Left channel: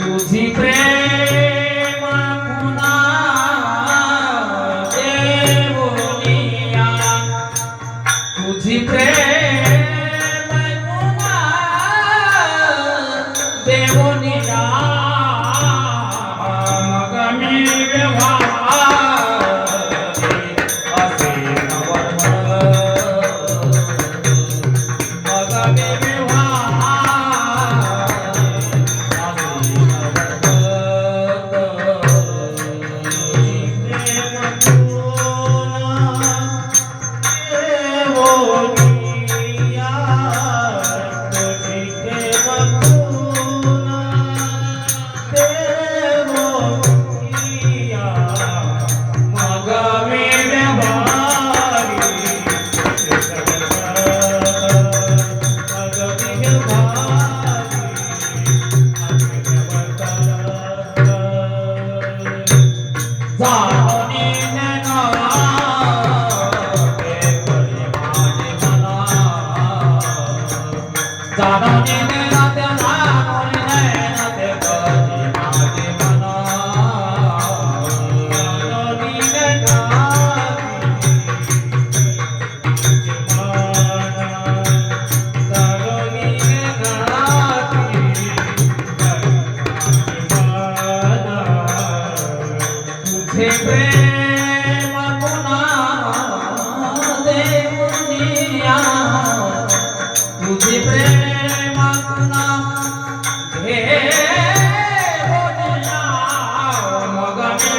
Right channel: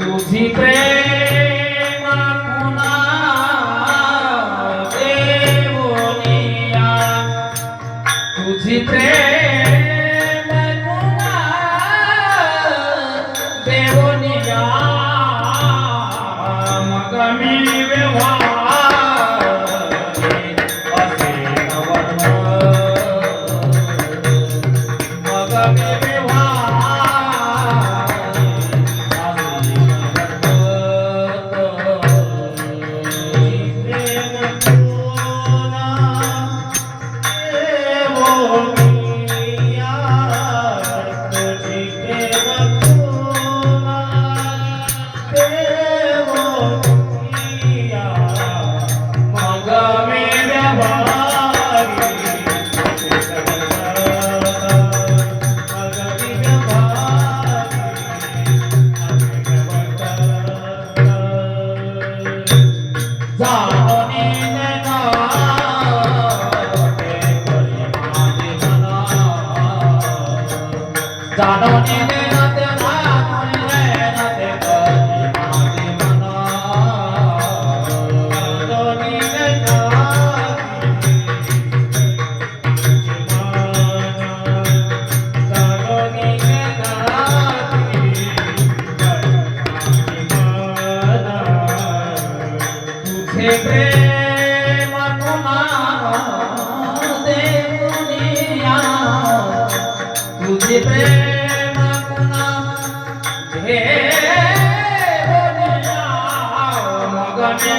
तुझी प्रेम पुन्हा देवोनिया तुझी प्रेम पुन्हा देवोनिया मग मी व्यवहारे असे वर्म मग मी प्रेम पुन्हा देवोनिया तुझे प्रेम पुन्हा देवोनिया मग मी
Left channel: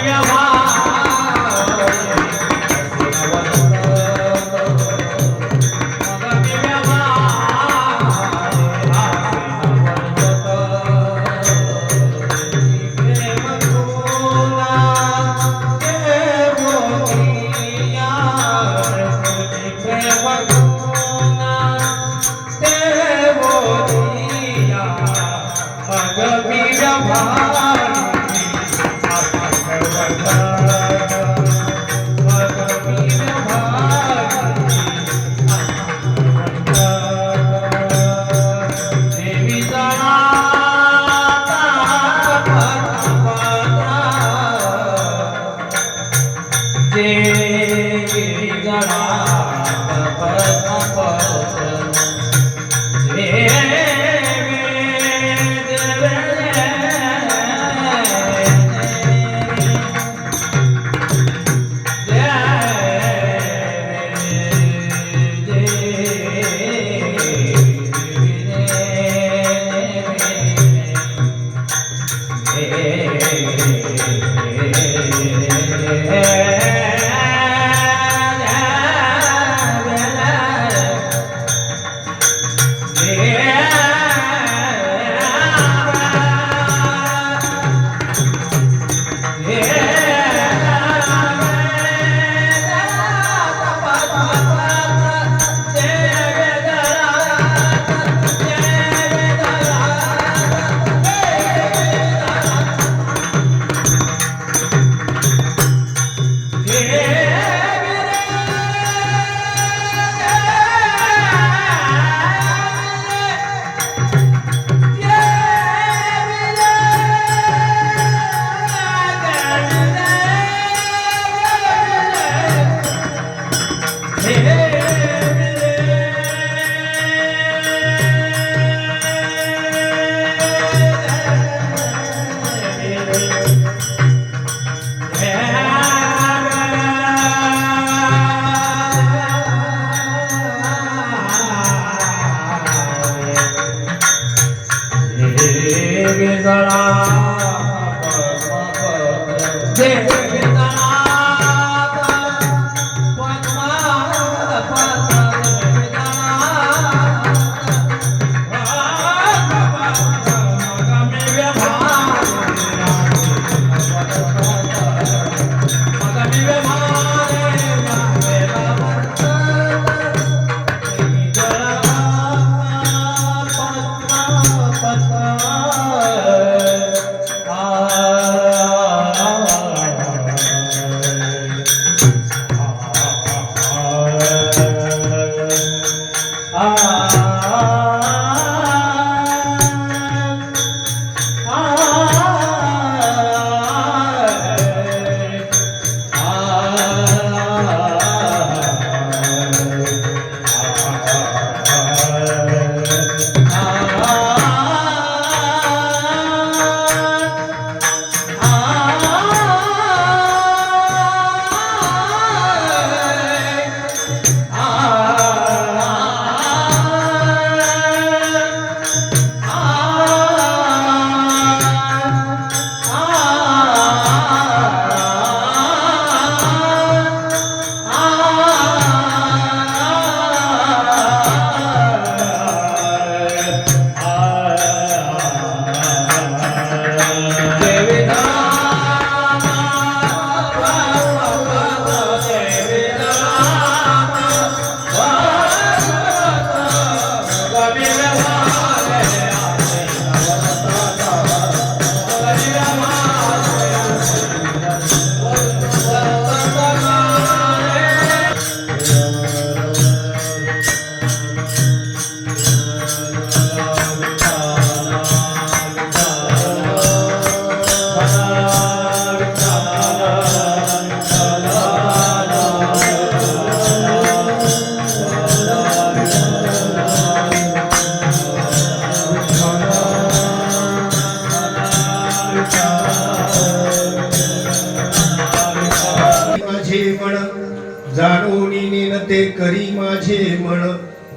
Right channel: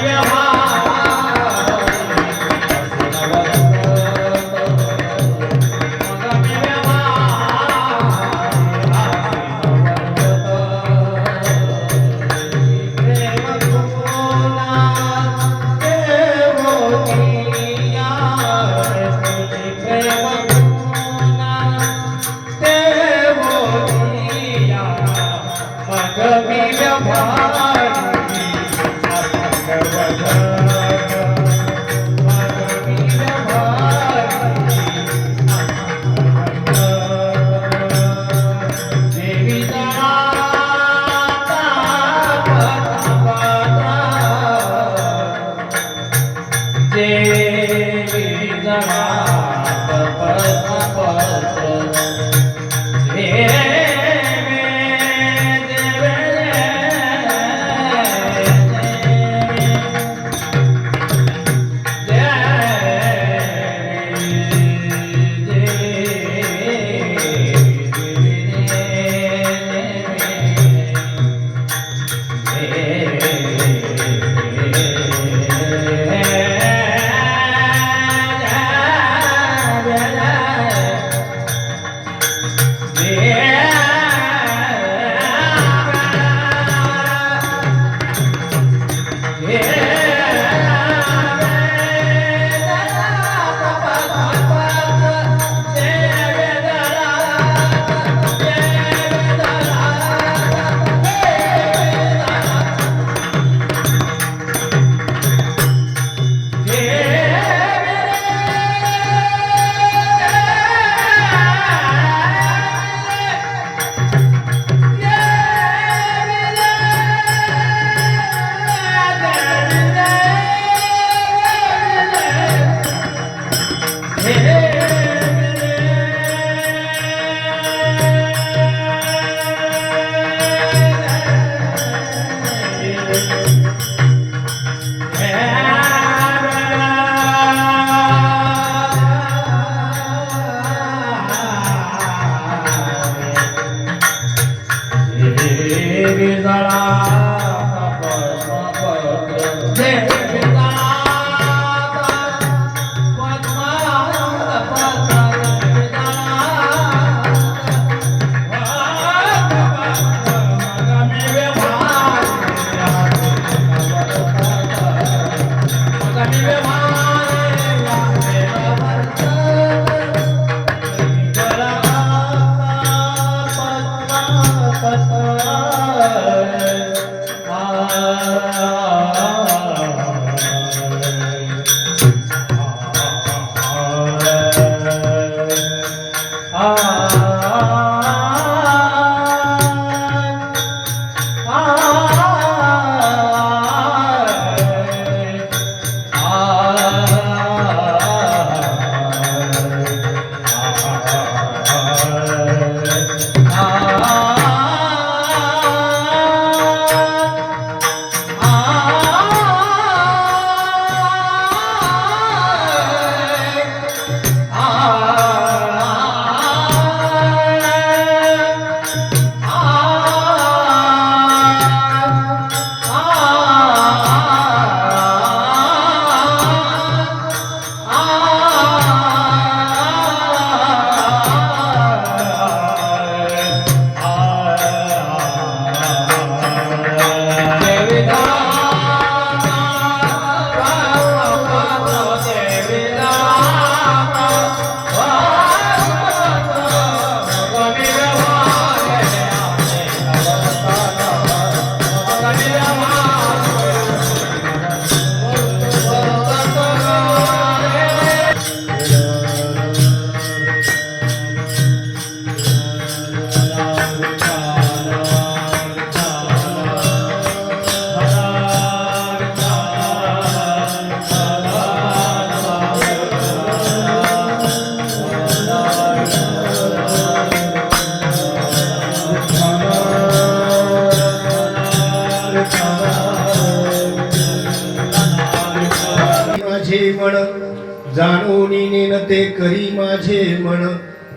मन जाणून नेनते करी माझे मन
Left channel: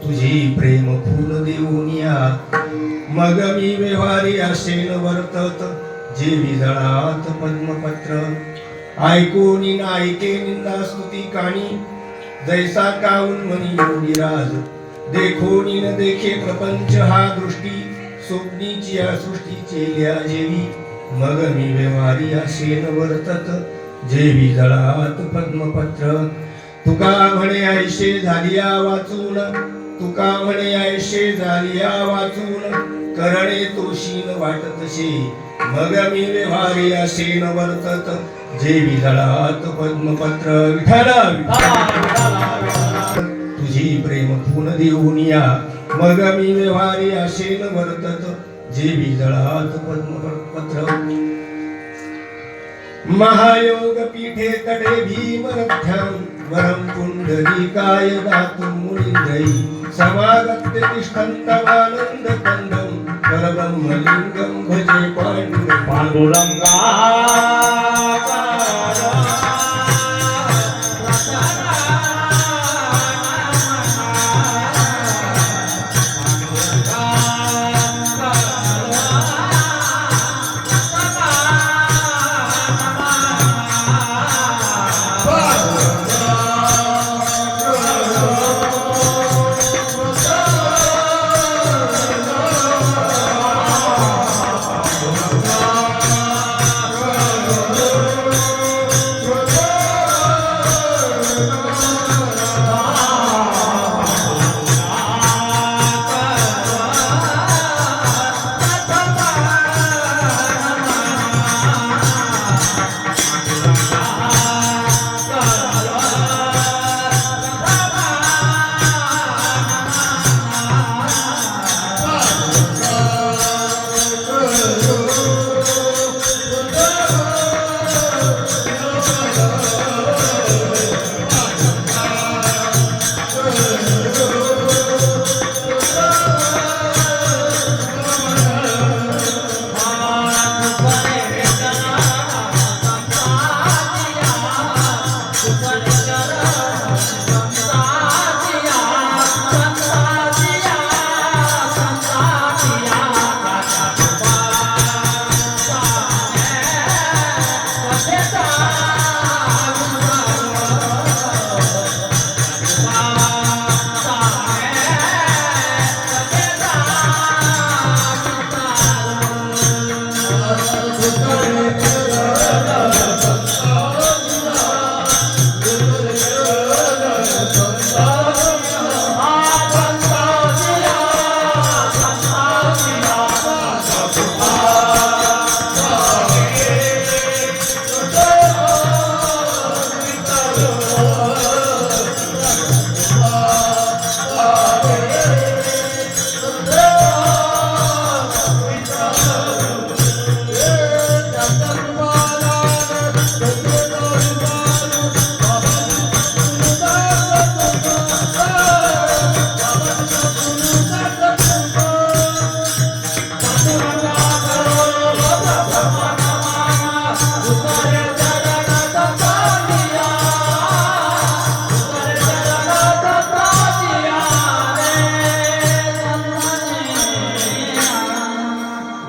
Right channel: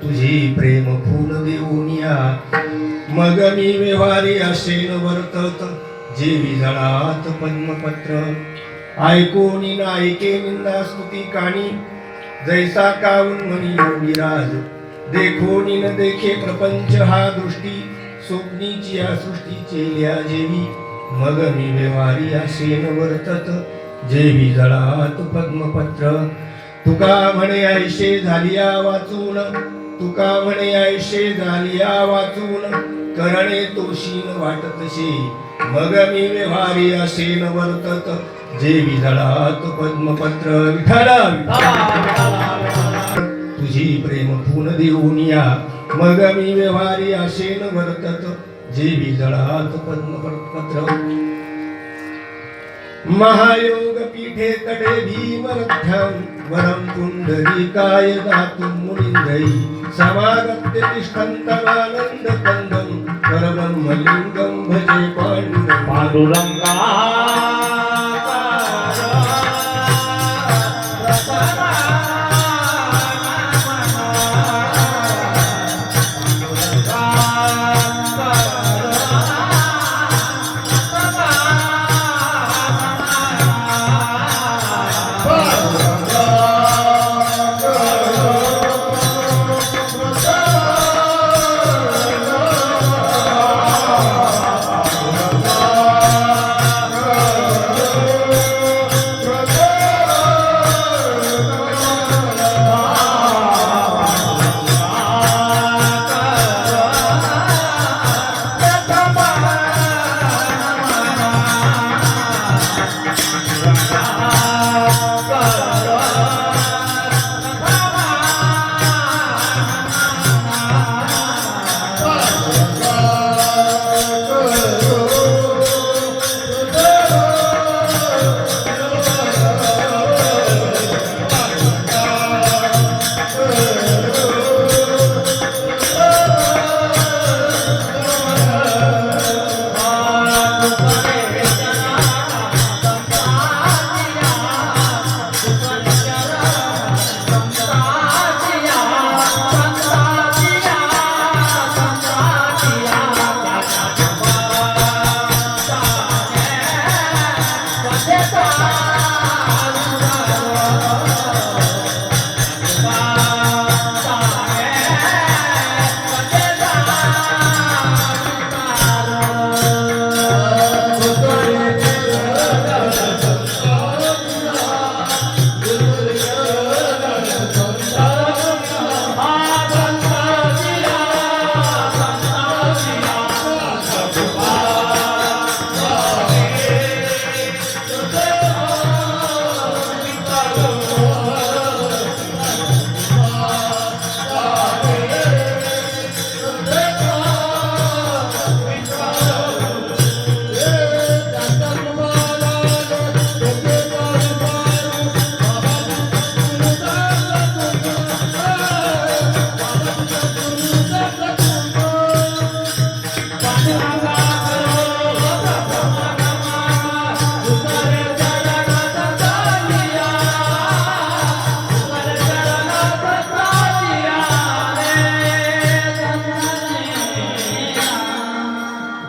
तुझी प्रेम फूल देऊन या मग मी व्यवहारी असेल वर्तत जेवी जळात पद्मपत्र ऐकून नायके निंदा स्तुती काणी जैसा काऊन मनी योगीराज देखून न देखे प्रपंच हा दृष्टी स्वप्नीची या सृष्टीचे ल्या जेवी मग मी व्यवहारी असेन वर्तत जेवी जळात पद्मपत्र तुका म्हणे ऐशे झालिया वाचून तुका म्हणे ऐशे झालिया वाचून करणे तोशीन वाटतसे मग मी व्यवहारी असेन वर्तत जेवी जळात पद्मपत्र विठ्ठल तुझी प्रेम फूल देऊन या मग मी व्यवहारी असेन वर्तत जेवी जळात पद्मपत्र महायोग पीठे कडे भीमरथ्यां वरं पुंडरीकाय दातुं मुनीन्द्रै समागत्य तिष्ठन्तमानन्द कन्दं परब्रह्मलिङ्गं भजे पाण्डुरङ्गा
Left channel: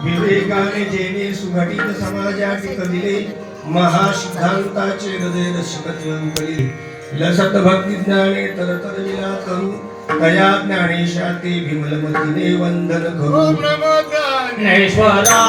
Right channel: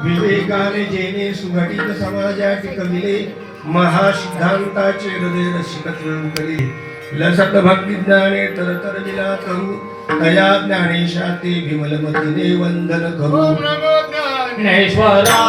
विवेकाने जेने सुघटित समाजा टिकविले महासिद्धांताचे हृदय रसिकत्व उकले लसत भक्ती ज्ञाने तरतर विला करू तया ज्ञानेशा ते विमलमतीने वंदन करू ज्ञानेश्वरा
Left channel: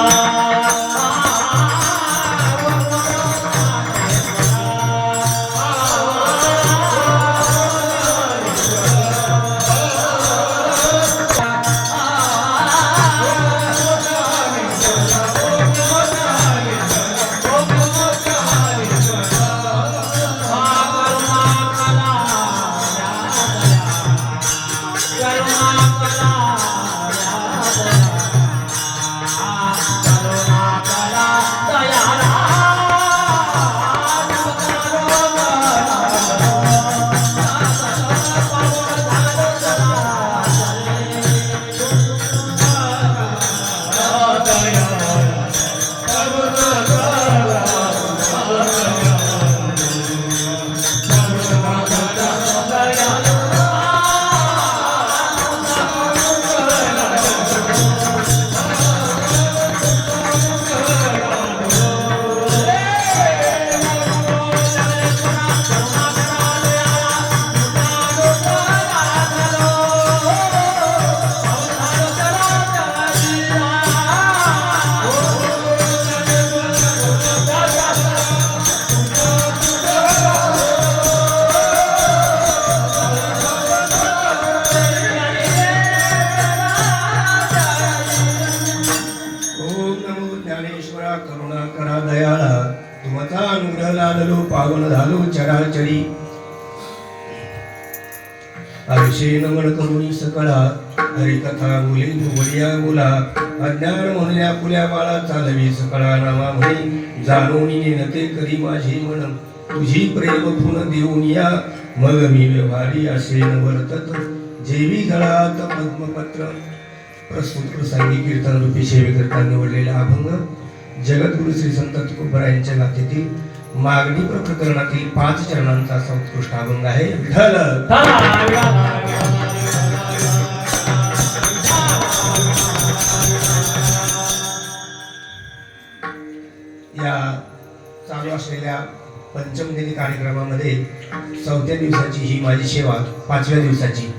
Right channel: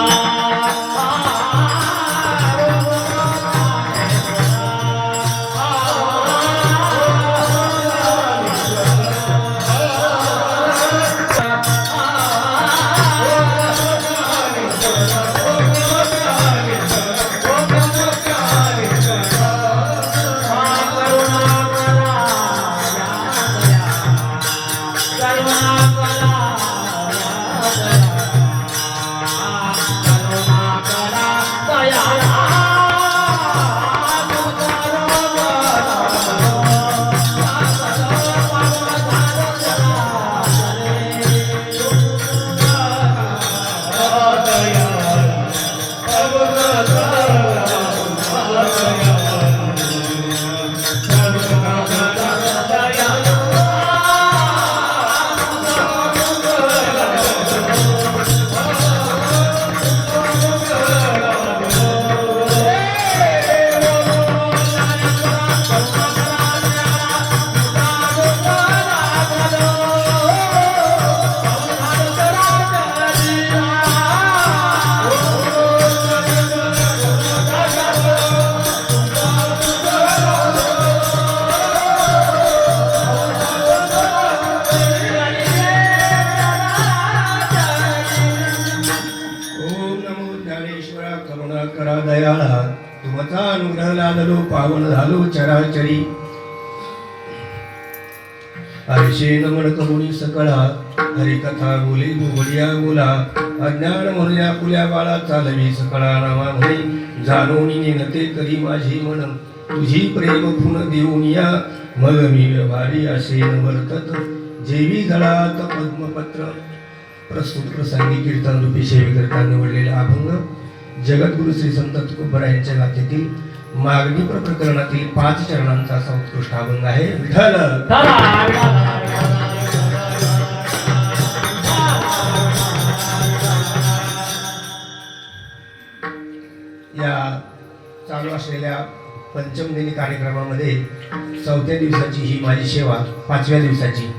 आळशी नमन करुणी सकळा हरिकथा बोले वडिया बोला अज्ञान म्हणून या कुल्या बाळा चालवी सकळा नामा म्हणी जाणून नेनते करी माझी मन तुझी प्रेम खून देऊन या मग मी व्यवहारी असे वर्तत जेवी जळात पद्मपत्र. प्रस्तुत प्रसंगी कीर्तन रूपी सेवेकरता निवडलेले अभंग जगद्गुरु श्री संत तुकोबरा यांच्या गाथेतील मागणी प्रकरणातील 5 चरणांचा असा उत्कृष्ट अभंग आहे. विठ्ठल या चालू असलेल्या पंचमदिनी कार्यक्रमामध्ये 4थ्या दिवसाची ही माझी सेवा 5व्या दिवसाची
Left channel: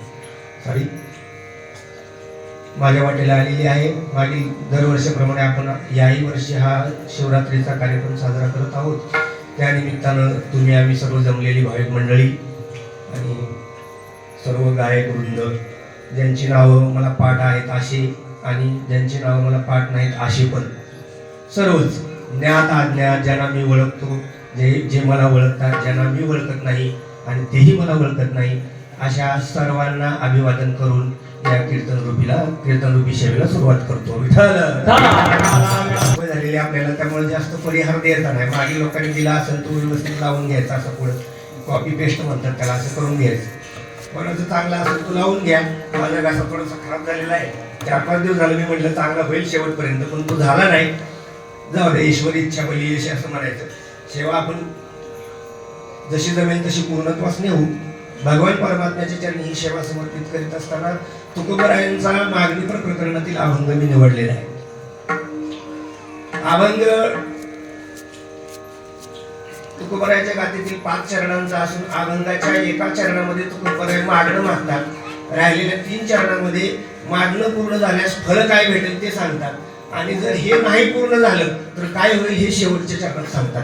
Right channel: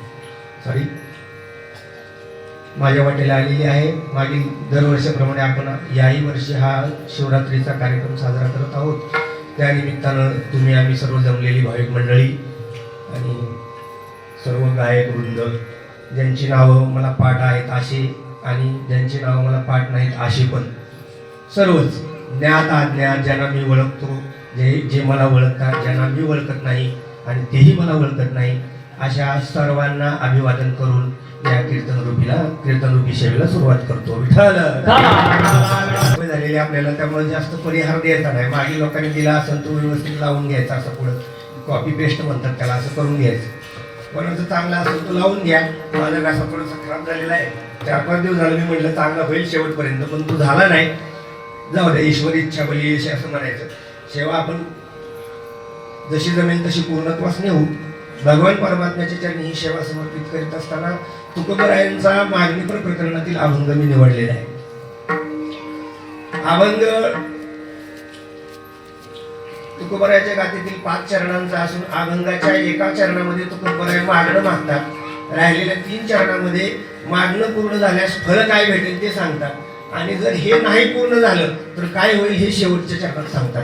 माझ्या वाटेला आलेली आहे. मागील दरवर्षाप्रमाणे आपण याही वर्षी हा शिवरात्रीचा कार्यक्रम साजरा करत आहोत. त्या निमित्तानं तुम्ही आम्ही सर्व जमलेली भाविक मंडळी आणि सर्व गायक वृंद ज्यांची नावं मला पाठ आहेत असे आणि ज्यांची नावं मला पाठ नाहीत असे पण सर्वच ज्ञात अज्ञात ज्यांना मी ओळखतो जे मला ओळखतात ज्यांना मी ओळखत नाही आणि तेही मला ओळखत नाही अशा सर्वांना अभिवादन करून या कीर्तन रूपी सेवेला सुरुवात करतो. विठ्ठल झालेली आपल्याला त्यामुळे जास्त परिहार द्यायचा नाही. मागील लोकांनी दिला असेल तो व्यवस्थित लावून घ्यायचा असं पुढं कॉपी पेस्ट म्हणतात त्याला असं करून घ्यायचं. कोणाचं चांगलं असेल तो लावून घ्या. माझा घासा थोडासा खराब झालेला आहे 4-5 दिवस झालं मी म्हटलं चांगला होईल शेवटपर्यंत पण तो झाला नाही. जाऊ दे ईश्वरी इच्छा बली अशी असं म्हणायचं. सेवा आपण जशी जमेल तशी पूर्णत्वास नेऊ. भगवान परमात्म्याच्या चरणी ही सेवा समर्पित करीत असताना तुकोबरायांचा मागणी प्रकरणातील अभंग मी निवडलेला आहे. अभंग तुकोबरायाच्या गाथेतील 5 चरणांचा असून अभंगाच्या एका चरणामध्ये तुकोबराय मागणं मागतात. राहिलेल्या 3 चरणामध्ये मागणं पूर्ण झाल्यास फळ काय भेटेल ते सांगतात आणि जर हे नाही पूर्ण झालं तर काय होईल हे शेवटच्या चरणात सांगतात.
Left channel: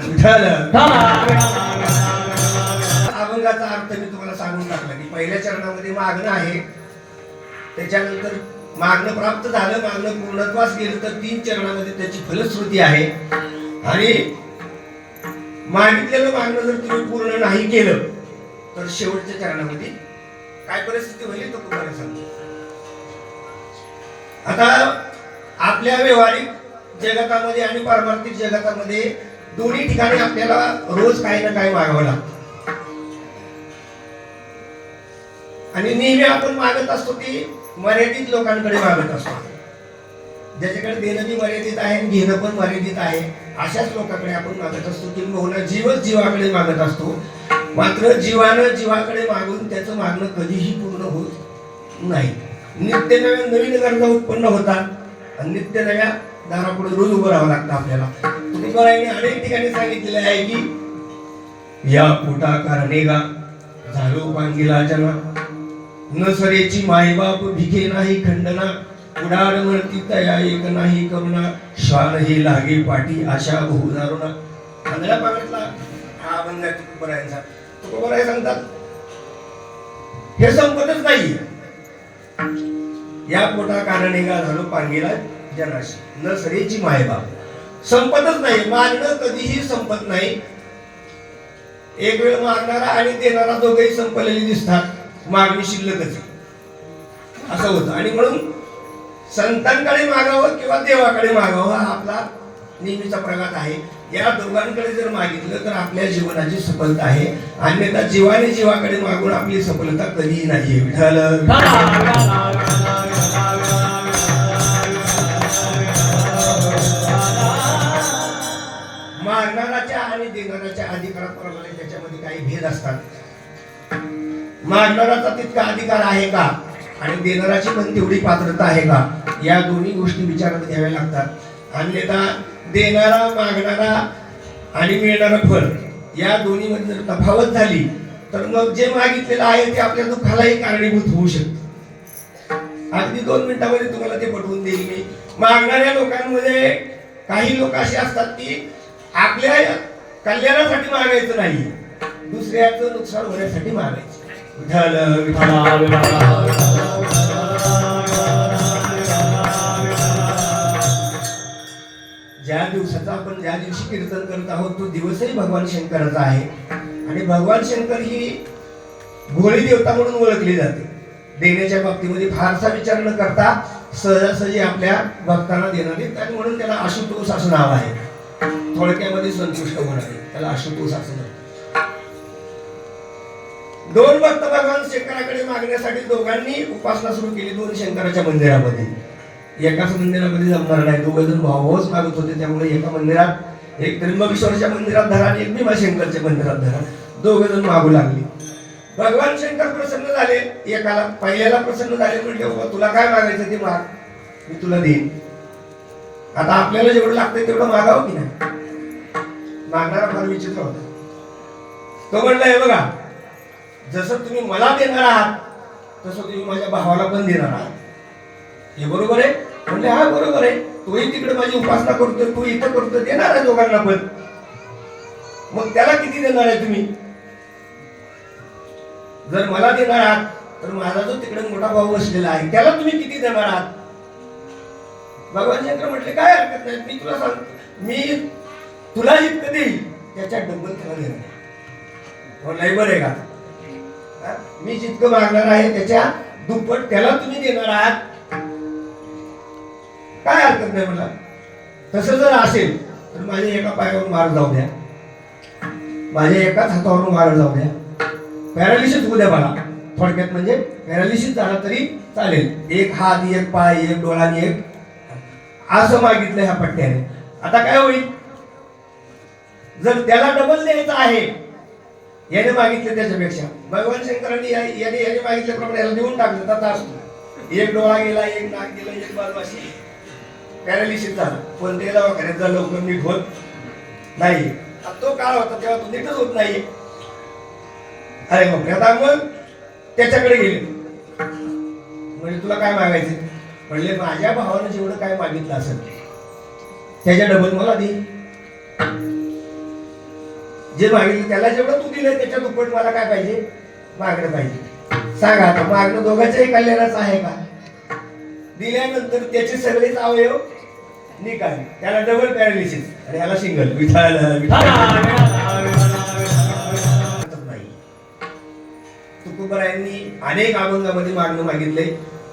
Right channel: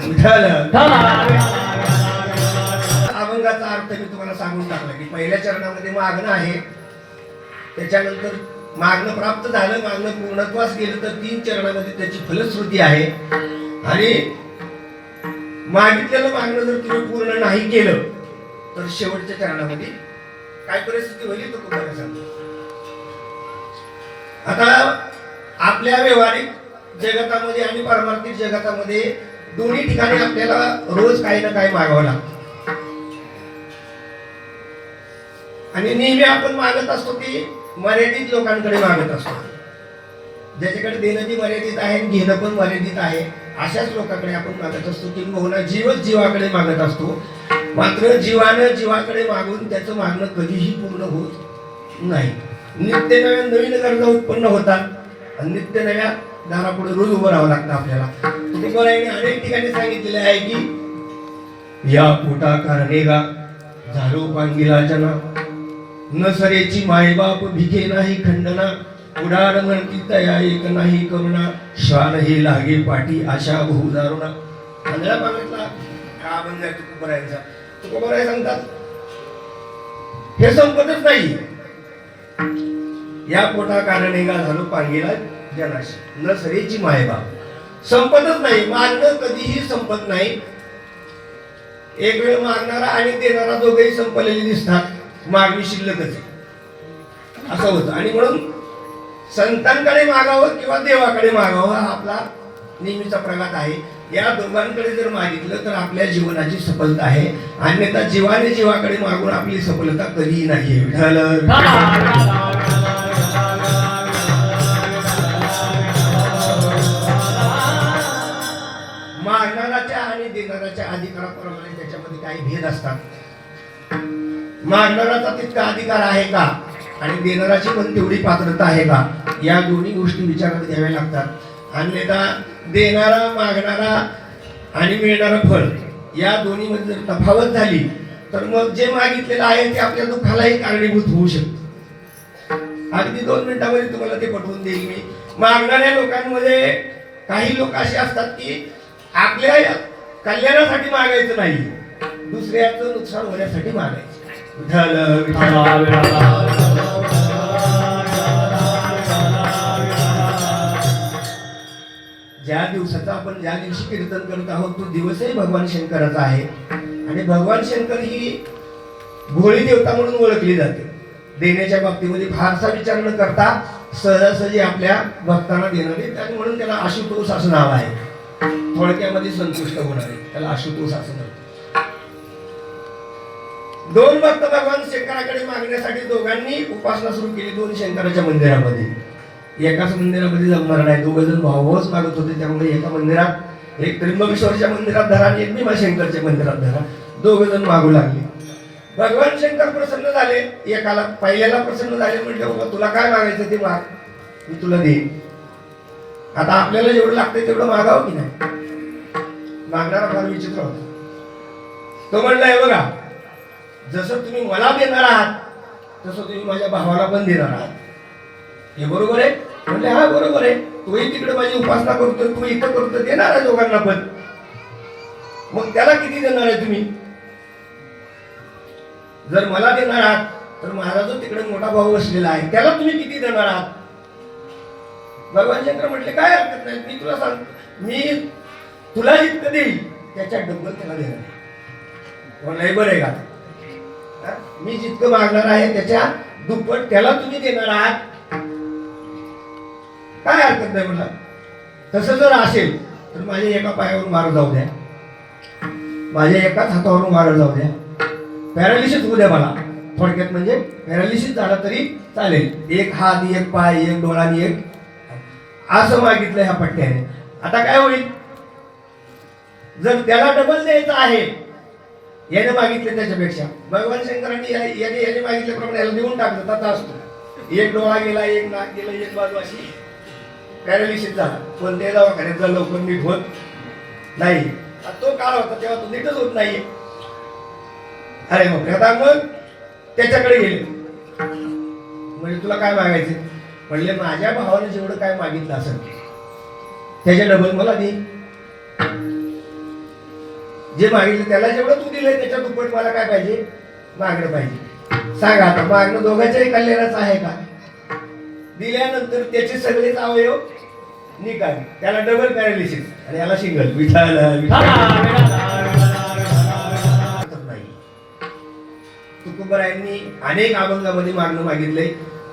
अभंगाचा अर्थ मी तुम्हाला सांगून टाकला की पहिल्या चरणामध्ये मागणं आहे. त्याच्यानंतर मागणं प्राप्त झालं मागणं पूर्णत्वास गेलं तर 3 चरणामध्ये त्याची फलश्रुती आहे आणि मागितलेलं मागणं जर तुम्ही पूर्ण नाही केलं तर शेवटच्या चरणामध्ये काय परिस्थिती होईल तो तुम्हाला सांगतो. आता आपल्या व्यवहारिक जगतामध्ये आणि पारमार्थिक जगतामध्ये दोन्ही ठिकाणी आपल्याला रोज काही ना काही मागावं लागतं आणि नेहमी आपण मागत असतो की मर्यादित लोकांकडे मागत असतो. ज्याच्याकडे देणं बी मर्यादित आहे आणि घेणं पण मर्यादित आहे अशाच लोकांकडे आपण मागत असतो. किंबहुना जीवच जीवाकडे मागत असतो. मात्र जीवानं जीवाकडे मागून त्याचं मागणं कधीही पूर्ण होत नाही. नित्य नव्या नवीन गरजा उत्पन्न होतात आणि नित्य नव्या दारापुढे रोज उभं राहावं लागतं आपल्याला. तुकोबरायाने अनेक ठिकाणी सांगितलेले आहे की या पोटा कारणेगा झालो पांगिला जना न सरेची मायबाप भिके नाही खंडना उडार म्हणती तया एक नाही करुणा श्वान हे लागे पाठी आशा बहु दारुणा. आंधळा पाण्यातला हा अभंग आहे तुकोबरायांचा. तुकोबराय सांगतात हे संपतच नाही. या पोटा कारणेगा झालो पांगीला जनाशी न सरेची मायबाप संपतच नाही. मागणं कधीही संपत नाही. एक वेळ मागणारा आणि देणारा दोघेही संपलेले दिसतात. मागणी शिल्लकच असं होतं आणि म्हणून संतांकडे मागावं किंवा देवाकडे मागावं हा आपला नेहमीचा प्रघात आहे. या दोघांकडे जर मागितलं तर आपल्या जीवनाची सफलता आहे. अन्यथा जीवाने जीवाकडे मागून आपली सफलता कधीही नाही. विठ्ठल मागणाऱ्याच्या आणि देणाऱ्याच्या अधिकाराप्रमाणे त्याच्यामध्ये काही भेद असतात. मागणाऱ्याचा तितका अधिकार आहे का आणि देणाऱ्याची पण तेवढी पात्रता आहे का या दोन्ही गोष्टी विचारात घ्याव्या लागतात. अन्यथा देणारा मागणारा आणि मिळणारा फळ या दोन्ही मध्ये जर तफावत झाली तर मग जे मागितलेलं आहे ते आपल्या दुःखालाही कारणीभूत होऊ शकते. अगदी 2 मिनिटांमध्ये तुम्हाला ते पटवून देईल मी. मागणाऱ्या लोकांमध्ये काही लोक असे असतात की आपल्या कल्याणासाठी मागायचं नाही दुसऱ्याचं नुकसान होण्यासाठी मागायचं. ज्या दिवशी कीर्तन करत आहोत तो दिवसही भगवान शंकराचा आहे आणि भगवान शंकर ही भोळी देवता म्हणून ओळखली जाते. देण्याच्या बाबतीमध्ये फारसा विचार न करता सहजासहजी आपल्या भक्तांना देणं दे, आणि म्हणून त्याला आशुतोष असं नाव आहे. थोडक्यामध्ये संतुष्ट होणारे त्याला आशुतोष असं म्हणतात. दोन भक्त भगवान शंकराकडे मागण्यासाठी दोघांनी उपासना सुरू केली. दोन शंकराच्या मंदिरामध्ये, एकाच मंदिरामध्ये जमणार नाही, दोघ जण भाऊच मागत होते. त्यामुळे एका मंदिरात, एक त्र्यंबकेश्वरच्या मंदिरात धरा आणि एक भीमाशंकरच्या मंदिरात धरा, दोघ जण मागू लागले. भगवान शंकर प्रसन्न झाले. एकाला पहिल्याला प्रसन्न झाले, म्हटले बाबा तुला काय मागायचं ते माग, मी तुला देईन. आता आपल्याला जेवढं लागतंय तेवढं मागावं की नाही. मागणारा फार विचित्र होता. तो म्हणलाय बघा, जसं तुम्ही मला देणार आहात तसं तुम्ही माझ्या भावाला पण देणार आहात. हे बरोबर आहे? म्हणले हा बरोबर आहे. तोही तिकडे माझी उपासना करतोय, तू इथं करतोय, देणार आहे दोघांना पण. मग त्याला किती देणार आहे तुम्ही? जर मला देणार आहात तर माझा जो तिकडे मोठा भाऊ बसलेला आहे त्याला तुम्ही किती देणार आहात? भगवान शंकर म्हटले काय हरकत नाही, मी तुला सांगतो, मी तुला जितकं देईल त्याच्या डबल त्याला देणार. म्हणलं बरं आहे का? मी जितकं मागणार आहे त्याच्या दुप्पट त्याला तुम्ही देणार आहात, काय हरकत नाही मला. तसं जर असेल तर माझ्या एका पायावर मार जाऊ द्या, माझ्या एकाच हातावरून मार जाऊ द्या, पॅरालिसिस होऊ द्या मला. थोडक्यात म्हणजे पॅरालिसिस झाला तरी चालेल, एक हात, एक पाय, एक डोळा आणि एक, असं मागितलं ह्या पट्ट्याने. आता काय होईल? जर त्याला डबल द्यायचं आहे, याने मागितलं त्याच्यापेक्षा, भगवान शंकरांनी याने मागितल्याप्रमाणे याला देऊन टाकलं. तथा असतो, एक डोळा गेला, एक नाक गेला, एक बाजू अशी पॅरालिसिस झाला. कोणत्याही दवाखान्यात लवकर नीट होत नाही. तो काळ होता तेव्हा तो नीटच होत नाही. अरे बापरे. आता मग त्याच्याकडे गेले, म्हणजे तुला काय मागायचं? म्हणले माझ्या भावाने जेवढं काय मागितलं असेल त्याच्या डबल मला दे. जे मागितलं त्याला जेवढं तू दिलंय त्याच्या दुप्पट मला काय पाहिजे? मागणं पाहिजे. सांगा आता, मागणं दोघांच्याही कल्याणाचं आहे का? दिल्यानंतर त्याचे सगळेच अवयव निकाल, त्याला डबल पॅरालिसिस आणि याला सिंगल. तुकोबारायांनी अनेक अभंगामध्ये मागणं मागितलंय.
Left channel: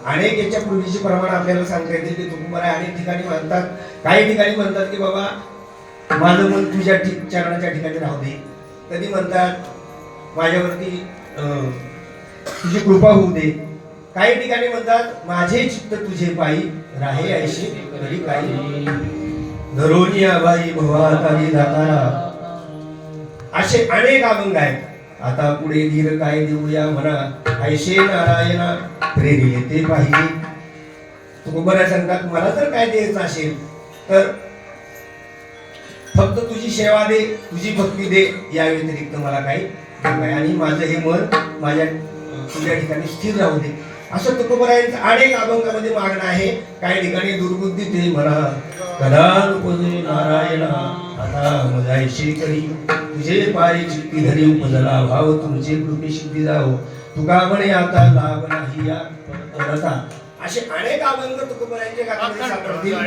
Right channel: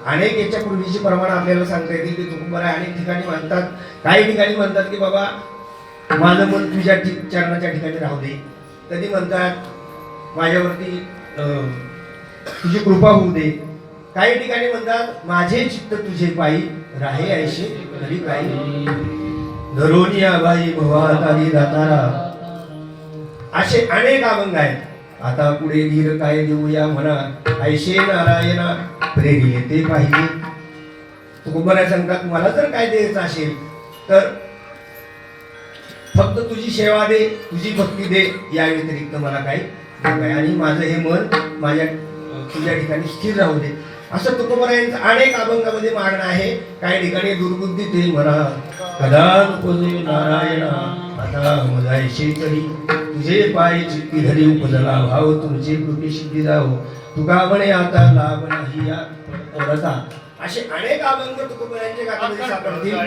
अनेक याच्या पूर्वीचे प्रमाण आपल्याला सांगता येतील की तुकोबाराय अनेक ठिकाणी म्हणतात, काही ठिकाणी म्हणतात की बाबा माझं मन तुझ्या चरणाच्या ठिकाणी राहू दे. कधी म्हणतात माझ्यावरती तुझी कृपा होऊ दे. काही ठिकाणी म्हणतात माझे चित्त तुझे पायी राहे ऐशी तरी काही धरोनिया बाई भवातारी दातारा. असे अनेक अभंग आहेत. आता पुढे धीर काय देऊया म्हणा, ऐशे नारायणा प्रेरिले ते पाहिजे. तुकोबाराय सांगतात मला जर काय द्यायचं असेल तर फक्त तुझी सेवा दे, तुझी भक्ती दे, या व्यतिरिक्त मला काही नको आहे. आणि माझं हे मन माझ्या तुझ्या ठिकाणी स्थिर राहू दे. असं तुकोबारायांचं अनेक अभंगामध्ये मागणं आहे. काही ठिकाणी दुर्बुद्धी ते म्हणा, कदा नको नारायणा आता मजायशी करी, तुझे पायी चित्ती धरी उपजला भाव, तुमचे कृपे सिद्धी जावो, तुका म्हणे आता लाभ नाही या व्रता. असे अनेक अभंग तुकोबारायांच्या गाण्यामध्ये सापडतील.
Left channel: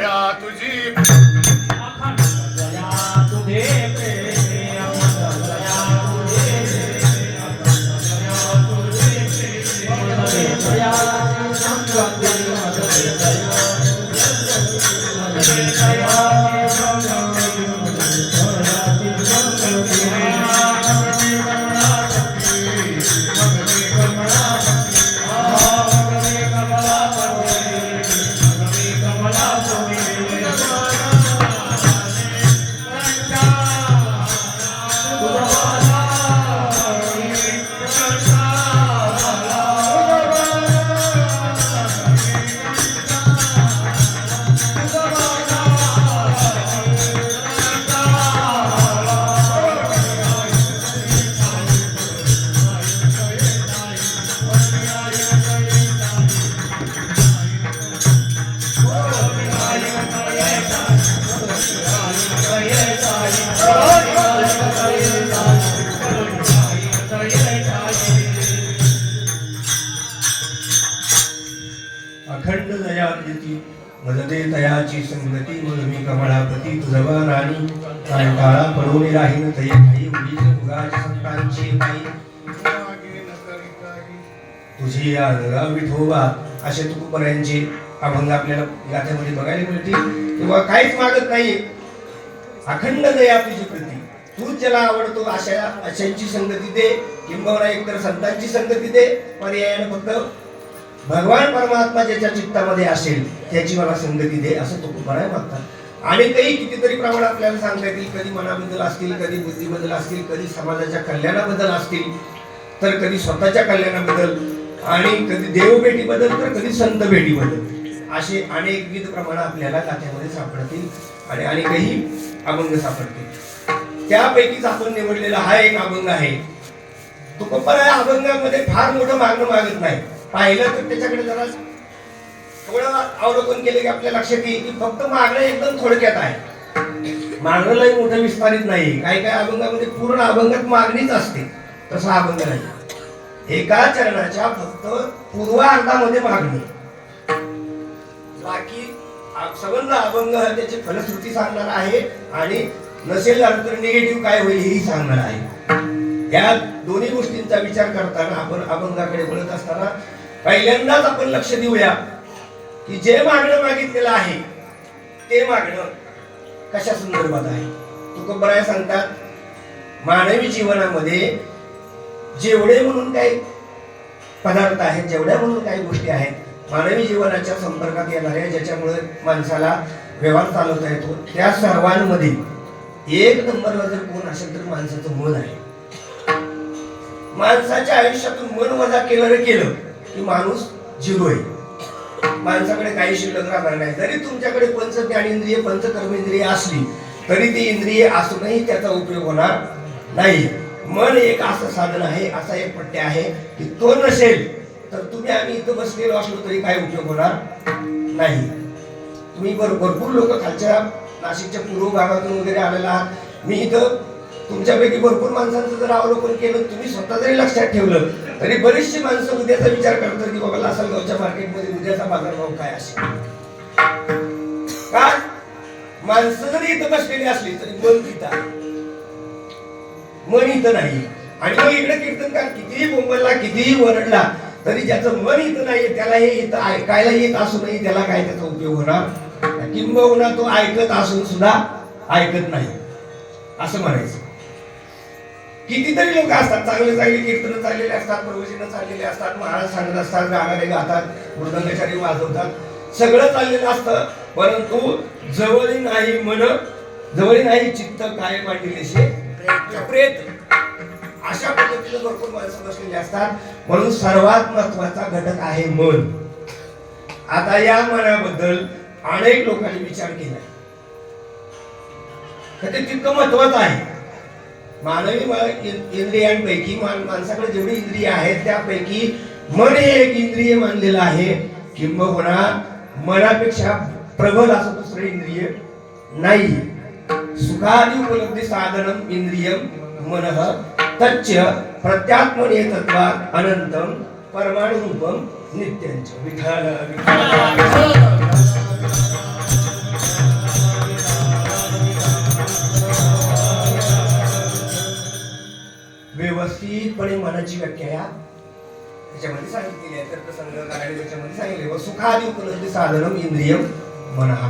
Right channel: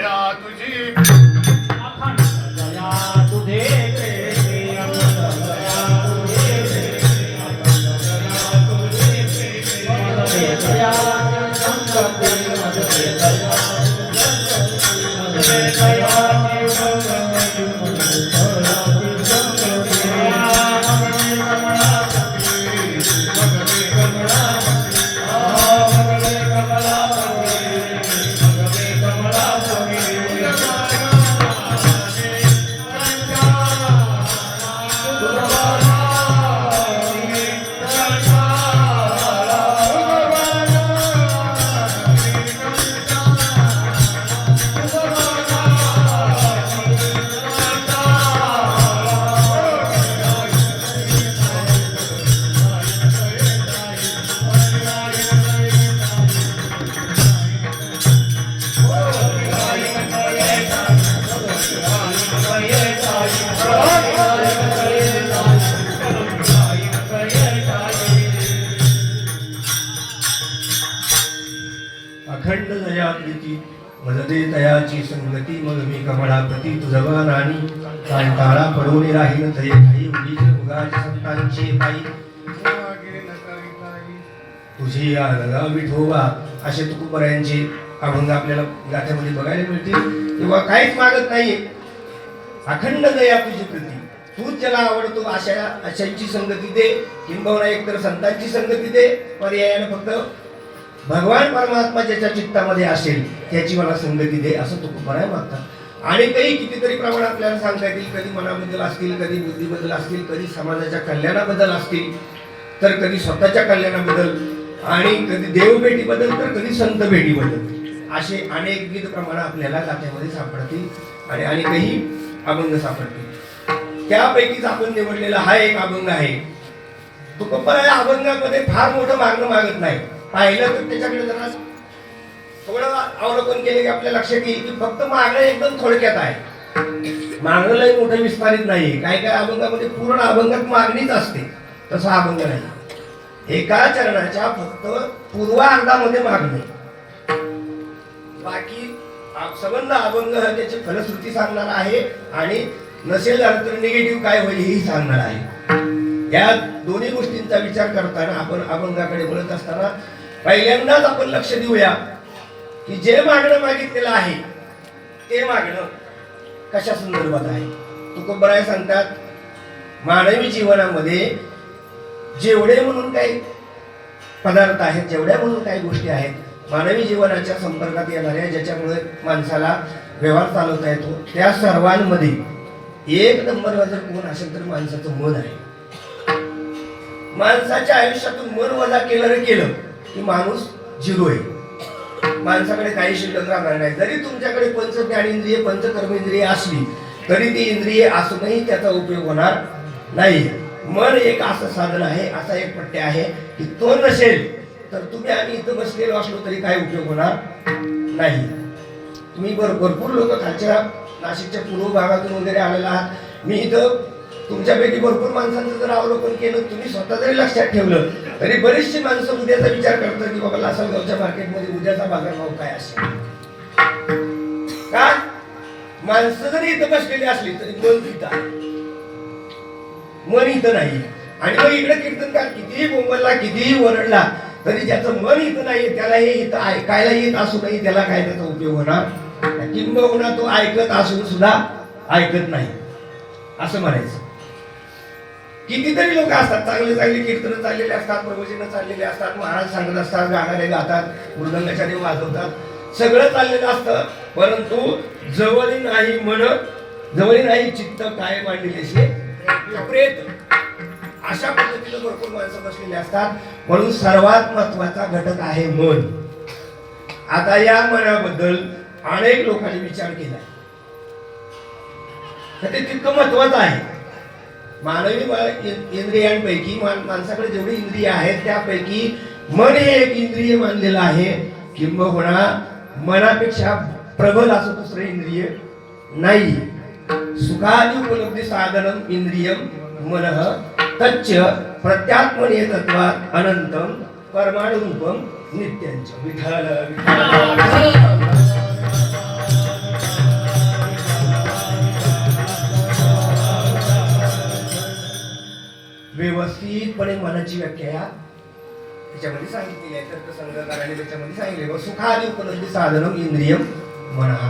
अखंड दया प्रीती मददे तयाची संगती, मग मी कमळाप्रती तुझवा राणी, कांटाळा पडवणे राहीन तये काही उगीच उगाच संतांचे पायी. तुझी अनगा विठोबा असे तुकोबारायांचे अभंग आपल्याला गाथ्यामध्ये बघायला मिळतील. किंवा काहीच मागत नाही, अखंड दया तुझी प्रती, तूच ज्याला आवडतो अशांची संगती दे, किंबहुना एकतर संतांची संगती दे, पर्यायानं फक्त भगवान परमात्मा ज्याच्या चित्तामध्ये असेल त्याची मला संगती दे, असं तुकोबाराय मागतात. आणि काही कितीतरी प्रमाण आपल्याला सांगता येतील. कधी मनाबद्दल असतील, कधी बुद्धीबद्दल असतील, कधी समाजाच्या कल्याणाबद्दल असतील, तर कधी स्वतःच्या कल्याणाबद्दल, आणि कधी देवभेटीबद्दल, तर कधी संत भेटीबद्दल, असे अनेकविध प्रमाण आपल्याला गाथ्यामध्ये सापडतील आणि अनेकही अभंग सापडतील. त्यापैकीच आपण निवडलेला हा एक अभंग आहे. तुकोबाराय अभंगामध्ये फार मोठं मागणं मागत नाही. पाहिलं तर त्याच्याकडे जरा थोडं अवलोकन केले की आपल्या लक्षात येईल की फक्त मागणं एकदम थोडक्यात आहे, मागणं लय मोठं विस्तारित नाही. काही काही अभंगामध्ये पूर्ण अभंगात मागणीच असते, तसा अभंग नाही. एका चरणाच्या फक्त पूर्वार्धामध्ये मागणी, बाकी संबंध अभंग त्याची फलश्रुती सांगणार आहे आणि नसेल झालं तर निगेटिव्ह काय होईल हेही सांगणार आहे. या दोन्ही गोष्टींचा विचार करताना आपण अभंगाकडे बोलत असताना पहिल्यांदाच आपण लक्ष देऊया की जे मागणं मागितलेलं आहे ते मागणं कशा संदर्भात आहे. तुकोबाराय सांगतात, मानवी जीवनामध्ये जेवढे म्हणून काही पदार्थ आहेत, जेवढ्या म्हणून काही गोष्टी आहेत, मानवी जीवनाच्या संपर्कात येणाऱ्या, ज्याच्यामुळे माणसाला व्यवहार चालवता येतो, त्या सर्वांमध्ये एक नंबरला जर कोण असेल तर माणसाचं मन आहे. माणसाच्या आयुष्यातून मन वजा केलं की माणूस झिरो आहे. माणसाकडे काही शिल्लक राहणार नाही. जरी तुमच्याकडे पंच ज्ञानेंद्रिय, पंच कर्मेंद्रिय असली तरी ती इंद्रिय असूनही त्याचा उपयोग होणार नाही. मन एक असं साधन आहे, असा एक पट्टे आहे की तो नसेल तर तुम्ही आम्ही इथं बसलेलो असलो तरी काही उपयोग होणार नाही. तुम्ही भरपूर लोक खालच्या नाशिकच्या पूर्व भागातून वगैरे आलेला आहात. मी इथं तुमच्यापैकी भरपूर माणसांचं जर अवलोकन केलं, तुम्ही स्वतः जरी लक्षात ठेवलं तरी बरीचशी माणसं उद्याचा विचार करतात की बाबा लासलगावच्या मार्केटमध्ये उद्याचा बाजारभाव काय असेल. काय माणसं जरी इथं बसलेली असली तरी मन तिथं, मन इथं नाही. आणि मग इकडे कीर्तनकार कितीही बोंबलला, कितीही ओरडला तरी ज्याचं मन इथं नाहीये त्याला हे इथं ऐकायला येत असूनही त्याला काय त्याचा उपयोग होणार, किंबहुना तो ऐकत असून सुद्धा ऐकत नाही असं म्हणायचं. कितीतरी लोक असतात, चांगले चांगले कीर्तन चाललेले असतात, प्रवचनं चाललेले असतात, महाराज सांगत असतात, गाणे गातात, मृदंगाचार्य वाजवतात, सगळं चाललेलं असतं, परंतु जवळ नाही मन, जवळ नाही चित्त, काय मांडलेले प्रेत, अशा पद्धतीने भरपूर माणसं बसलेली असतात. म्हणून सर्वात महत्वाचा घटक आहे मन. आता या मनाबद्दल अनेक लोकांनी विचार केला, तर ते तितकं महत्वाचं आहे. मानवी इंद्रियांपैकी माणसाकडे जेवढी इंद्रिय आहेत त्यापैकी मन हे एक इंद्रिय मानलेलं आहे. किंबहुना मनापेक्षा प्रबल असं दुसरं इंद्रिय नाही. सुखादी उपलब्धी साधनम इंद्रियम मनः तच्च प्रत्यात्मने तत्वात अनंतम परमाणुरूपम नित्यांच. विठ्ठल विठ्ठल. व्यवस्थितपणे मनाची व्याख्या त्याच्यामध्ये सांगितलेली आहे. तर्कसंग्रहकाराने त्याच्यामध्ये सांगितले, सुखादी उपलब्धी साधनम इंद्रियम मनः.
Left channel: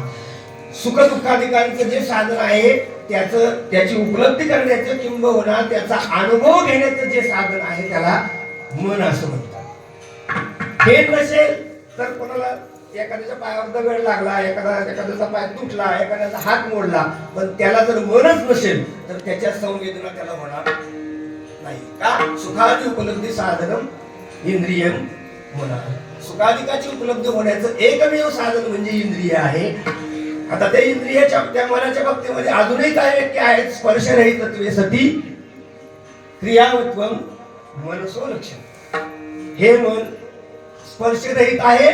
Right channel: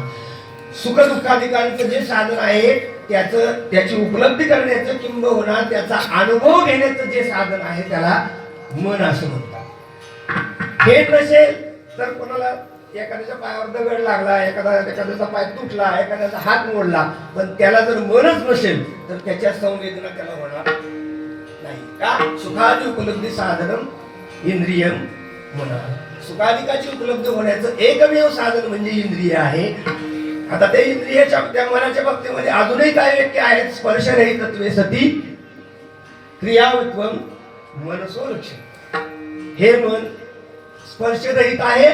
सुख दुःखाधिकांचं जे साधन आहे त्याची उपलब्धी करण्याचं किंबहुना त्याचा अनुभव घेण्याचं जे साधन आहे त्याला मन असं म्हणतात. हे नसेल तर कोणाला एखाद्याच्या पायावर दगड लागला, एखाद्याचा पाय तुटला, एखाद्याचा हात मोडला, पण त्याला जर मनच नसेल तर त्याच्या संवेदना त्याला होणार नाही. का? सुखादी उपलब्धी साधनम इंद्रियम मनः. सुखाधिकाची उपलब्धी होण्याचं एकमेव साधन म्हणजे इंद्रिय आहे. आता त्या इंद्रियाच्या, त्या मनाच्या बाबतीमध्ये अजूनही काय व्याख्या आहेत. स्पर्शरहित तत्वे सती क्रियावत्वम मनसो लक्षण. हे मन स्पर्शरहित आहे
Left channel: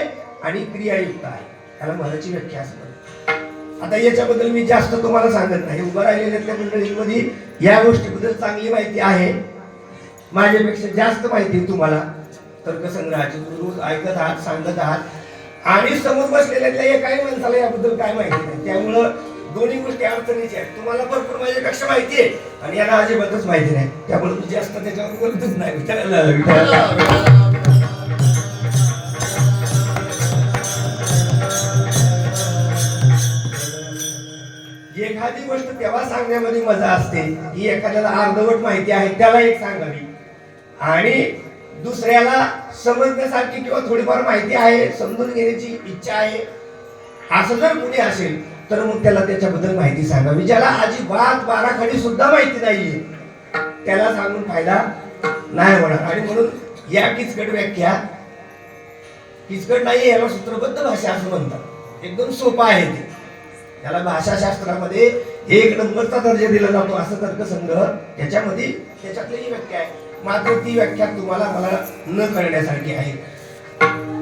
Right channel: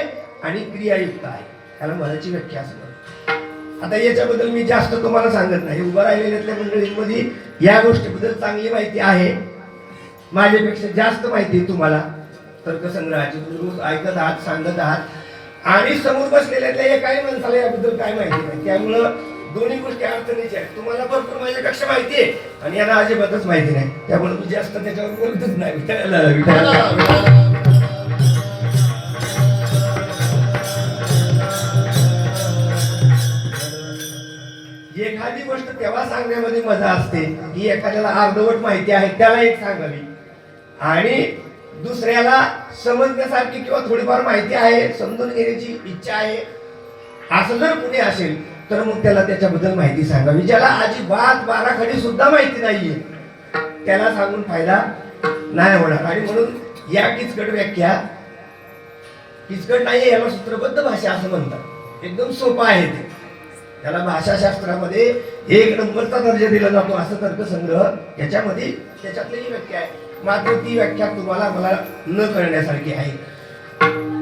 आणि क्रियायुक्त आहे, त्याला मनाची व्याख्या असं म्हणतात. आता याच्याबद्दल मी जास्त तुम्हाला सांगत नाही. उभं राहिलेल्या मंडळींमध्ये या गोष्टीबद्दल चांगली माहिती आहे, माझ्यापेक्षा जास्त माहिती तुम्हाला. तर्कसंग्रहाची रोज ऐकत आहात, सांगत आहात, आणि समोर बसलेल्या एकाही माणसाला याबद्दल काय माहिती नाही. त्यामुळं दोन्ही गोष्टी अडचणीच्या आहेत. तुम्हाला भरपूर माझ्यापेक्षा माहिती आहे आणि यांना अजिबातच माहिती नाही, त्यामुळे मी जास्त त्याच्यावर बोलतच नाही. गोष्ट तेव्हा सांगण्यामध्ये मजा असते की एखाद्याला अर्धवट माहिती आहे त्याला एक सांगावी, आणि दुसऱ्याला समजण्यासारखी किंवा थोडीफार माहिती आहे, समजून घेण्याची इच्छा आहे, असं जर कुणी असेल तर मग त्याला त्याच्याबद्दल माहिती सांगावी. ज्याला अजिबात बाराखडी सुद्धा माहिती नाहीये त्याला सांगून फायदा नाही होणार. आणि म्हणून या किचकट व्याख्या, किचकट नाहीये, याला सूत्रबद्ध भाषा असं म्हणतात. एकदम सोपं आहे ते. त्याला भाषाशास्त्रामध्ये 1 नंबरचा दर्जा दिला जातो असं तर्कसंग्रह त्याच्यामध्ये त्याच्यातली ही व्याख्या आहे. मात्र ती व्याख्या तुम्हाला मला न कळण्यासारखी आहे.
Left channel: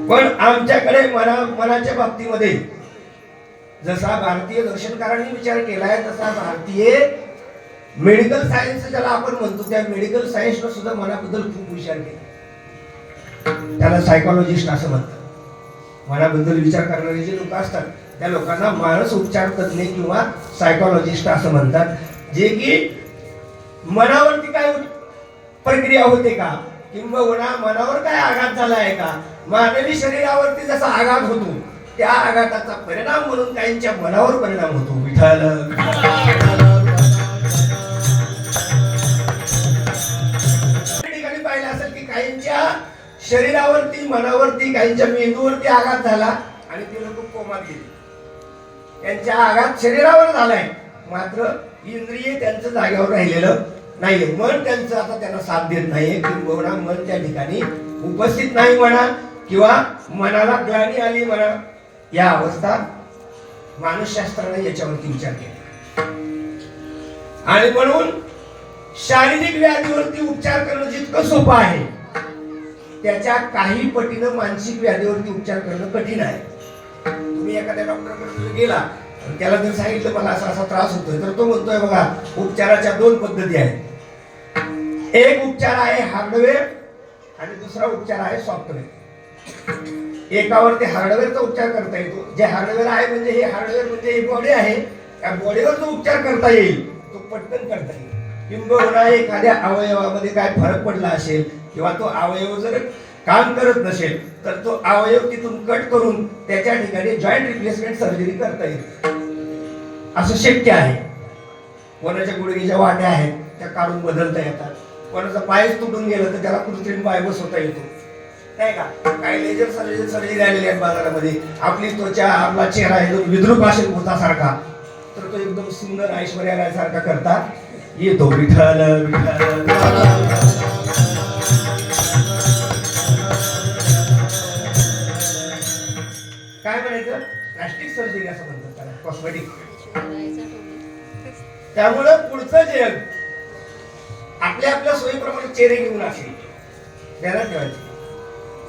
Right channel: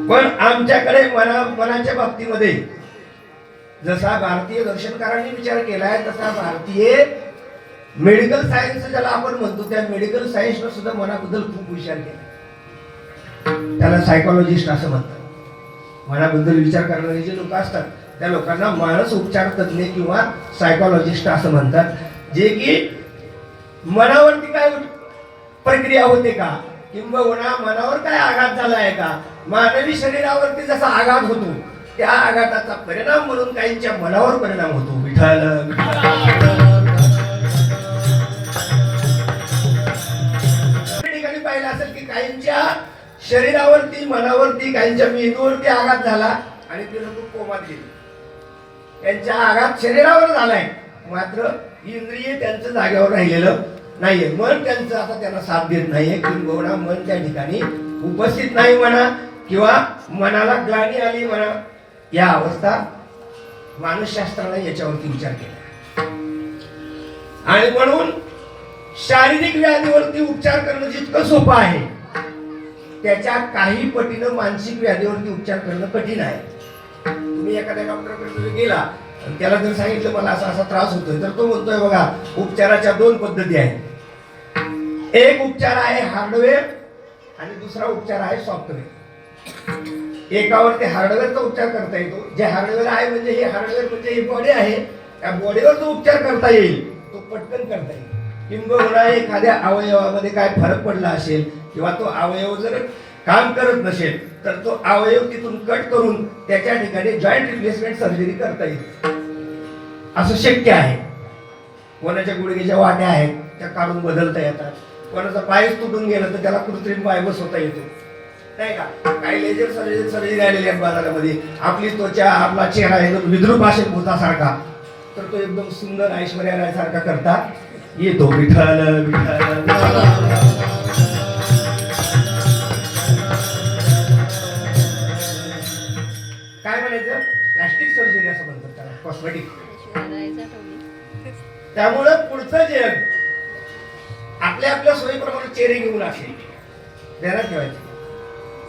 पण आमच्याकडे मनाच्या बाबतीमध्ये जसा भारतीय दर्शनकारांनी विचार केलाय तसा भारतीय मेडिकल सायन्स ज्याला आपण म्हणतो त्या मेडिकल सायन्सनं सुद्धा मनाबद्दल खूप विचार केला. त्याला सायकोलॉजिस्ट असं म्हणतात. मनाबद्दल विचार करणारे जे लोक असतात त्या लोकांना मानस उपचार तज्ञ किंवा सायकोलॉजिस्ट असं म्हणतात. जे की मनावरती काय प्रक्रिया होते का, किंबहुना मनावर काय आघात झाला आहे का, मानवी शरीरावरती जसा आघात होतो त्या आघाताचा परिणाम म्हणून काहींच्या मनावर परिणाम होतो. विठ्ठल ठिकाणी पाहिलं असेल की काहींच्या शरीरावरती, मनावरती, काहींच्या मेंदूवरती आघात झाला आणि ते लोक कोमात गेले. त्यांच्या आघात शरीरावर झालाय मात्र इंद्रिय त्यांचं जागेवर राहिलेलं नाहीये. मन त्यांचं आता त्यांना साथ देत नाहीये, किंबहुना मन त्या ठिकाणी उपस्थित नाही म्हणा, किंवा मनाला ग्लानी आली म्हणा. या अवस्था मानसशास्त्राने याच्यावरती विचार केला. आणि म्हणून शारीरिक व्याधीवरती उपचार करणं जितकं सोपं आहे त्याच्या काही पटीनं मानसिक व्याधीवरती उपचार करणं कठीण आहे. तुम्ही एखाद्या डॉक्टरकडे गेला त्याला जर सांगितलं मला असा असा त्रास होतोय तर तो म्हणतोय बघा उपचाराच्या 2 पद्धती आहेत. एक उपचार आहे हार्डवेअर आणि दुसरा उपचार आहे सॉफ्टवेअर. एकावर ते हार्डवेअरचा उपचार करता येतो. जे हार्डवेअर आहे म्हणजे हे हार्डवेअर म्हणजे ही बॉडी आहे, त्या बॉडीवर जो उपचार करता येईल तो पटकन करता येईल. किंबहुना एखाद्या अवयवामध्ये काय फरक पडला असेल किंवा तो अवयव जर काम करत नसेल तर तो अवयव तिथून कट करून त्याच्या ठिकाणी जॉईंट रिप्लेसमेंट सर्जरी करता येईल. असं शक्य आहे. कोणाच्या गुडघ्याच्या वाट्या आहेत त्या काढून बदलता येतात. कोणाचा पायच तुटून गेलं तर त्याला कृत्रिम पाय बसवता येतो, नाही का. काही लेजर सर्जरी आलेली आहेत बाजारामध्ये. आपली त्वचा, आपला चेहरा एकदम विद्रूप असेल भूतासारखा तर तो एकदम सुंदर ऐश्वर्या राय सारखा करता येतो. विठ्ठल विठ्ठल. काय म्हणायचं, प्लास्टिक सर्जरी असं म्हणतात त्याला, कॉस्मेटिक. त्यामुळं पुढचं जग आपल्या आपल्या सोयीप्रमाणे चेहरे घेऊन असले ध्यानात ठेवायचं.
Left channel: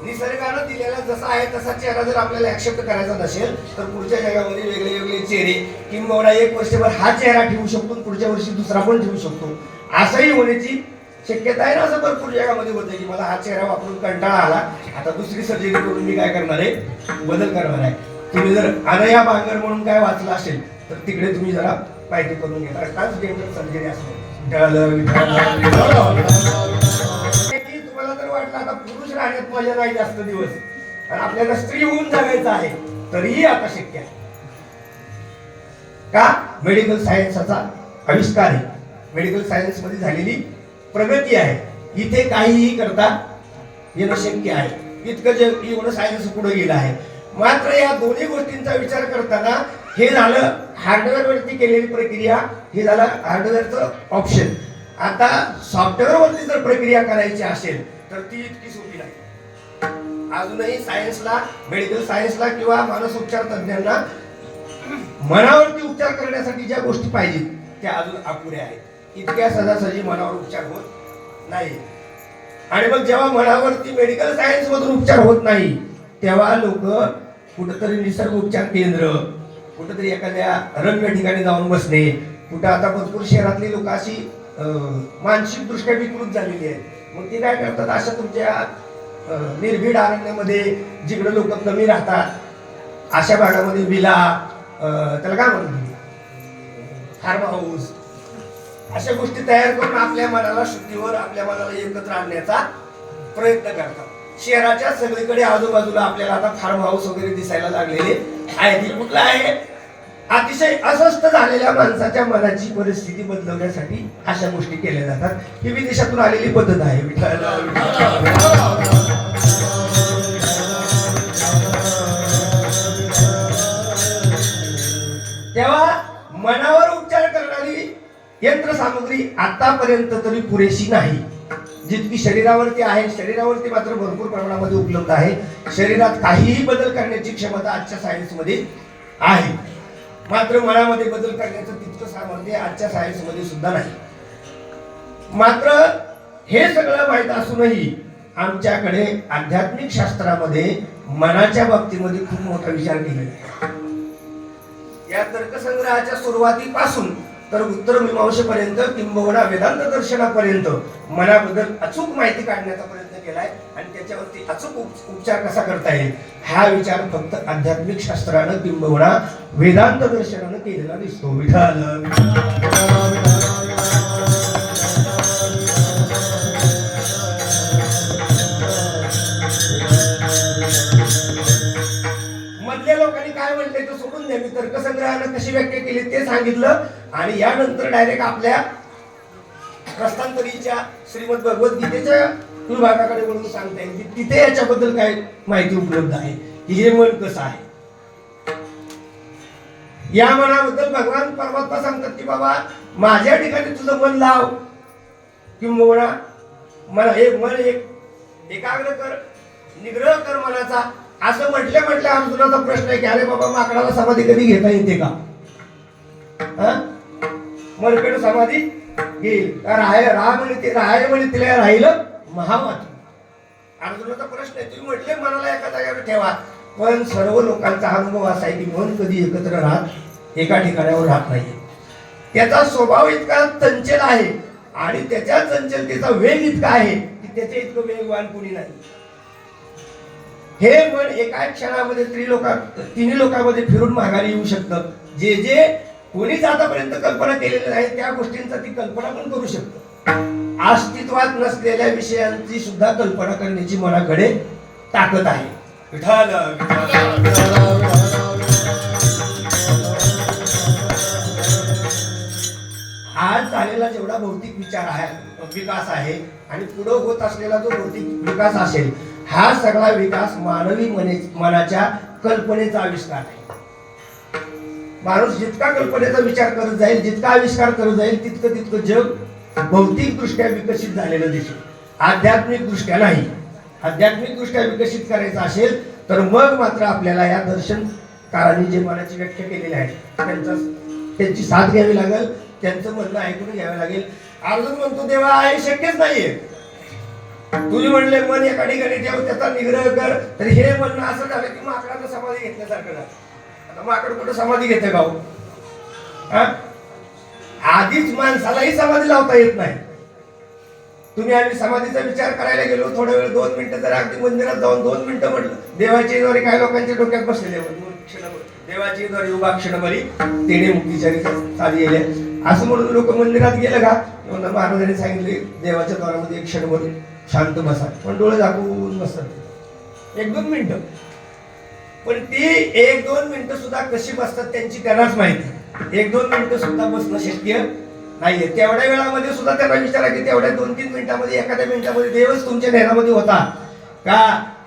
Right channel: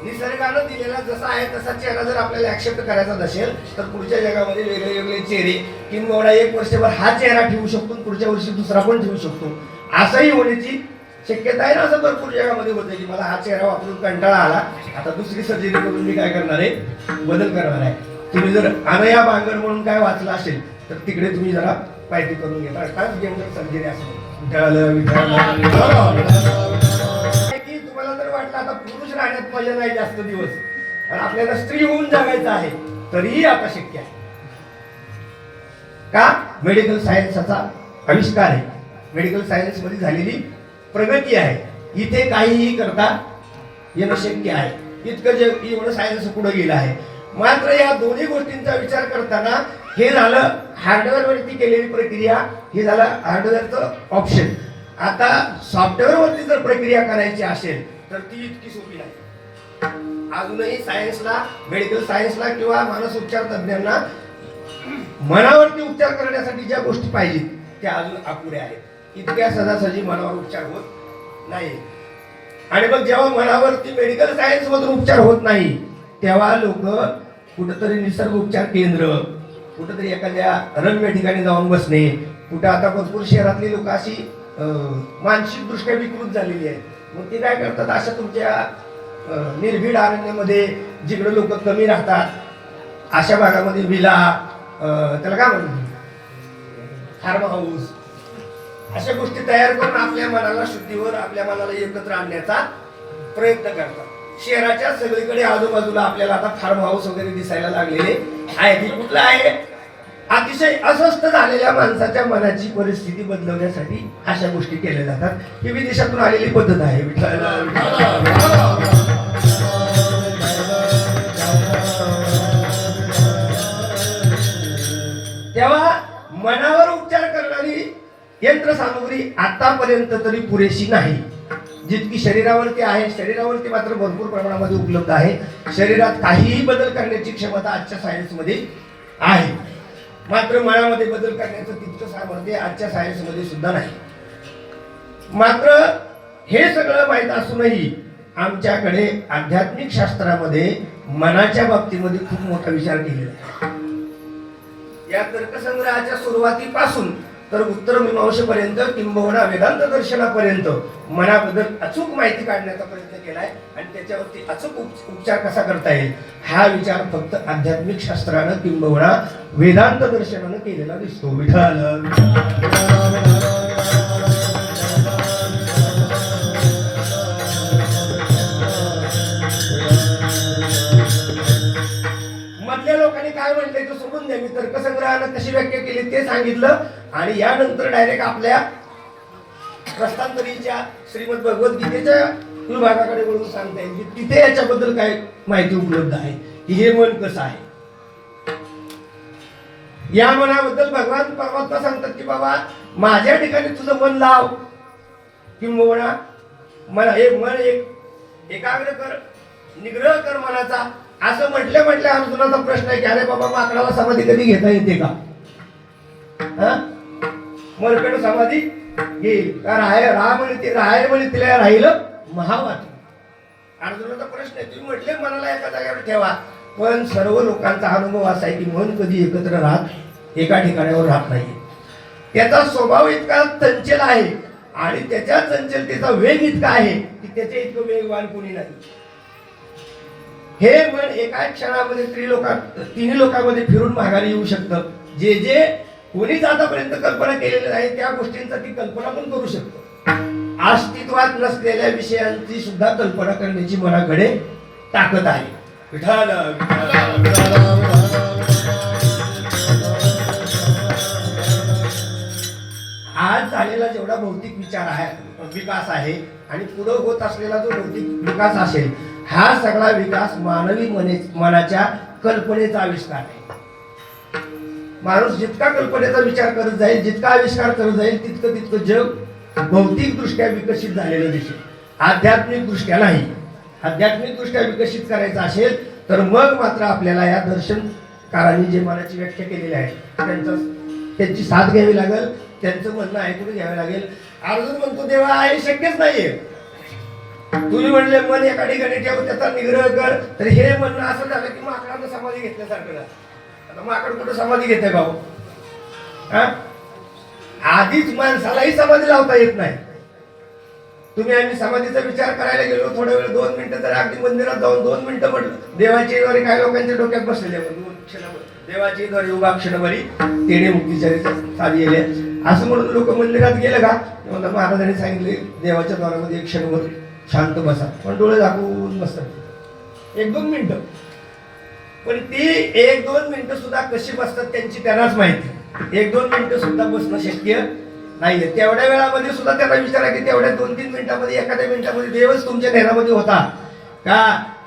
निसर्गानं दिलेला जसा आहे तसा चेहरा जर आपल्याला ऍक्सेप्ट करायचा नसेल तर पुढच्या जगामध्ये वेगळे वेगळे चेहरे, किंवा 1 वर्षभर हा चेहरा ठेवू शकतो, पुढच्या वर्षी दुसरा पण ठेवू शकतो, असंही होण्याची शक्यता आहे ना. असं भरपूर जगामध्ये होतं की मला हा चेहरा वापरून कंटाळा आला, आता दुसरी सर्जरी करून मी काय करणार आहे, बदल करणार आहे. तुम्ही जर अनया बांगर म्हणून काय वाचलं असेल तर तिकडे तुम्ही जरा पाहिजे करून घेता. ट्रान्सजेंडर सर्जरी असं तुम्हाला जर वाटलं आता पुरुष राहण्यात मजा नाही जास्त दिवस आणि आपल्याला स्त्री होऊन जगायचं आहे तरीही आता शक्य आहे. का? मेडिकल सायन्सचा आविष्कार आहे, मेडिकल सायन्स मध्ये झालेली प्रगती आहे. इथे काहीही करता येणं शक्य आहे. इतकं जे एवढं सायन्स पुढे गेलं आहे. मात्र या दोन्ही गोष्टींचा विचार करताना हे झालं हार्डवेअर वरती केलेली प्रक्रिया, हे झालं हार्डवेअरचं ऑप्शन. आता सॉफ्टवेअर वरती जर प्रक्रिया करायची असेल तर ती इतकी सोपी नाही. अजूनही सायन्सला, मेडिकल सायन्सला किंवा मानसोपचार तज्ञांना मनावरती उपचार करण्यासाठी ज्या गोष्टी पाहिजेत त्या अजून अपुऱ्या आहेत. इतक्या सहजासहजी मनावर उपचार होत नाही. आणि मग जेव्हा मनावरती मेडिकल सायन्स मधून उपचार होत नाही तेव्हा लोक कुठेतरी निसर्ग उपचार केंद्र, कुठेतरी एखाद्या रम्य ठिकाणी जाऊन बसणे, कुठं आता भरपूर शहरातली लोक अशी मानसिक दृष्ट्या विकृत झालेली आहेत. मग ते काय करतात, अशा तुमच्या निर्भीड अरण्यामध्ये जिकडे लोक कमी राहतात अशा भागामध्ये विला, त्याला काय म्हणतात, फार्म हाऊस, अशा गोष्टी तयार करून आपल्या मनाला शुद्धीवर, आपल्या मनाला एकत्र आणण्याचा प्रयत्न करतात. शहराच्या सगळीकडे आजूबाजूला आपल्याला आता फार्म हाऊस वगैरे दिसायला लागलेले आहे. कुठला आहे अतिशय अस्वस्थ झालेल्या माणसाच्या मनाची परिस्थिती बदलवण्यासाठी अशा गोष्टी केल्या जातात. ही विदेशातून आलेली पद्धत आहे. तेव्हा मनावर उपचार करणारी यंत्रसामुग्री आतापर्यंत तरी पुरेशी नाही. जितकी शरीरावरती आहे, शरीरावरती मात्र भरपूर प्रमाणामध्ये उपलब्ध आहे. शरीरात काहीही बदल करण्याची क्षमता आजच्या सायन्समध्ये आहे, मात्र मनामध्ये बदल करण्याचं तितकं सामर्थ्य आजच्या सायन्समध्ये सुद्धा नाही. मात्र हे सगळं माहीत असूनही आमच्याकडे आध्यात्मिक शास्त्रामध्ये मनाच्या बाबतीमध्ये खूप मोठा विचार केलेला आहे. या तर्कसंग्रहाच्या सुरुवातीपासून तर उत्तर मीमांसेपर्यंत किंबहुना वेदांत दर्शनापर्यंत मनाबद्दल अचूक माहिती काढण्याचा प्रयत्न केलाय आणि त्याच्यावरती अचूक उपचार कसा करता येईल हा विचार फक्त आध्यात्मिक शास्त्रानं किंबहुना वेदांत दर्शनानं केलेला दिसतो. मधल्या लोकांनी काय म्हटलंय तर सोडून द्या. मी तर्कसंग्रहानं कशी व्याख्या केली ते सांगितलं आणि यानंतर डायरेक्ट आपल्या रस्तांतरीच्या श्रीमद भगवद्गीतेच्या विभागाकडे वळून सांगता येईल की तिथे याच्याबद्दल काय माहिती उपलब्ध आहे की हे मन कसं आहे. या मनाबद्दल भगवान परमात्मा सांगतात की बाबा माझ्या ठिकाणी तुझं मन लाव किंवा मला मन एकाग्र कर, निग्रह कर मनाचा. असं म्हटल्या अर्जुनाचा प्रश्न आहे की अरे बाबा माकडाला समाधी कधी घेता येते का? मरकड समाधी घेईल राहायला म्हणे तिला राहिलं महावात. अर्जुनाचा प्रश्न आहे. तुम्ही म्हटले मनाला एका जागेवर ठेवा, पण सर्व लोकांचा अनुभव असा आहे की मन कधी एकत्र राहत एका ठिकाणावर राहत नाही. त्याचा स्वभाव इतका चंचल आहे आणि त्याच्या चंचलतेचा वेग इतका आहे की त्याच्या इतकं वेगवान कोणी नाही. हे मन एका क्षणामध्ये तिन्ही लोकांमध्ये फिरून माघारी येऊ शकतं. जे जे कोणीच आतापर्यंत कल्पना केलेल्या नाही त्या गोष्टींचा ती कल्पना पण करू शकतं. अस्तित्वात नसलेल्या विषयांची सुद्धा कल्पना करण्याची मनाकडे ताकद आहे. आज झालेला जेवढा भौतिक विकास आहे आणि पुढे होत असलेला जो भौतिक विकास असेल हा सगळा विकास मानवी मनाच्या कल्पनेचा आविष्कार आहे. माणूस जितका कल्पनेचा विचार करत जाईल, जितका आविष्कार करत जाईल, तितकं जग भौतिक दृष्ट्या विकसित झालेलं दिसेल, आध्यात्मिक दृष्ट्या नाही. आध्यात्मिक दृष्ट्या विकसित करायचं असेल तर मग मात्र आपल्याला या दर्शनकारांनी जे मनाची व्याख्या केलेली आहे त्यांची साथ घ्यावी लागेल, त्यांचं म्हणणं ऐकून घ्यावं लागेल. अर्जुन म्हणतो देवा आहे शक्यच नाहीये. तुम्ही म्हणले मन एका ठिकाणी ठेव, त्याचा निग्रह कर, तर हे म्हणणं असं झालं की माकडानं समाधी घेतल्यासारखं झालं. आता माकड कुठं समाधी घेते का? आधीच माणसालाही समाधी लावता येत नाही. तुम्ही आम्ही समाधीचा विचार करायला गेलो थोडा वेळ 2 मिनिटं जर अगदी मंदिरात जाऊन 2 मिनिटं म्हटलं देवाची द्वारे काय लोकांच्या डोक्यात बसलेले देवाची द्वारे उभा क्षणभरी तेणे मुक्तीचारी साधी येले असं म्हणून लोक मंदिरात गेलं का? महाराजांनी सांगितले देवाच्या द्वारामध्ये 1 क्षणभर शांत बसा, पण डोळे झाकून बसतात 1-2 मिनिटं. पण ती 1-2 मिनिटं सुद्धा कशी बसतात त्यांची त्यांनाच माहिती. 1-2 मिनिटं सुद्धा बसणं शक्य नाहीये. तेवढ्या वेळामध्ये सुद्धा त्यांना विचारा की तेवढ्या 2-3 मिनिटांमध्ये एखाद्या मिनिटामध्ये देवच तुमच्या ध्यानामध्ये होता का?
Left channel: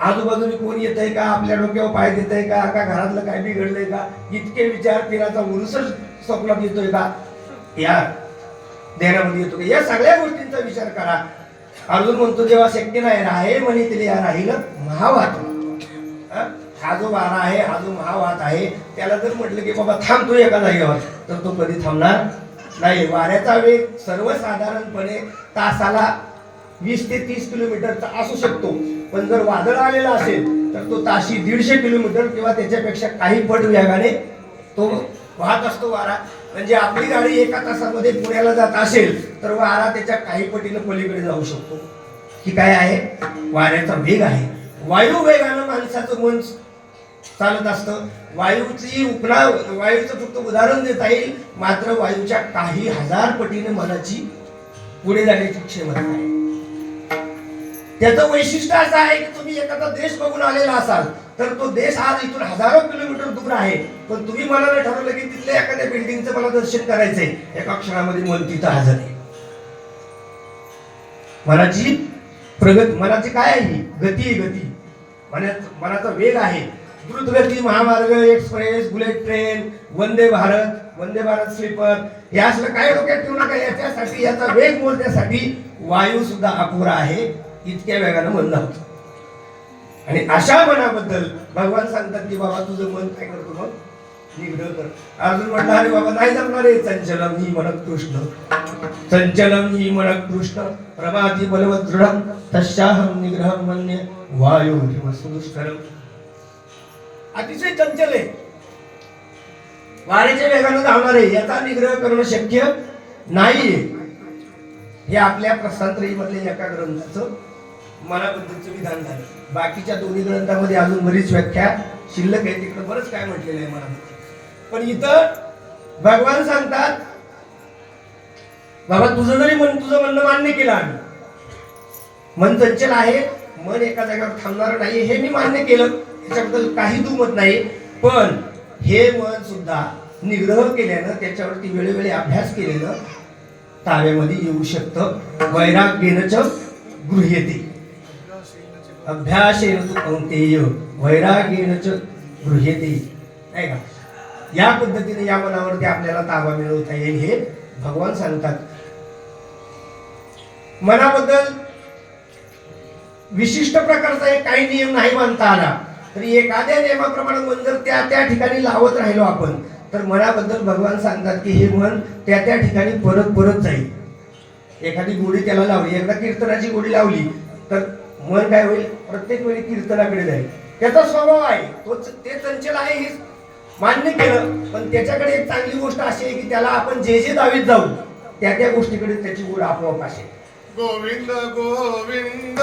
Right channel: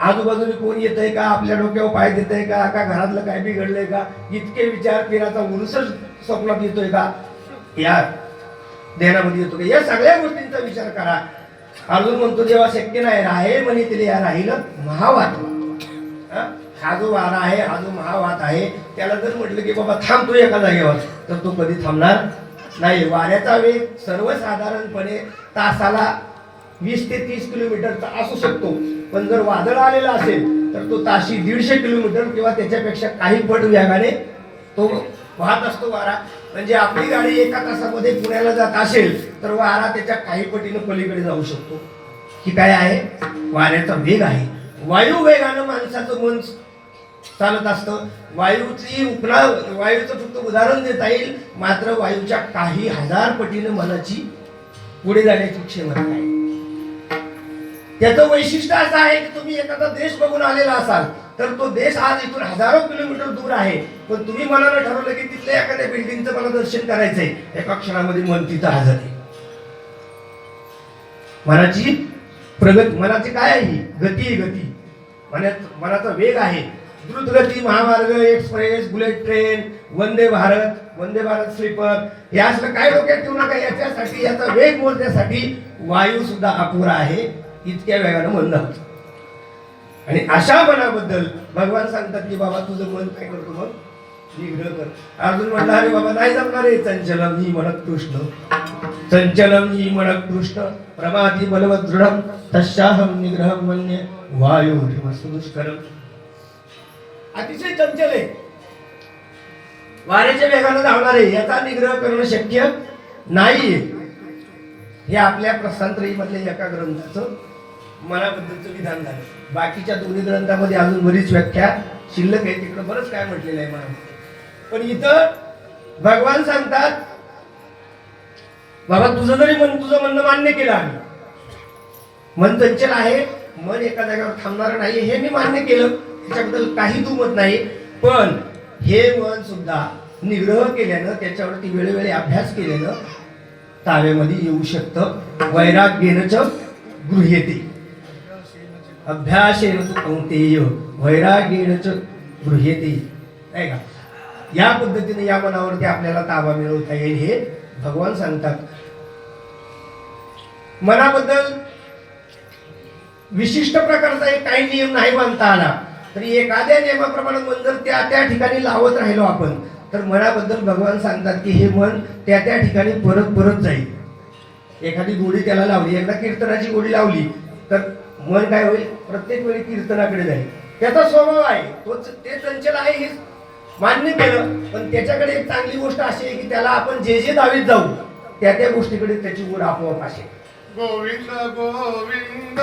आजूबाजूने कोण येतंय का? आपल्या डोक्यावर पाय देतंय का? घरातलं काय बिघडलंय का? इतके विचार केल्याचा उरुसच स्वप्नात येतोय का? या ध्यानामध्ये येतो का? या सगळ्या गोष्टींचा विचार करा. अर्जुन म्हणतो जेव्हा शक्य नाही राहे म्हणे तिला या राहिलं महावात. हा जो वारा आहे, हा जो महावात आहे, त्याला जर म्हटलं की बाबा थांबतो एका जागेवर तर तो कधी थांबणार नाही. वाऱ्याचा वेग सर्वसाधारणपणे तासाला 20 ते 30 किलोमीटरचा असू शकतो, पण जर वादळ आलेला असेल तर तो ताशी 150 किलोमीटर किंवा त्याच्यापेक्षा काही पट वेगाने तो वाहत असतो वारा. म्हणजे आपली गाडी एका तासामध्ये पुण्याला जात असेल तर वारा त्याच्या काही पटीनं पलीकडे जाऊ शकतो. ही काय आहे? वाऱ्याचा वेग आहे. वायू वेगानं माणसाचं मन चालत असतं. वायूचं फक्त उदाहरण देता येईल, मात्र वायूच्या काही हजार पटीने मनाची पुढे जाण्याची क्षमता आहे. त्याचं वैशिष्ट्य असं आहे की तुम्ही एखादा देश बघून आलेला असाल तर तो देश आज इथून हजारो किलोमीटर दूर आहे, पण तुम्ही मनाला ठरवलं की तिथल्या एखाद्या बिल्डिंगचं मला दर्शन करायचंय, एका क्षणामध्ये मन तिथं हजर आहे. मनाची प्रगती, मनाची काय आहे? गती आहे, गती. मनाचा वेग आहे. द्रुतगती महामार्ग, express, bullet train, Vande Bharat sleeper, हे असलं काय डोक्यात ठेवू नका. याच्यासाठी, याचा वेग मोजण्यासाठी वायू सुद्धा अपुरा आहे, इतक्या वेगानं मन धावतं. आणि अशा मनाबद्दल भगवान सांगतात की बाबा तुझं मन काय करतो, मग निग्रह कर. अर्जुन म्हटला अरे बाबा नाही जमणार आहे. चंचलम ही मनक कृष्ण, चंचलम ही मनक कृष्ण, प्रमाती बलवत दृढम, तस्याहम निग्रहम मन्ये वायु सुदुष्करम. अतिशय चंचल आहे, वाऱ्याच्या वेगानं धावणार आहे, याचा निग्रह करणं शक्य नाहीये. हे आपल्या प्रस्थानत्रयी मधल्या एका ग्रंथाचं मनाबद्दलचं विधान झालं. बाकीच्या दोन्ही ग्रंथामध्ये अजून बरीच व्याख्या शिल्लक आहे, तिकडे बरंच काय म्हटलेलं आहे मनामध्ये. पण इथं भगवान सांगतात बाबा तुझं जरी तुझं म्हणणं मान्य केलं आम्ही, मन चंचल आहे, मन एका जागेवर थांबणार नाही, हे मी मान्य केलं, त्याच्याबद्दल काही दुमत नाही. पण हे मन सुद्धा निग्रह केल्यानं, त्याच्यावरती वेळोवेळी अभ्यास केल्यानं ताब्यामध्ये येऊ शकतं. वैराग्येन च गृह्यते, अभ्यासेन तु कौंतेय वैराग्येन च गृह्यते. नाही का? या पद्धतीने या मनावरती आपल्याला ताबा मिळवता येईल हे भगवान सांगतात. मनाबद्दल विशिष्ट प्रकारचा एक काही नियम नाही मानता आला तरी एखाद्या नियमाप्रमाणे मन जर त्या त्या ठिकाणी लावत राहिलो आपण, तर मनाबद्दल भगवान सांगतात की हे मन त्या त्या ठिकाणी परत परत जाईल. एखादी गोडी त्याला लावली, एकदा कीर्तनाची गोडी लावली तर मन काय होईल, प्रत्येक वेळी कीर्तनाकडे जाईल. त्याचा स्वभाव आहे, ते चंचल आहे हे मान्य केलं. पण त्याच्याकडे एक चांगली गोष्ट अशी आहे की त्याला आपण जे जे दावीत जाऊ त्या त्या गोष्टीकडे त्याची गोड आपोआप असेल. गोविंद गोविंद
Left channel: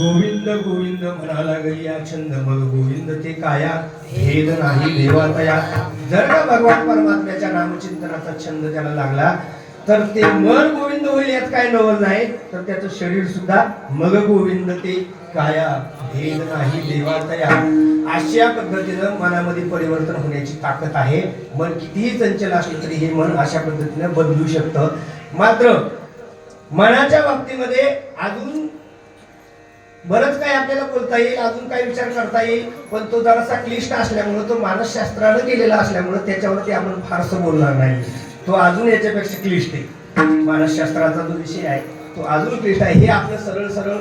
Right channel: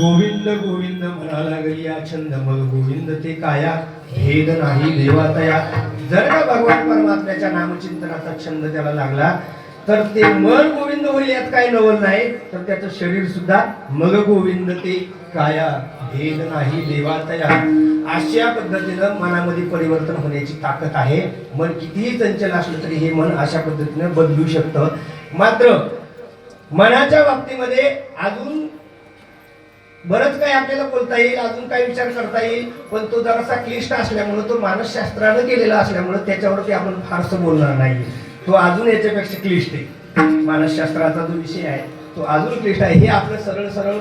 गोविंद गोविंद म्हणाला गरी या छंद, मग गोविंद ते काया भेद नाही देवातया. जर का भगवान परमात्म्याच्या नामचिंतनाचा छंद त्याला लागला तर ते मन गोविंद होईल, यात काय नवल नाही. तर त्याचं शरीर सुद्धा मग गोविंद ते काया भेद नाही देवातया. अशा पद्धतीनं मनामध्ये परिवर्तन होण्याची ताकद आहे. मन कितीही चंचल असलं तरी हे मन अशा पद्धतीनं बदलू शकतं. मात्र मनाच्या बाबतीमध्ये अजून बरंच काही आपल्याला बोलता येईल, अजून काही विचार करता येईल, पण तो जरासा क्लिष्ट असल्यामुळे, तो मानसशास्त्रानं केलेला असल्यामुळे त्याच्यावरती आपण फारसं बोलणार नाही. तो अजून याच्यापेक्षा क्लिष्ट आहे. मानसशास्त्राचा जो विषय आहे तो अजून क्लिष्ट आहे. हे आपलं सरळ सरळ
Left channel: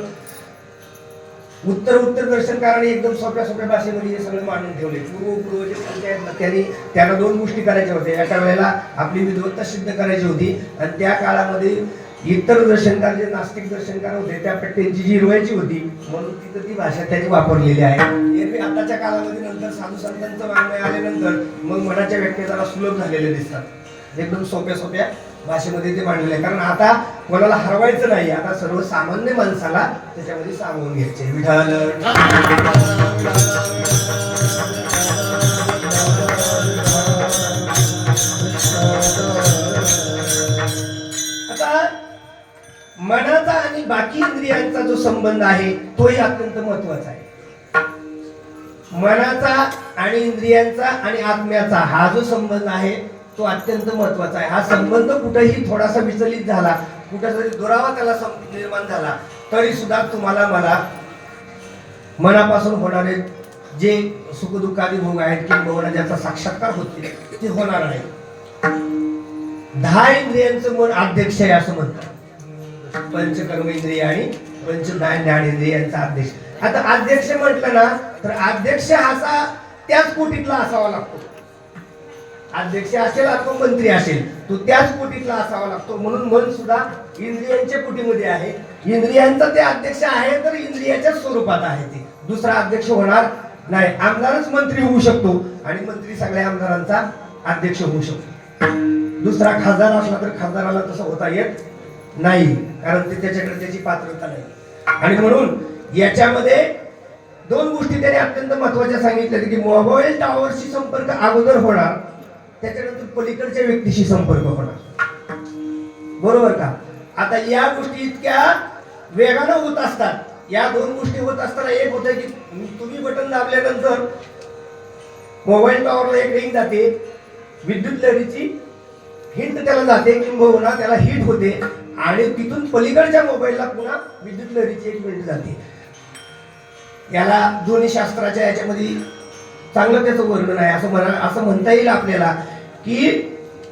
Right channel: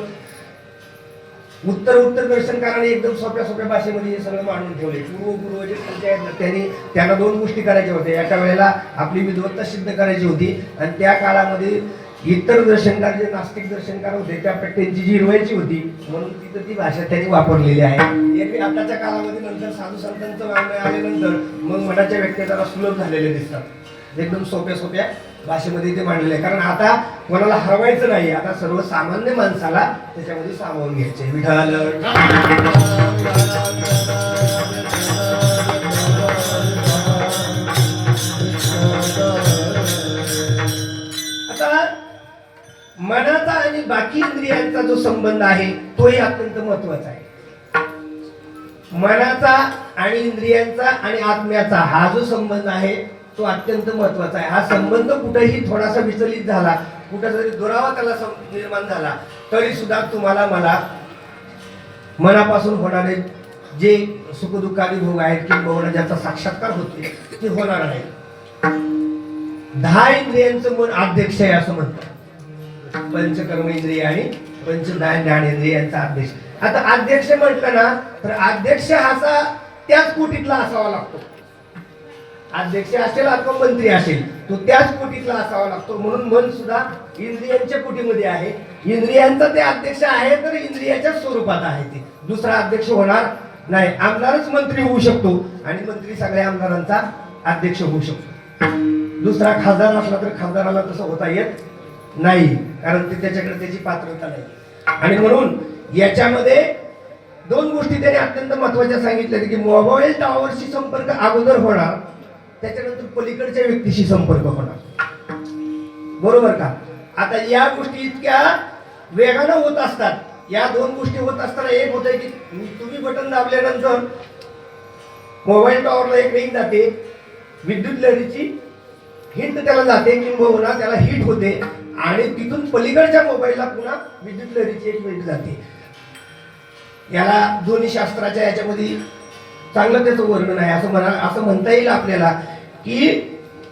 उत्तर दर्शनकारांनी एकदम सोप्या भाषेमध्ये हे सगळं मांडून ठेवले. पूर्व जे पंचायत त्यांना दोन गोष्टी करायच्या होत्या. एका वेळेला आपली विद्वत्ता सिद्ध करायची होती आणि त्या काळामध्ये इतर दर्शनकार जे नास्तिक दर्शनकार होते त्यांची जिरवायची होती, म्हणून तिथं ती भाषा त्यांनी वापरलेली आहे. एरवी आताच्या काळामध्ये नंतर साधू संतांचं वाङ्मय आल्यानंतर मग मनाच्या व्यक्ती जरा सुलभ झालेले दिसतात. एकदम सोप्या भाषेमध्ये ते मांडलेले आहे. कारण आता कोणाला हरवायचं नाही, आता सर्वसामान्य माणसाला त्याच्यामध्ये सामावून घ्यायचे. विठाल बाकी इंद्रियांचा जो संबंध आहे तोही अत्यंत महत्वाचा आहे. मनाचा आणि इंद्रियांचा आणि आत्म्याचा हा जो संबंध आहे तो अत्यंत महत्वाचा आहे. हा संबंध कुठेही थोडासा विचलित झाला, कुठेतरी दुरावा त्याला निर्माण झाला तरी सुद्धा तुम्हाला मला मनापासून होणारे जे सुखदुःखादी भोग आहेत किंवा ज्याचा साक्षात्कार होते ते होणार नाही. 10 इंद्रियांचं मन अध्यक्ष आहे असं म्हणतात. पंचकर्म इंद्रिय आणि पंच ज्ञानेंद्रियांचा अध्यक्ष. आता अध्यक्ष म्हटलं ना तर अध्यक्ष हा त्याच कोटीतला असावा लागतो. अध्यक्ष असेल अथवा मंत्री असेल तो त्याच कोटीतला असावा लागतो. म्हणून मन सुद्धा इंद्रियांच्या कोटीमध्ये आहे. इंद्रियांचा ते अध्यक्ष आहे तर इंद्रियाच्या स्वरूपात आहे. ते दुसरा अध्यक्ष होणार नाही. आमदारच मंत्री होऊ शकतो आणि मंत्री सगळ्या आमदारांचा अध्यक्ष होऊ शकतो. दुसरा खासदार असला तर खासदाराला तसं होता येत नाही, कारण ते त्याच्याकडे त्याची पात्रता नाही. आणि म्हणून याच्यामध्ये 2 गोष्टी त्याने अत्यंत महत्वाच्या सांगितल्या की मोबाईल टॉवरशी संपर्क अगोदर होणार, त्याच्यानंतर पलीकडच्या व्यक्तीशी संपर्क होणार. बरोबर का? आता या गोष्टी इतक्या वेगानं होत असतात. या 2 गोष्टी होत असताना एक होतं की तुम्ही बटन दाबल्यानंतर मोबाईल टॉवरला एक रिंग जाते, विद्युत लहरीची हिट त्याला जाते किंवा त्याला हिट होते आणि तिथून पलीकडच्या मोबाईलला पुन्हा विद्युत लहरीची एक मिनिट जाते. याला ध्वनी शास्त्राच्या याच्यामध्ये चांगलं त्याचं वर्णन आहे. असं म्हणता येईल आपल्याला की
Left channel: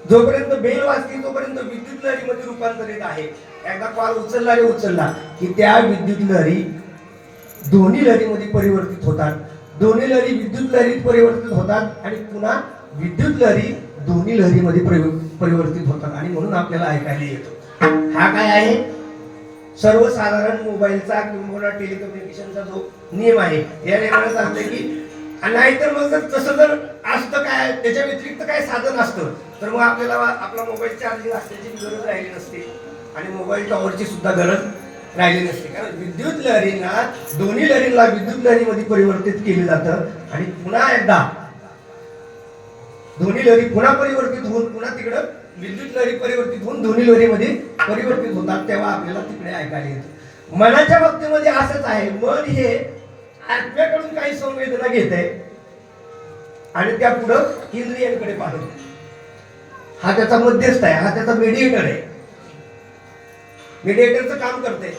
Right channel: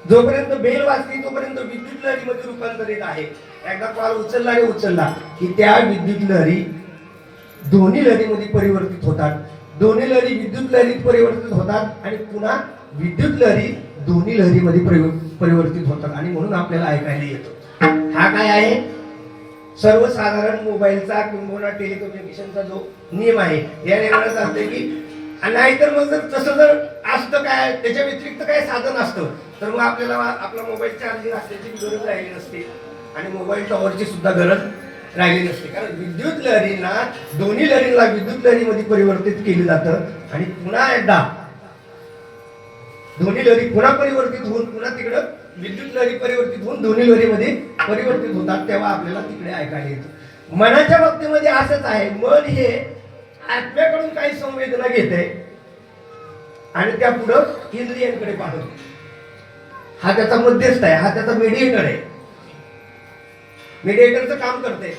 जोपर्यंत बेल वाजते तोपर्यंत विद्युत लहरीमध्ये रूपांतरित आहे. एकदा कॉल उचलला की त्या विद्युत लहरी ध्वनी लहरीमध्ये परिवर्तित होतात. ध्वनी लहरी विद्युत लहरीत परिवर्तित होतात आणि पुन्हा विद्युत लहरी ध्वनी लहरीमध्ये परिवर्तित होतात आणि म्हणून आपल्याला ऐकायला येतो. हा काय आहे? सर्वसाधारण मोबाईलचा किंवा टेलिकम्युनिकेशनचा जो नियम आहे या नियमाला सांगते की नाहीतर मग तसं जर असतं काय त्याच्या व्यतिरिक्त काय साधन असतं तर मग आपल्याला आपला मोबाईल चार्जिंग असण्याची गरज राहिली नसते आणि मोबाईल टॉवरची सुद्धा गरज राहिली नसते. कारण विद्युत लहरींना दोन्ही लहरींना विद्युत लहरीमध्ये परिवर्तित केलं जातं आणि पुन्हा एकदा दोन्ही लहरी पुन्हा परिवर्तित होऊन पुन्हा तिकडं विद्युत लहरी परिवर्तित होऊन दोन्ही लहरीमध्ये परिवर्तित होतात तेव्हा आपल्याला तिकडे ऐकायला येतं. मनाच्या बाबतीमध्ये असंच आहे. मन हे आत्म्याकडून काही संवेदना घेते आणि त्या पुढं इंद्रियांकडे पाठवते. हा त्याचा मध्यस्थ आहे, हा त्याचा मीडिएटर आहे. मीडिएटरचं काम करते.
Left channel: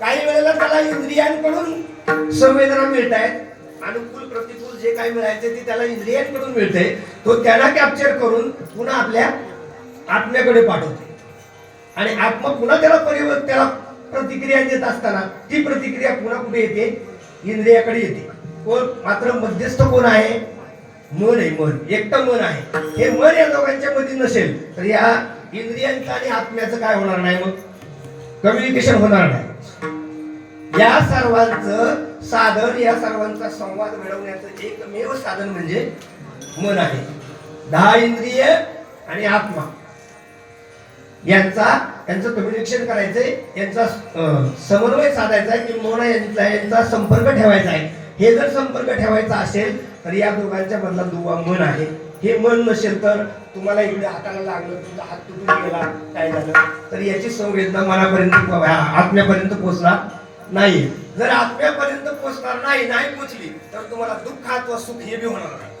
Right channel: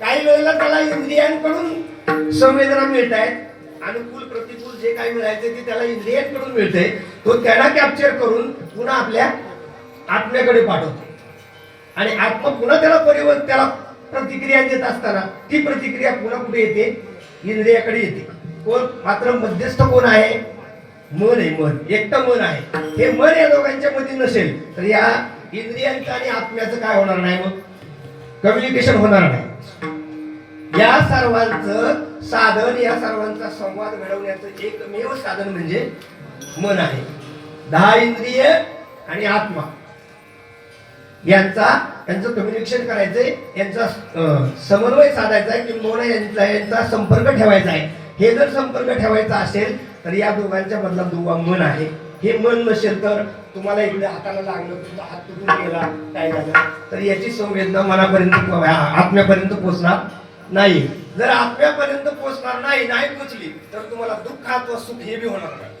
काही वेळेला त्याला इंद्रियांकडून संवेदना मिळत आहेत, अनुकूल प्रतिकूल जे काही मिळायचे ते त्याला इंद्रियांकडून मिळते. तो त्यांना कॅप्चर करून पुन्हा आपल्या आत्म्याकडे पाठवते आणि आत्मा पुन्हा त्याला प्रतिक्रिया देत असताना ती प्रतिक्रिया पुन्हा कुठे येते? इंद्रियाकडे येते. कोण मात्र मध्यस्थ कोण आहे? मन आहे. मन एकटं मन आहे. हे मन या दोघांच्या मध्ये नसेल तर या इंद्रियांचं आणि आत्म्याचं काय होणार नाही? मग कम्युनिकेशन होणार नाही. या सर्वांचं साधन, या सर्वांचा संवाद मिळवण्याचं एकमेव साधन म्हणजे मन आहे. 10 इंद्रिय आणि आत्मा यांचं कम्युनिकेशन करायचंय, यांचा समन्वय साधायचा आहे किंवा यांचा संपर्क ठेवायचा आहे. हे जर संपर्क ठेवायचा असेल तर या दोघांच्या मधला दुवा मन आहे. हे मन नसेल तर तुम्हाला इकडे हाताला लागलं, तुमचा हात तुटून गेला, काय झालं तर याची संवेदना मनापर्यंत आत्म्यापर्यंत पोहोचणार नाही. जर आत्म्यापर्यंत पोहोचणार नाही पोहोचली तर तुम्हाला दुःख अथवा सुख हे बी होणार नाही.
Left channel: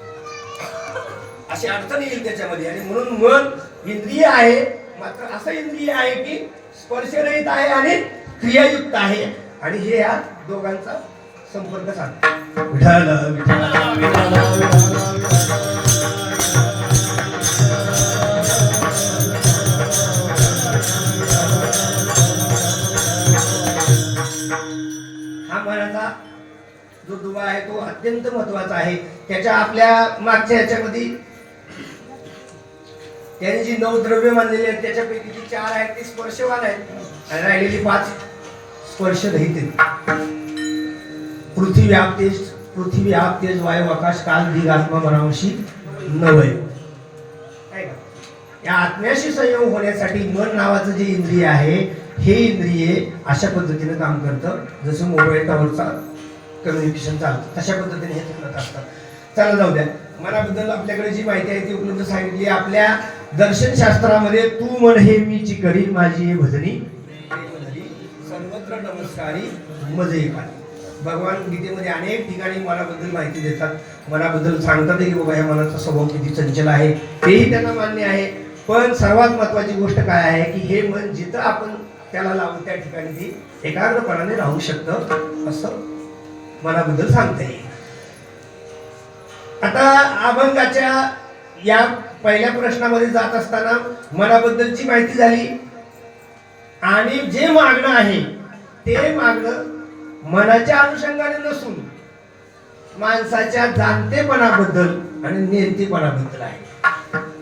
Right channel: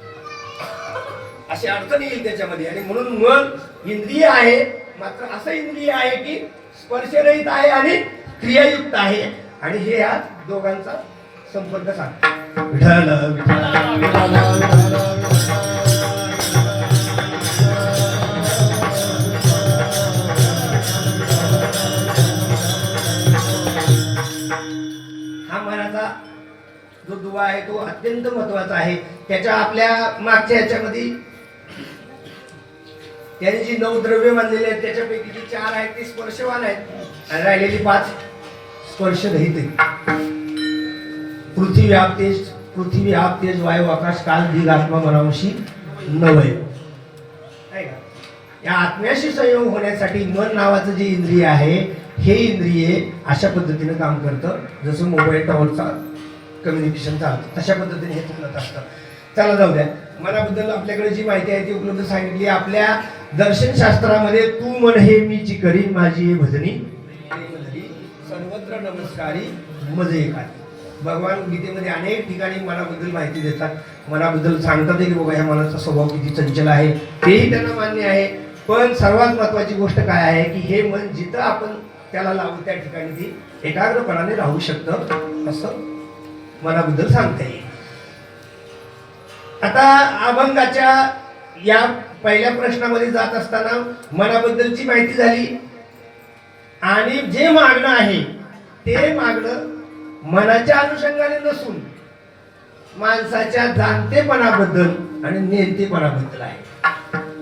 अशी अडचण येईल त्याच्यामध्ये. आणि म्हणून मन इंद्रिय आहे, मात्र असं इंद्रिय आहे की स्पर्शरहित आहे आणि क्रियायुक्त आहे आणि हे या दोघांचा संपर्क साधतो. विठ्ठल हा मनाचा जो दुवा आहे तो अत्यंत महत्वाचा आहे. त्याच्या आपल्या मागच्या याच्यामध्ये त्याने जी 9 द्रव्य मानलेली आहेत त्याच्यापैकी जी 4 आहेत ती स्पर्शवान आहेत आणि राहिलेली 5 स्पर्शरहित आहेत. पृथ्वी आप तेज वायू आकाश काल दिग आत्मा मनावशी नवय. या आत्म्याशी संयोग होण्यासाठी मन नावाचं जे इंद्रिय आहे हे इंद्रिय अशा पद्धतीने काम करतं जसं मोबाईल टॉवरचा कम्युनिकेशनचा तशा पद्धतीने हे करत असतं. चला जाऊ द्या. मनाबद्दल आपल्याकडे जी माहिती आहे ती उपलब्ध सांगितली. आपल्या दर्शनशास्त्रामध्ये तू म्हण हे मीची करीन माझी भजनी सर्वत्र कर नमस्कारी मजे एखादी. भगवान गीतेमध्ये अनेक ठिकाणी मनाबद्दल माहिती देतात, मनाबद्दल सांगतात की बाबा ह्या मनाचा स्वभाव किती चंचल आहे, तेही त्यांना मान्य आहे. पण सर्वात महत्वाची गोष्ट काय आहे की हे मन जिथं आपण त्याला लावू त्या ठिकाणी ती एकाग्रपणाने राहू शकतं असं मनाबद्दल सांगता येईल. आता अभंगाच्या या पहिल्या प्रश्नामध्ये जात असताना मनाबद्दलची माहिती झाली आणि जे मागणं आहे ते मागणं मनाच्या अनुषंगाने नसून माणसाच्या जाणतेपणाबद्दल आणि नेमतेपणाबद्दल आहे.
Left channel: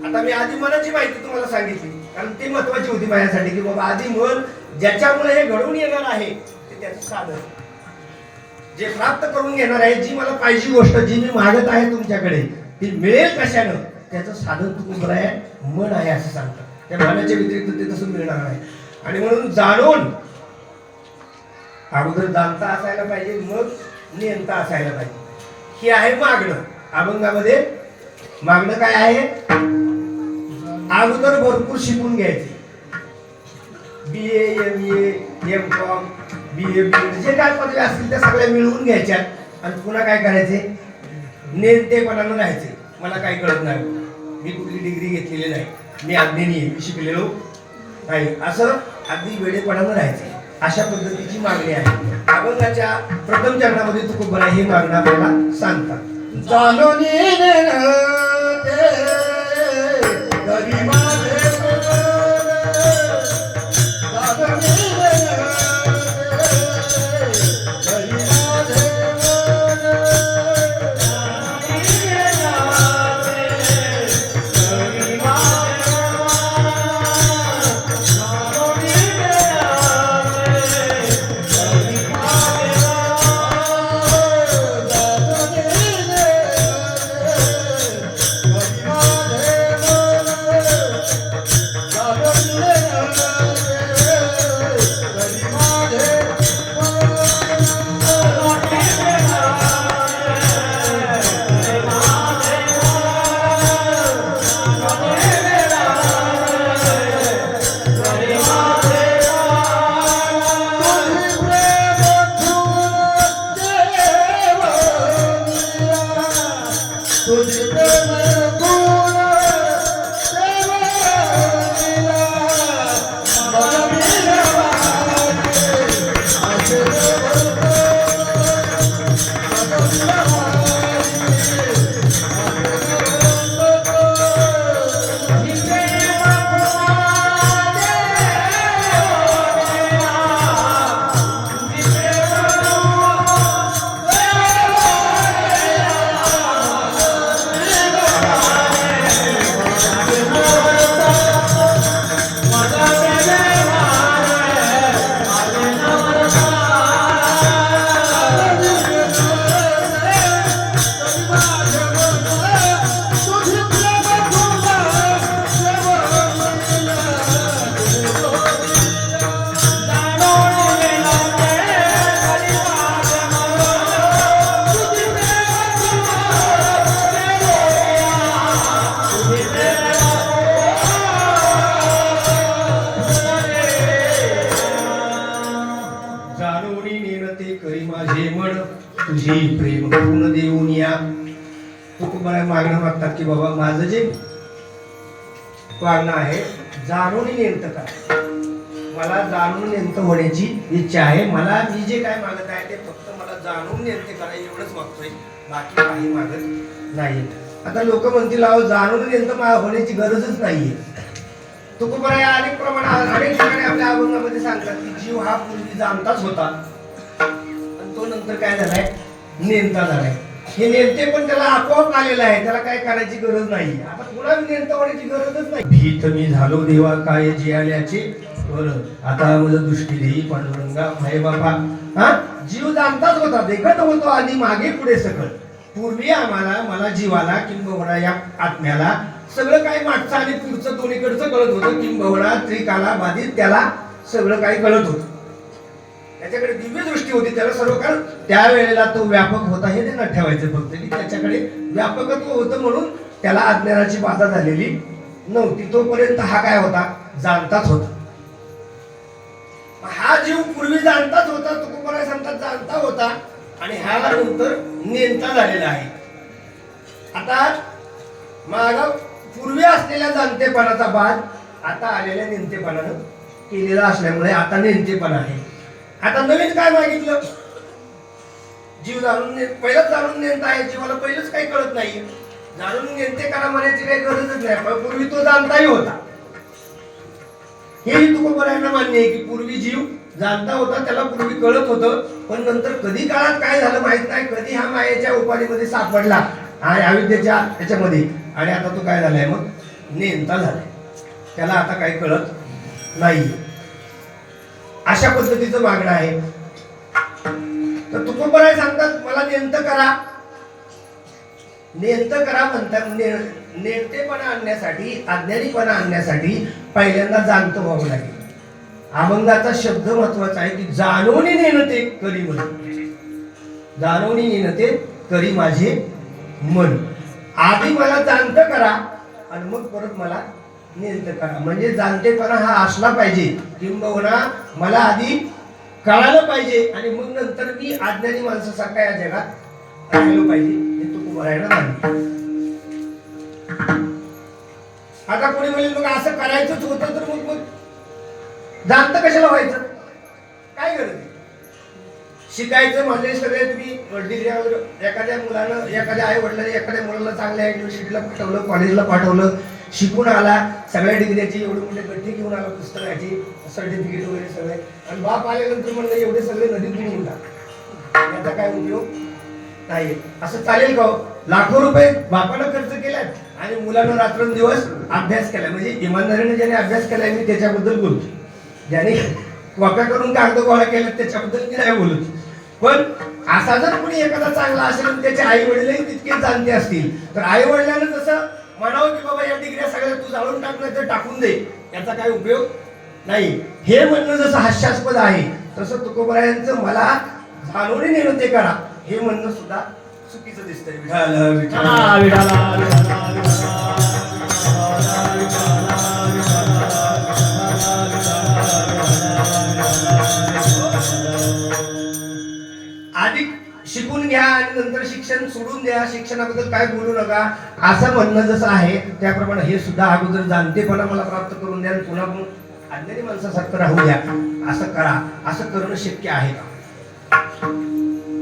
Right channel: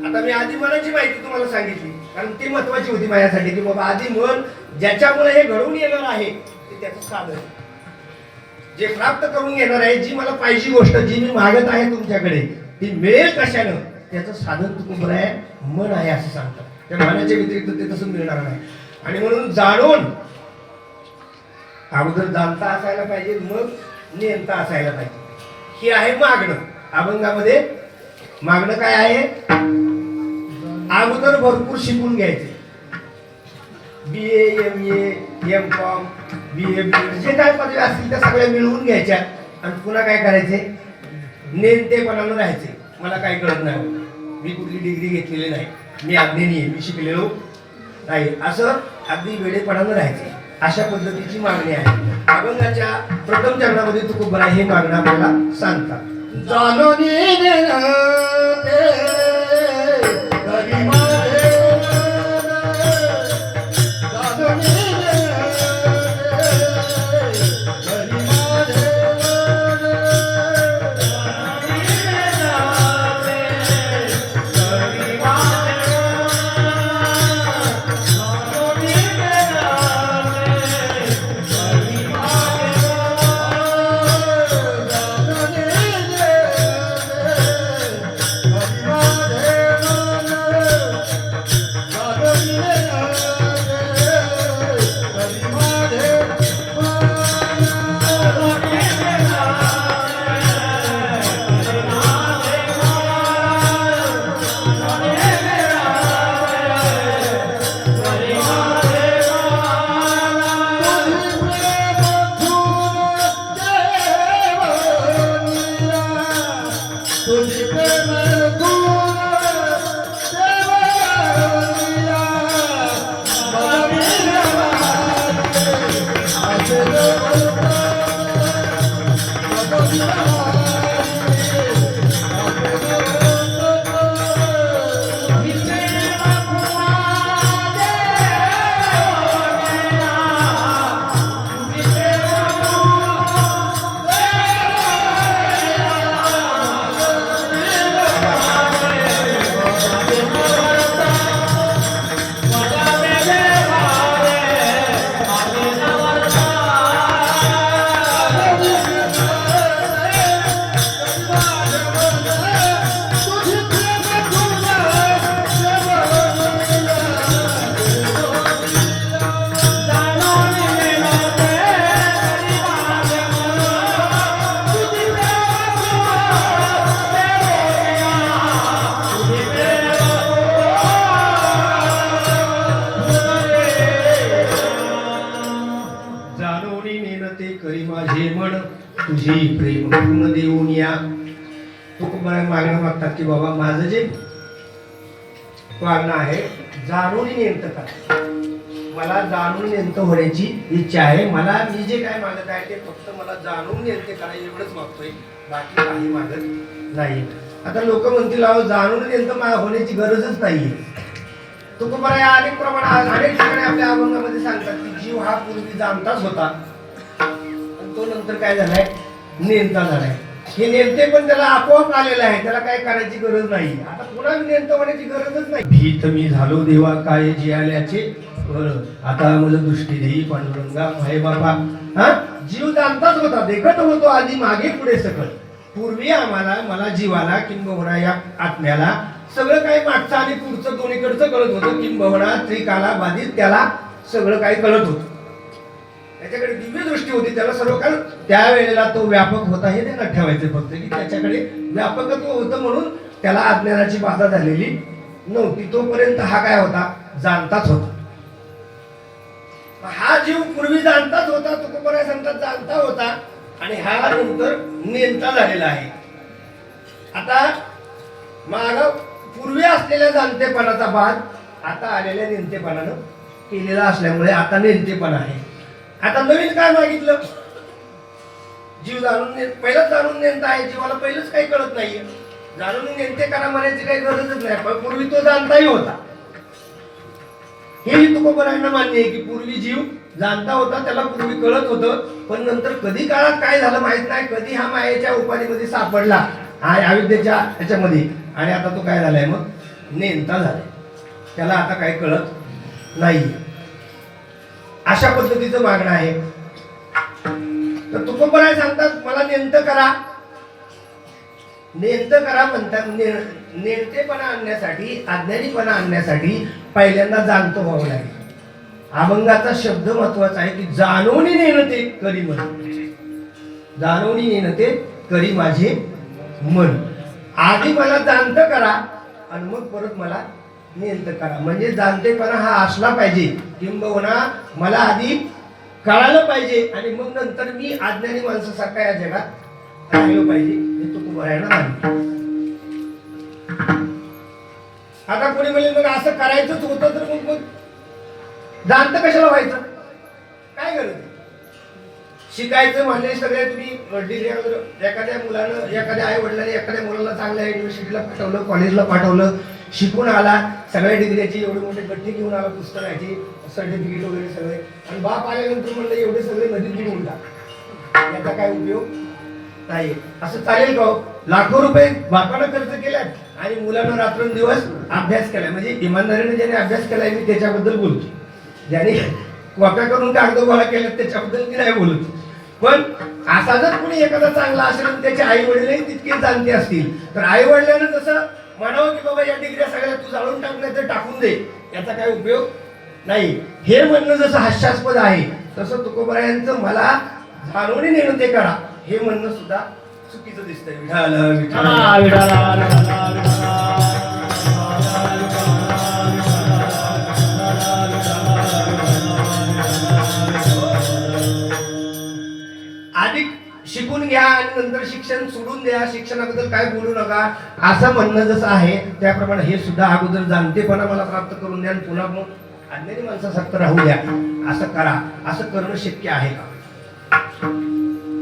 आता मी आधी मनाची माहिती तुम्हाला सांगितली कारण ती महत्वाची होती माझ्यासाठी की बाबा आधी मन ज्याच्यामुळे हे घडून येणार आहे ते त्याचं साधन, जे प्राप्त करून घेणार आहे, जी मला पाहिजे गोष्ट जी मी मागत आहे तुमच्याकडे ती मिळेल कशानं, त्याचं साधन तुम्ही बरं आहे मन आहे असं सांगतात. त्या मनाच्या व्यतिरिक्त ते तसं मिळणार नाही. आणि म्हणून जाणून अगोदर जाणता असायला पाहिजे, मग नेमता असायला पाहिजे. हे आहे मागणं. अभंगामध्ये मागणं काय आहे, अगोदर भरपूर शिकून घ्यायचे. BA MA M.Com BA BEd जे काय पदवी असतील त्या सगळ्या मिळवून घ्यायच्या आणि पुन्हा काय करायचे, नेमतेपणानं राहायचे. मला काही कळत नाही, मी कुठली डिग्री घेतलेली नाही, मी अज्ञानी आहे, मी शिकलेलो नाही, असं अगदी वेडेपणानं राहायचे. अशा पद्धतीची मागणी आहे. अभंगाच्या प्रथम चरणामध्ये तुकोबरा हे मागणं आपल्याला सांगतात. तुझी प्रेम पूर्ण देऊन या. तुकोबरा मागणं मागतात की बाबा माझं जे मागणं आहे जाणून नेमतं काय, मला जाणून नेमतं होण्याची इच्छा आहे. मला मी जे काय मागत आहे ते फक्त मला जाणून नेमते करा एवढंच मागतोय, बाकी काही मागत नाही. आता लोक म्हणतील अहो जाणून नेमतं होण्याची गरजच नाहीये. तुकोबरा या अनेक ठिकाणी आपल्या अभंगामध्ये सांगतात की जीव हा पूर्वी जाणताच होता आणि तो नंतर काय झालाय नेमता झालाय. हे नेमते पण त्याला आपोआप आलेलं आहे, त्याला काय करायची गरज नाही. आता पुन्हा नेमता होण्याची गरजच नाही. भीत मी झालो देवा काय जे आल्याचे बरं, आता माझं दृष्टी देई पांडुरंगा भाई बाबा. हा जीव जाणताच होता, देखत होतो आधी मागे पुढे सकल. पूर्वी मला जीवाला किंबहुना या आत्म्याला सगळं काही मागचं आणि पुढचं दोन्हीकडचं कळत होतं. किंबहुना त्रिकाला बाधित त्याला सगळं काही कळत होतं. त्याच्याकडे दिव्य दृष्टी होती, त्याला सर्व कारण त्यावेळेला तो व्यापक होता हे त्यांना ठेवायचे फक्त की त्याच्याकडे व्यापकत्व होतं म्हणून त्याला अज्ञानाची बाधा झालेली नव्हती. तोपर्यंत हा काय होता जाणताच होता. हा जीव पूर्वी जाणताच होता, तुकोबराय सांगतात जाणता होता, आणि हा नंतर नेणता झालेला आहे. आता मागा पूर्वी असलेल्या जाणतेपणाचा बाद आता आलेल्या नेणतेपणानं केलेला असल्यामुळे आता नेणतेपणा आहे. आता नवीन काय मागितलं? जीव जाणून पहिलंच जाणून नेणता आहे. जीवाला पहिलंच काही कळत नाहीये. जाणून नेणतेपणा म्हणायची काही गरजच नाही, पण पूर्वी तो जाणताही होता. हेही तुकोबरायांना मान्य आहे की पूर्वी जीव जाणता होता, त्याला पूर्वी कळत होतं, पण नंतर कधी काळात काय झालं माहित नाही. कधी हा मायेच्या उपाधीमध्ये सापडला आणि अविद्येच्या त्याच्यामध्ये, आणि आता तो काय झालाय मग नेणता झालाय. त्याला आता काय कळत नाही. अशा पद्धतीचं मागणं आहे. तर तुकोबराय सांगतात मला नेणतं करा. नेणतं करा म्हणतात. नेणतेपणा आणण्यासाठी, अज्ञानीपणा आणण्यासाठी पहिल्यांदा जाणतो व्हावं लागेल. अभंगाचा शब्द महत्वाचा आहे की जाणून नेणते करी मन. जाणून नेणते करी माझे मन. आधी मला जाणतं करा आणि मग परत मला नेणतं करा. म्हणजे जाणतेपणा हा असला पाहिजे, किंबहुना मला आधी कळालं पाहिजे आणि मग नंतर मी अज्ञानी माणसासारखा या जगात राहिलो पाहिजे. हे तुकोबरायांना मान्य. आता कोणी म्हणेल मग असं करायचंच होतं तर मग जाणतं कशाला व्हायचं? काय गरज आहे? शिकायचं म्हणजे सगळे तुम्ही डिग्र्यावर एखाद्या मुलानं, एखाद्या आई वडिलांनी एखाद्या मुलाला चांगल्या युनिव्हर्सिटीला पाठवलं, कॉलेजला पाठवलं, शिकून आला, सगळ्या डिग्रीची एवढे मोठे गठ्ठे घेऊन आला, पुस्तकाची सर्टिफिकेट वगैरे सगळे, आणि बाप आल्यानंतर म्हणलं एवढे सगळे नदीत बुडवून टाक. याचा काय उपयोग नाही. असं चालेल का? लाखो रुपये बापानं खर्च केल्यात आणि मुलानं रात्रंदिवस अभ्यास केला. म्हणजे इमानदारीने ज्याने अभ्यास केलाय मी त्याच्याबद्दल बोलतो. ज्याने कॉप्या करून कागद गोळा केला त्याच्याबद्दल मी नाही बोलत. पण असा जर कोणी एखादा चांगला असेल आणि त्याचे आई वडीलही तितके जाणते असतील तर आई वडिलांना जसं म्हणावं की बाबा या डिग्र्या सगळ्या तू जाळून टाकल्या तर टाकून दे, याचा काय उपयोग नाही. हे म्हणणं जसं हास्यास्पद आहे तसं तुकोबरायांचं मला जाणून नेणते करा हे म्हणणं सुद्धा चुकीचं दिसतंय. आधी शिकून घ्या आणि नंतर शिक्षण सोडून द्या, शिक्षणाबद्दल काय बोलू नका असं म्हणणं जसं आहे त्याप्रमाणे हे सुद्धा अगोदर जाणतेपणा मला प्राप्त करून द्या, पुन्हा मग अज्ञानी माणसासारखं राहू द्या. असं करा. असं करणं शक्य आहे का?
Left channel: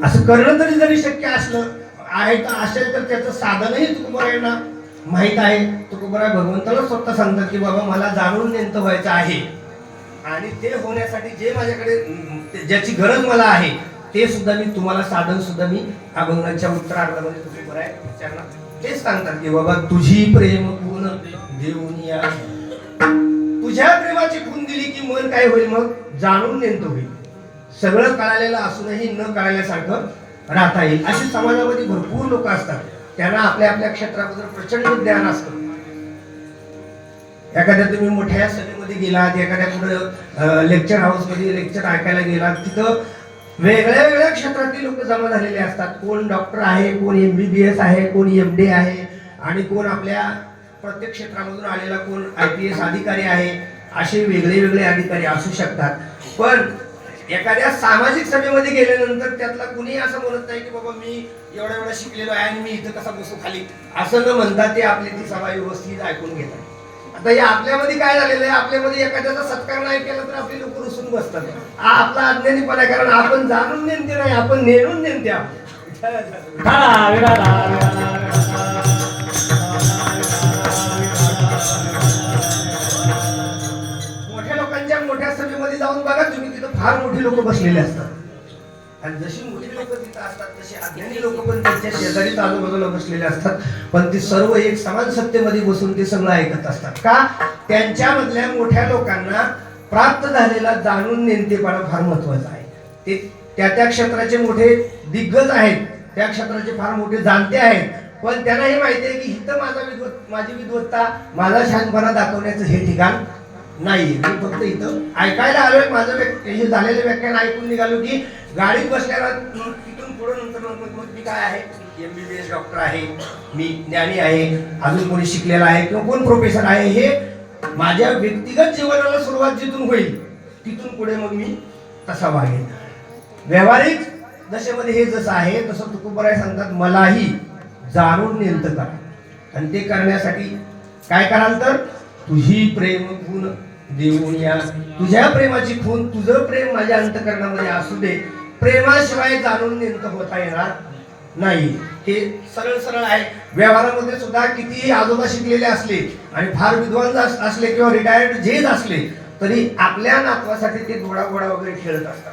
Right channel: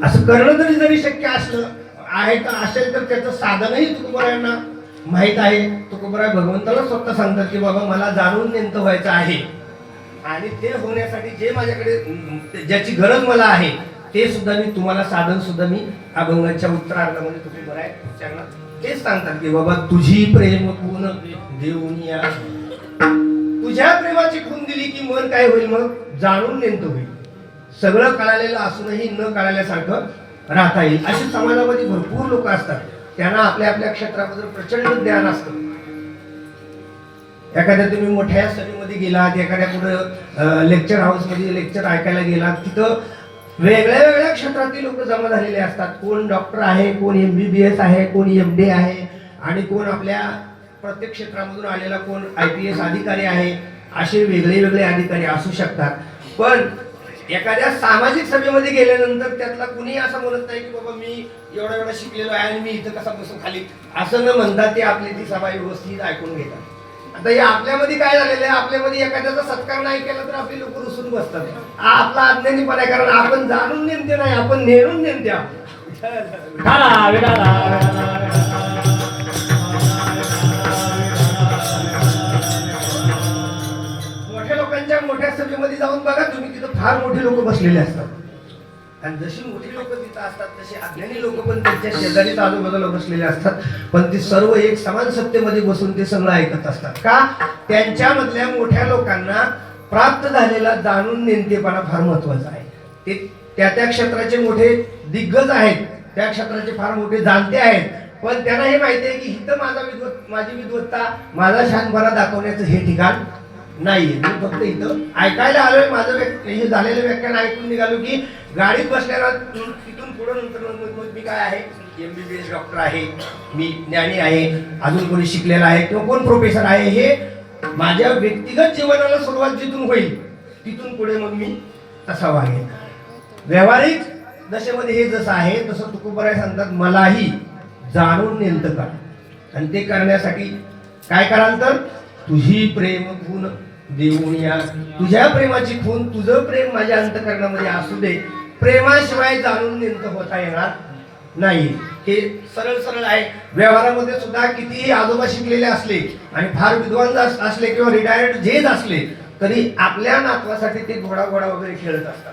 असं करणं जरी शक्य असलं आहे का असेल तर त्याचं साधनही तुकोबरायांना माहित आहे. तुकोबराय भगवंताला स्वतः सांगतात की बाबा मला जाणून नेणतं व्हायचं आहे आणि ते होण्यासाठी जे माझ्याकडे ज्याची गरज मला आहे ते सुद्धा मी तुम्हाला साधन सुद्धा मी अभंगाच्या उत्तरार्धामध्ये तुकोबराय त्यांना तेच सांगतात की बाबा तुझी प्रेम खून देऊन या. तुझ्या प्रेमाची खून दिली की मन काय होईल? मग जाणून नेणतं होईल. सगळं कळालेलं असूनही न कळाल्यासारखं राहता येईल. अशी समाजामध्ये भरपूर लोक असतात, त्यांना आपल्या आपल्या क्षेत्राबद्दल प्रचंड ज्ञान असतं. एखाद्या तुम्ही मोठ्या सभेमध्ये गेलात, एखाद्या कुठं लेक्चर हाऊस मध्ये लेक्चर ऐकायला गेलात, तिथं वेगळ्या वेगळ्या क्षेत्रातील लोक जमा झालेले असतात. कोण डॉक्टर आहे, कोण MBBS आहे, कोण MD आहे, आणि कोण आपल्या प्रत्येक क्षेत्रामधून आलेला कोण IPS अधिकारी आहे. असे वेगळे वेगळे अधिकारी असू शकतात. पण एखाद्या सामाजिक सभेमध्ये गेल्यानंतर त्यातला कुणी असं म्हणत नाही की बाबा मी एवढा एवढा शिकलेलो आहे आणि मी इथं कसा बसू खाली, असं न म्हणता ते आपली ती सभा व्यवस्थित ऐकून घेतात. आता हे आपल्यामध्ये काय झालेलं आहे, आपल्यामध्ये एखाद्याचा सत्कार नाही केला तर आपली लोक रुसून बसतात. आपला अज्ञानीपणा आहे, कारण आपण जाणून नेमते नाही, आपण नेणून नेमते आहोत. मोठ्या लोकांच्या मोठ्या सभेमध्ये जाऊन बघा तुम्ही, तिथं फार मोठे लोक बसलेले असतात आणि जशी मोठी लोक तिथं असतात तशी अज्ञानी लोक पण त्यांच्या शेजारी आजूबाजूला बसलेले असतात. पण ते सर्व एक समान सत्तेमध्ये बसून ते सगळं ऐकत असतात. का? त्यांच्यामधल्या मोठ्या लोकांना प्राप्त झालेला जाणून नेणतेपणा फार महत्वाचा आहे. ते त्या त्या क्षेत्राचे मोठे दिग्गज आहेत, त्या क्षेत्राचे फार मोठे जाणते आहेत, पण त्यांना हे माहिती आहे की इथं माझी विद्वत्ता, माझा शहाणपणा दाखवण्याचं हे ठिकाण नाही. मी फक्त इथं ऐकायला आलोय. माझं हे झालेलं व्याख्यान ऐकून निघालो की गाडीत बसल्याला तिथून पुढे नंतर मग मी काय आहे, MBBS डॉक्टर आहे, मी ज्ञानी आहे, अजून कोणी शिकलेला आहे किंवा कोण प्रोफेसर आहे, हे माझ्या व्यक्तिगत जीवनाला सुरुवात जिथून होईल तिथून पुढे मग मी तसा वागेन. व्यावहारिक दशेमध्ये हे जसं आहे तसं तुकोबराय सांगतात मलाही जाणून नेलतं करा. आणि ते करण्यासाठी काय कराल तर तुझी प्रेम खून देऊन या. तुझ्या प्रेमाची खून तुझं प्रेम माझ्या अंतकरणामध्ये असू दे. प्रेमाशिवाय जाणून नेमकं होता येणार नाही. हे सरळ सरळ आहे. व्यवहारामध्ये सुद्धा कितीही आजोबा शिकलेले असले आणि फार विद्वान असले किंवा रिटायर्ड जेज असले तरी आपल्या नातवासाठी ते घोडा वगैरे खेळत असतात.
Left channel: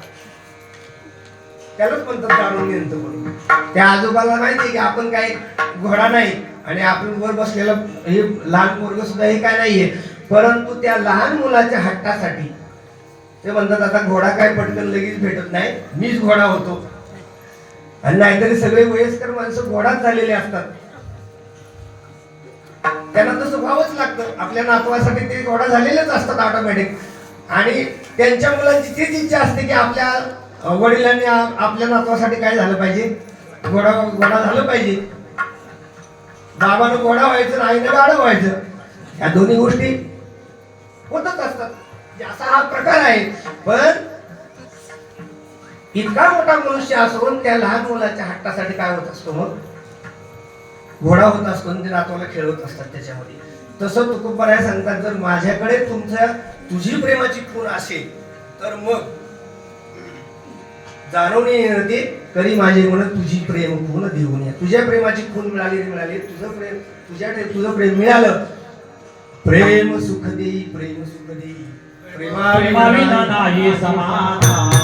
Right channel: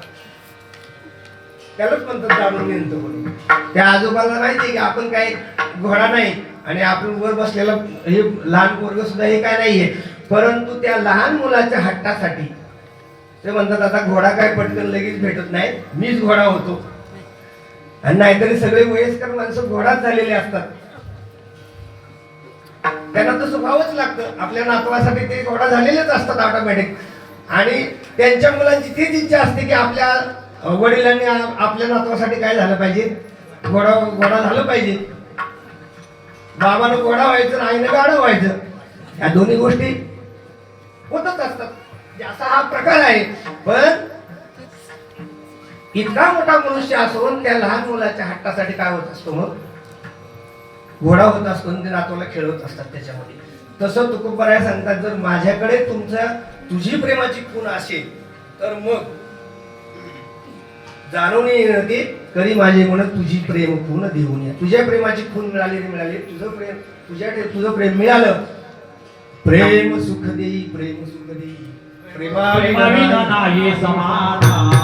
त्यालाच म्हणतात जाणून नेमकं म्हणून. त्या आजोबाला माहिती की आपण काय घोडा नाही आणि आपण वर बसलेला हे लहान पोरग सुद्धा हे काय नाहीये. परंतु त्या लहान मुलाच्या हट्टासाठी ते म्हणतात आता घोडा काय पटकन लगेच भेटत नाही, मीच घोडा होतो. आणि नाहीतरी सगळे वयस्कर माणसं घोडाच झालेले असतात. त्यांना तसं व्हावंच लागतं. आपल्या नातवासाठी ते घोडा झालेलेच असतात ऑटोमॅटिक. आणि त्यांच्या मुलांची तीच इच्छा असते की आपल्या वडिलांनी आपल्या नातवासाठी काय झालं पाहिजे, घोडा झालं पाहिजे. बाबानं घोडा व्हायचं, आईनं गाडं व्हायचं. या दोन्ही गोष्टी होतच असतात. असा हा प्रकार आहे. पण इतका मोठा मनुष्य असून त्या लहान मुलाच्या हट्टासाठी काय होत असतो, मग घोडा होत असतो. ते नातवाला खेळवत असतात त्याच्यामध्ये. तसं तुकोबराय सांगतात जर माझ्याकडे तुझी प्रेमाची खूण असेल तर मग जाणून येते करी माझे म्हणत तुझी प्रेम खूण देऊन या. तुझ्या प्रेमाची खूण मिळाली, तुझं प्रेम मिळालं. प्रेम सुख देई, प्रेम सुख देई, प्रेमाविना नाही समाधान.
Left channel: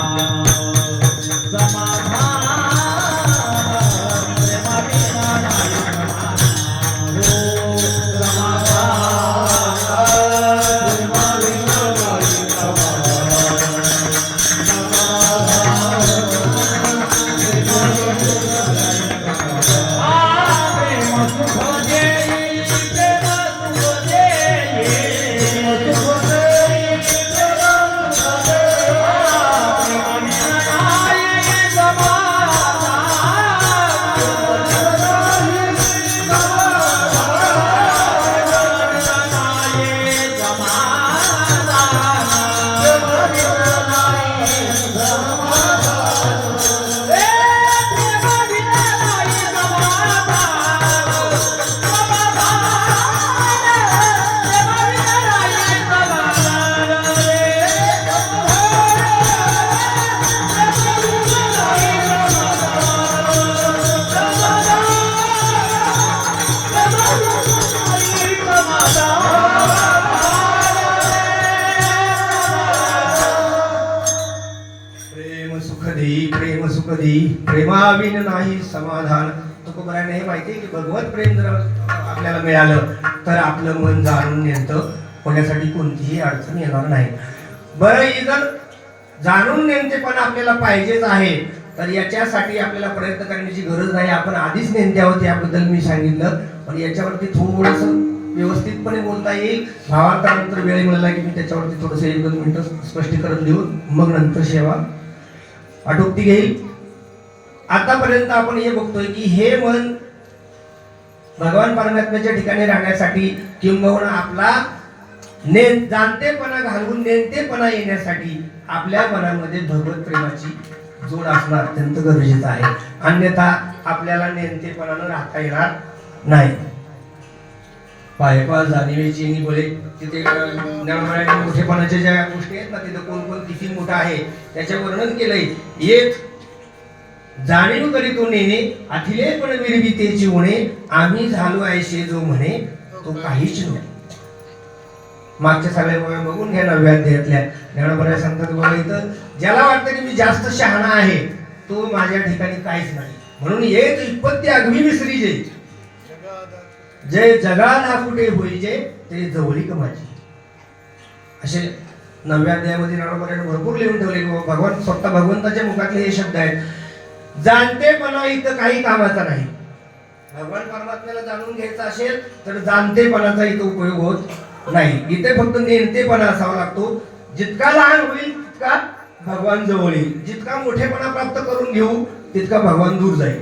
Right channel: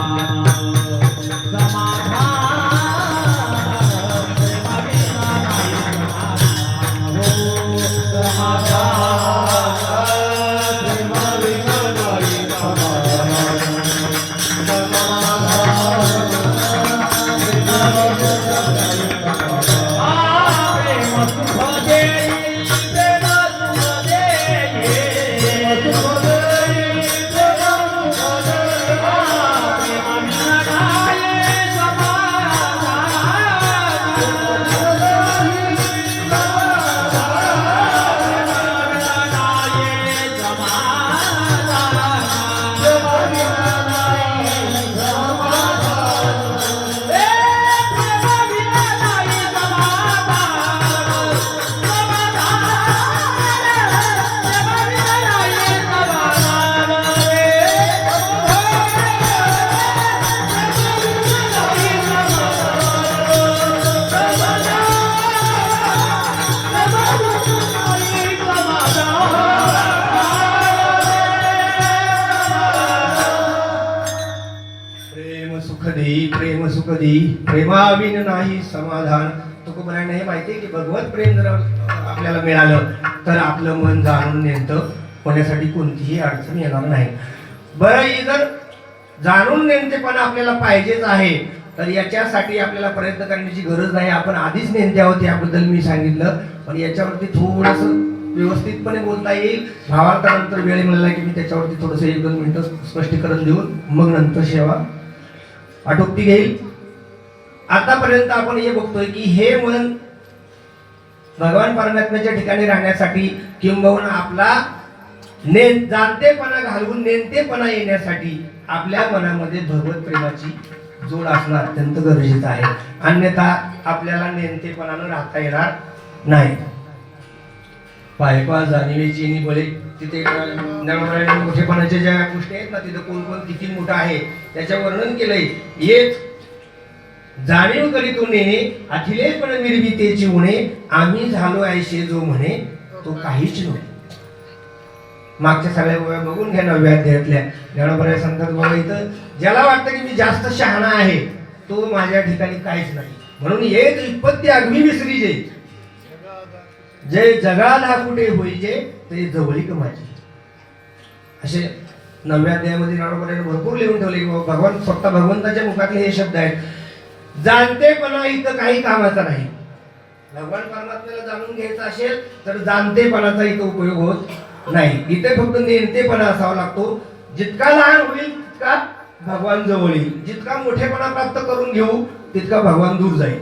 प्रेम सुख देई, प्रेमाविन नाही समाधान. तुकोबरायने हे माहिती आहे की भगवत प्रेम जर आपल्याला मिळालं तर आपलं मन जाणून नेतं होण्यासाठी कोणतीही अडचण येणार नाही. बरं, ही जर जाणून नेमतेपणा आपल्याला पाहिजेच आहे तर याच्यासाठी आपल्याला प्रयत्न करण्याची गरज नाही. आपण आधीच नेमते आहोत याबद्दल मी सांगितलं. पण याच्यावरती थोडंसं व्यवस्थितपणे बोलता येईल. भावांतरानंतर वेळ मिळाला की मी त्याच्यावरती थोडंसं 1-2 मिनिटं स्पष्टीकरण देऊन मग नंतर सेवा आटोपती घेईल. आतापर्यंत आपण हे बघतोय की हे मन भगवान परमात्म्याच्या ठिकाणी राहण्यासाठी किंबहुना आपला जाणतेपणा घालवून नेमतेपणा येण्यासाठी आपल्या मनामध्ये भगवत प्रेमाची जोड असणं अत्यंत गरजेचं आहे. अन्यथा आपल्याला नेमतेपणानं राहता येणार नाही. पायपा जाणीवेची बळे तिथे मोठेपणाच्या ज्या गोष्टी आहेत ना, तिथे कोण कोण किती मोठा आहे त्याचं वर्णन केलंय. येत जाणीव करीतून नेणे अखिले पण विरवितेची उणे, आम्ही झालो ऐशे जो म्हणे तो काहीच नाही. मागच्या सगळ्या गोष्टी बघून घ्या. 9व्या अध्यायातल्या ज्ञानोबराय सांगतात बघा, इथं ज्याला वाटतं की मी जास्त शहाणा आहे तो माझ्या ठिकाणी काहीच नाही. म्हणून येत उत्पत्ती अग्नी विसरी जे जे जगाला कुठे होईचे ते जवळीक माझी. असे 9व्या अध्यायामध्ये ज्ञानोबरायने भरपूर लिहून ठेवले की भगवान स्वतः भगवंताच्या मुखातले हे शब्द आहेत. जाणतेपणा इथं काही कामाचा नाही. भगवान परमात्म्याला जाणून घ्यायचं असेल तर जाणतेपणाचा इथं उपयोग होत नाही. इथे फक्त नेमतेपणा असावा लागतो. जितका लहान होईल तितका भगवान जवळ येईल. जितका मोठेपणा प्राप्त करून घेऊ तितका भगवान दूर जाईल.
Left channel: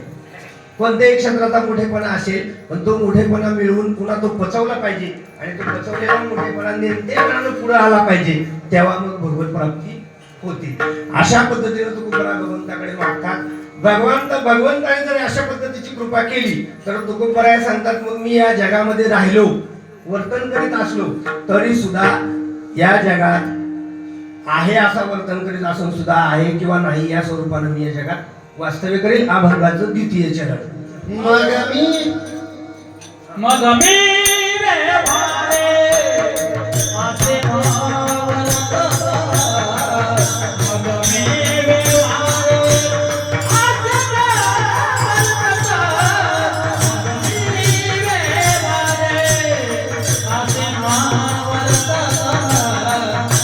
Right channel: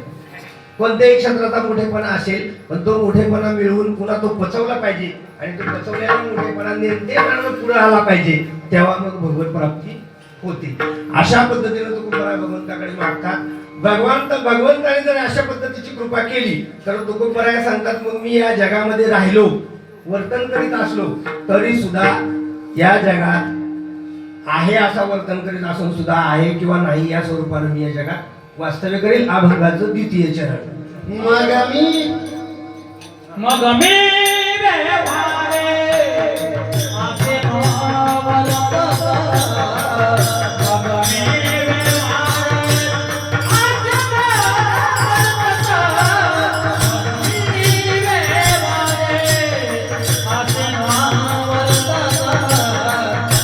कोणत्याही क्षेत्राचा मोठेपणा असेल, पण तो मोठेपणा मिळवून पुन्हा तो पचवला पाहिजे आणि तो पचवलेला मोठेपणा नेमकेपणानं पुढे आला पाहिजे, तेव्हा मग भगवत प्राप्ती होते. अशा पद्धतीने तुकोबराय भगवंताकडे मागतात. भगवंताने जर अशा पद्धतीची कृपा केली तर तुकोबराय सांगतात, मग मी या जगामध्ये राहिलो, वर्तन करीत असलो तरी सुद्धा या जगात आहे असा वर्तन करीत असून सुद्धा आहे किंवा नाही या स्वरूपानं मी या जगात वास्तव्य करेल. अभंगाचं द्वितीय चरण. मग मी व्यवहारे असे नावलता. मग मी व्यवहारे असे नावलता. मग मी व्यवहारे असे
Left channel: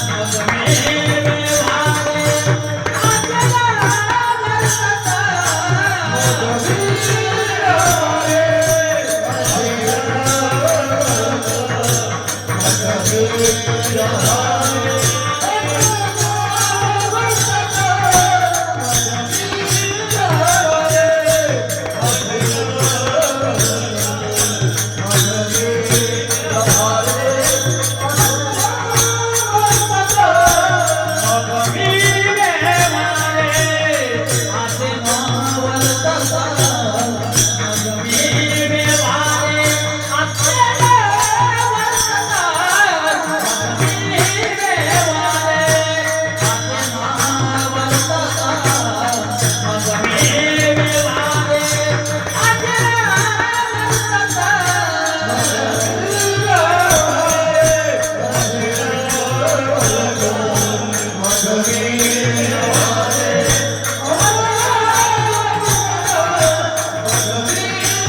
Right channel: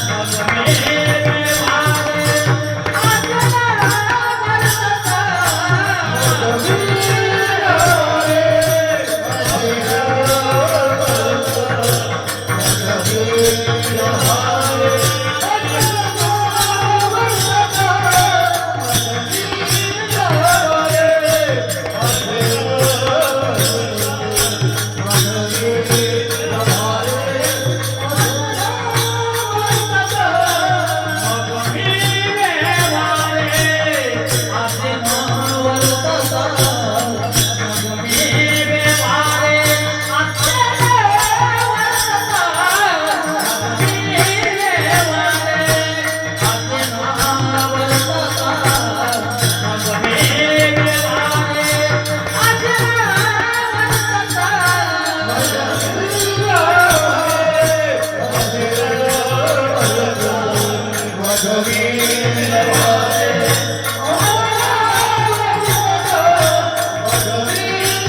नावलता.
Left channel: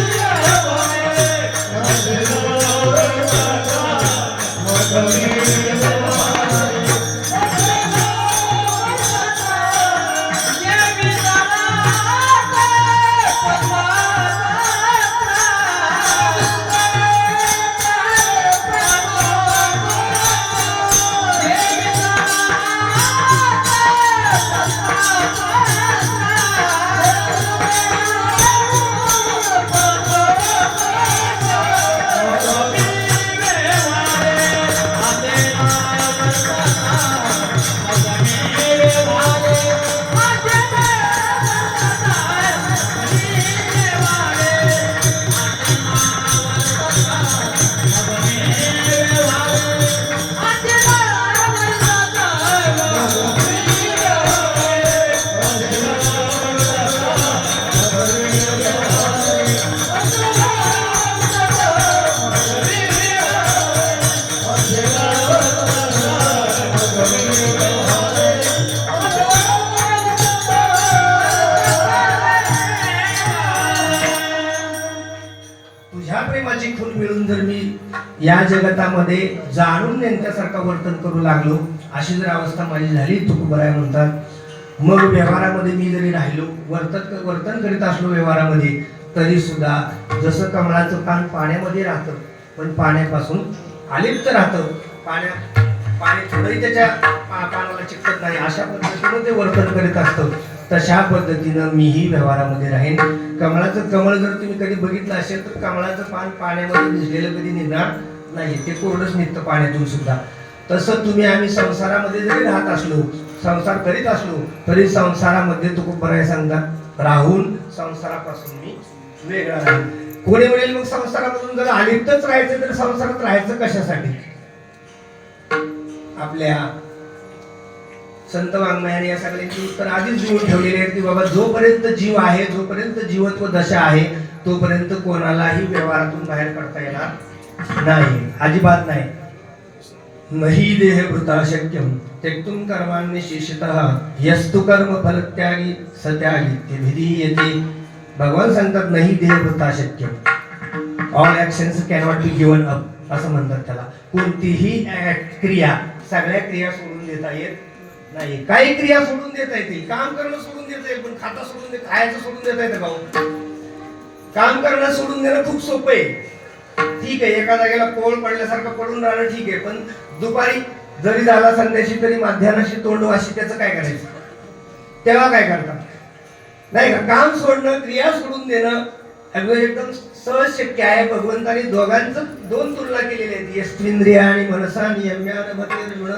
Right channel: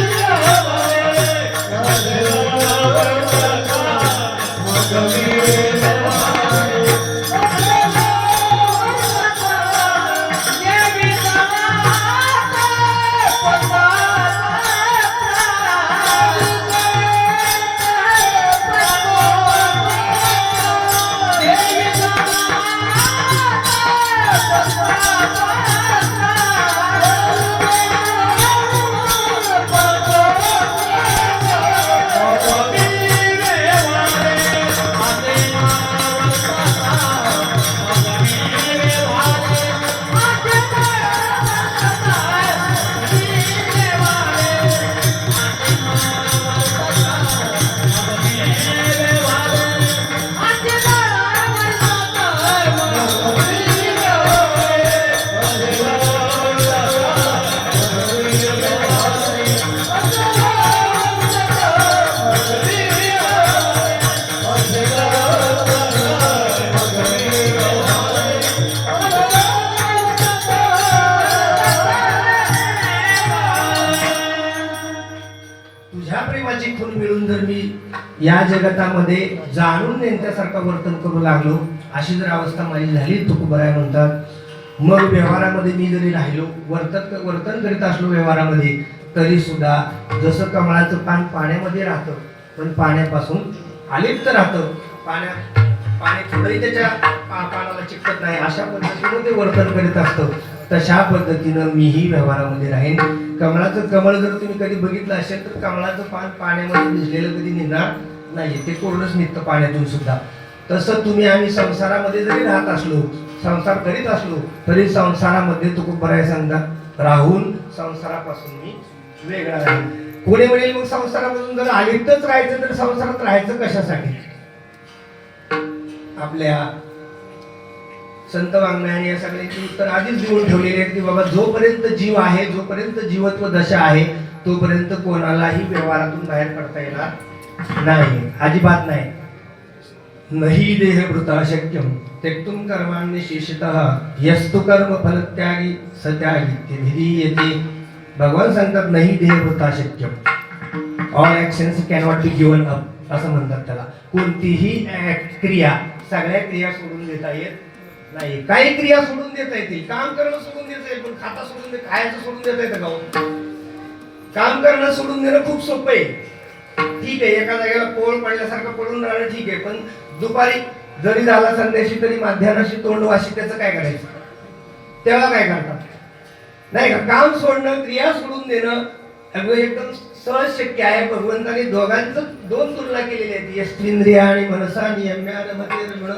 मग मी या जगतामध्ये जाणून नेमक्यासारखं वर्तन करू लागलो, अशी जर अवस्था माझी झाली, तुकोबराय म्हणतात, मग व्यवहारामध्ये मी जरी राहिलो, वर्तन करीत असलो व्यवहारामध्ये, तरी सुद्धा जसं कमळाचं पान पाण्यामध्ये राहतं पण पाण्यापासून अलिप्त राहतं, पाणी थोडंही त्याच्या पानाला चिकटत नाही, अशा पद्धतीनं ते वर्तन करीत असतं. तशा पद्धतीनं मीही व्यवहारामध्ये राहीन. कमळाचं कमळ जर तुम्ही कधी बघितलं असेल तर कमळाचं पान पाण्यामध्ये भिजलेलं कधी निघणार नाही, ते कोरडंच निघतं पाण्यातून सुद्धा. तसं तुम्ही आम्ही संसारामध्ये जरी राहत असलो, संसार करीत असलो, तरी संसारामध्ये तुकोबराय सांगतात राहून संसारापासून मी वेगळा राहीन. कोणी म्हणेल मग संसारापासून जर अलिप्तच राहायचं तर संसारात राहायचं कशासाठी? आपल्या संत वाङ्मयाने या सगळ्यांची उत्तर आधीच देऊन ठेवलेली आहेत की बाबा जोपर्यंत जीव आहे, जोपर्यंत जीवत्व दशा आहे, तोपर्यंत कोणालाही व्यवहारातून बाहेर पडता येणार नाही, अजिबात नाही. नहि देहभृता शक्यम त्यक्तुं कर्माण्यशेषतः यस्तु कर्म फलत्यागी सत्यागी ते विधीयते. भगवान सांगतात नाही देहभृता शक्यम, all actions cannot be given up असं म्हणतात त्याला. कोणतीही क्रिया, सगळ्या क्रिया सोडून देता येत नाही. काही क्रिया सोडून देता येतील, काम करणं सोडून देता येईल, पण खाता सोडून खायचं सोडून देता येतं का? काम करणं सोडून देणं खूप सोपं आहे, ठीक आहे, एका जागेला पोळ पडल्यासारखं पडून राहणं ठीक आहे, पण दुपारी जरी झाला संध्याशी तरी माध्यानाशी तोंड वाशी त्याचं काय करायचं? तेव्हा काय करतात? नाही का? काम सोडणं, क्रिया सोडून देणं अगदी एकदम सहज शक्य आहे. भगवंताने दोघांचं दोन तुलना केलेली आहे. यस्त्विंद्रिय आणि मनसा नियम्यारभतेर्गुण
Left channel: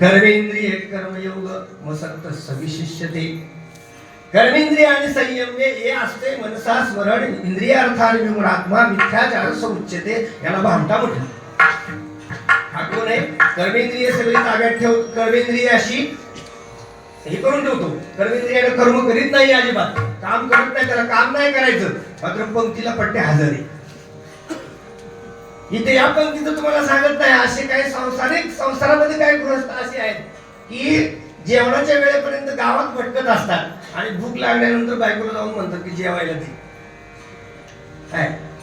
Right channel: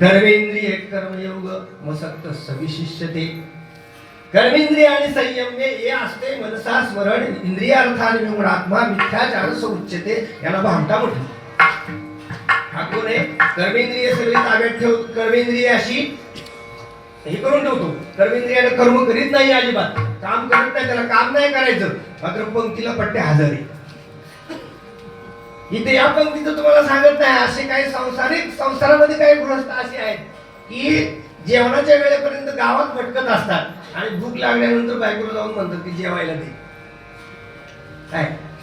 कर्मेंद्रिय कर्मयोग मसक्त सविशिष्यते. कर्मेंद्रिय आणि संयम हे असते मनसा स्मरण इंद्रियार्थाने विमुरात्मा मिथ्याचार उच्यते. याला भामटा म्हटलं. हा कोण आहे? कर्मेंद्रिय सगळी ताब्यात ठेव. कर्मेंद्रिय अशी हे करून ठेवतो. कर्मेंद्रियाला कर्म करीत नाही, अजिबात काम करत नाही, त्याला काम नाही करायचं, मात्र पंक्तीला पट्टे हजर आहे. इथे या पंक्तीचं तुम्हाला सांगत नाही. असे काही संसारामध्ये काही गृहस्थ असे आहेत की जेवणाच्या वेळेपर्यंत गावात भटकत असतात आणि भूक लागल्यानंतर बायकोला जाऊन म्हणतात की जेवायला दे.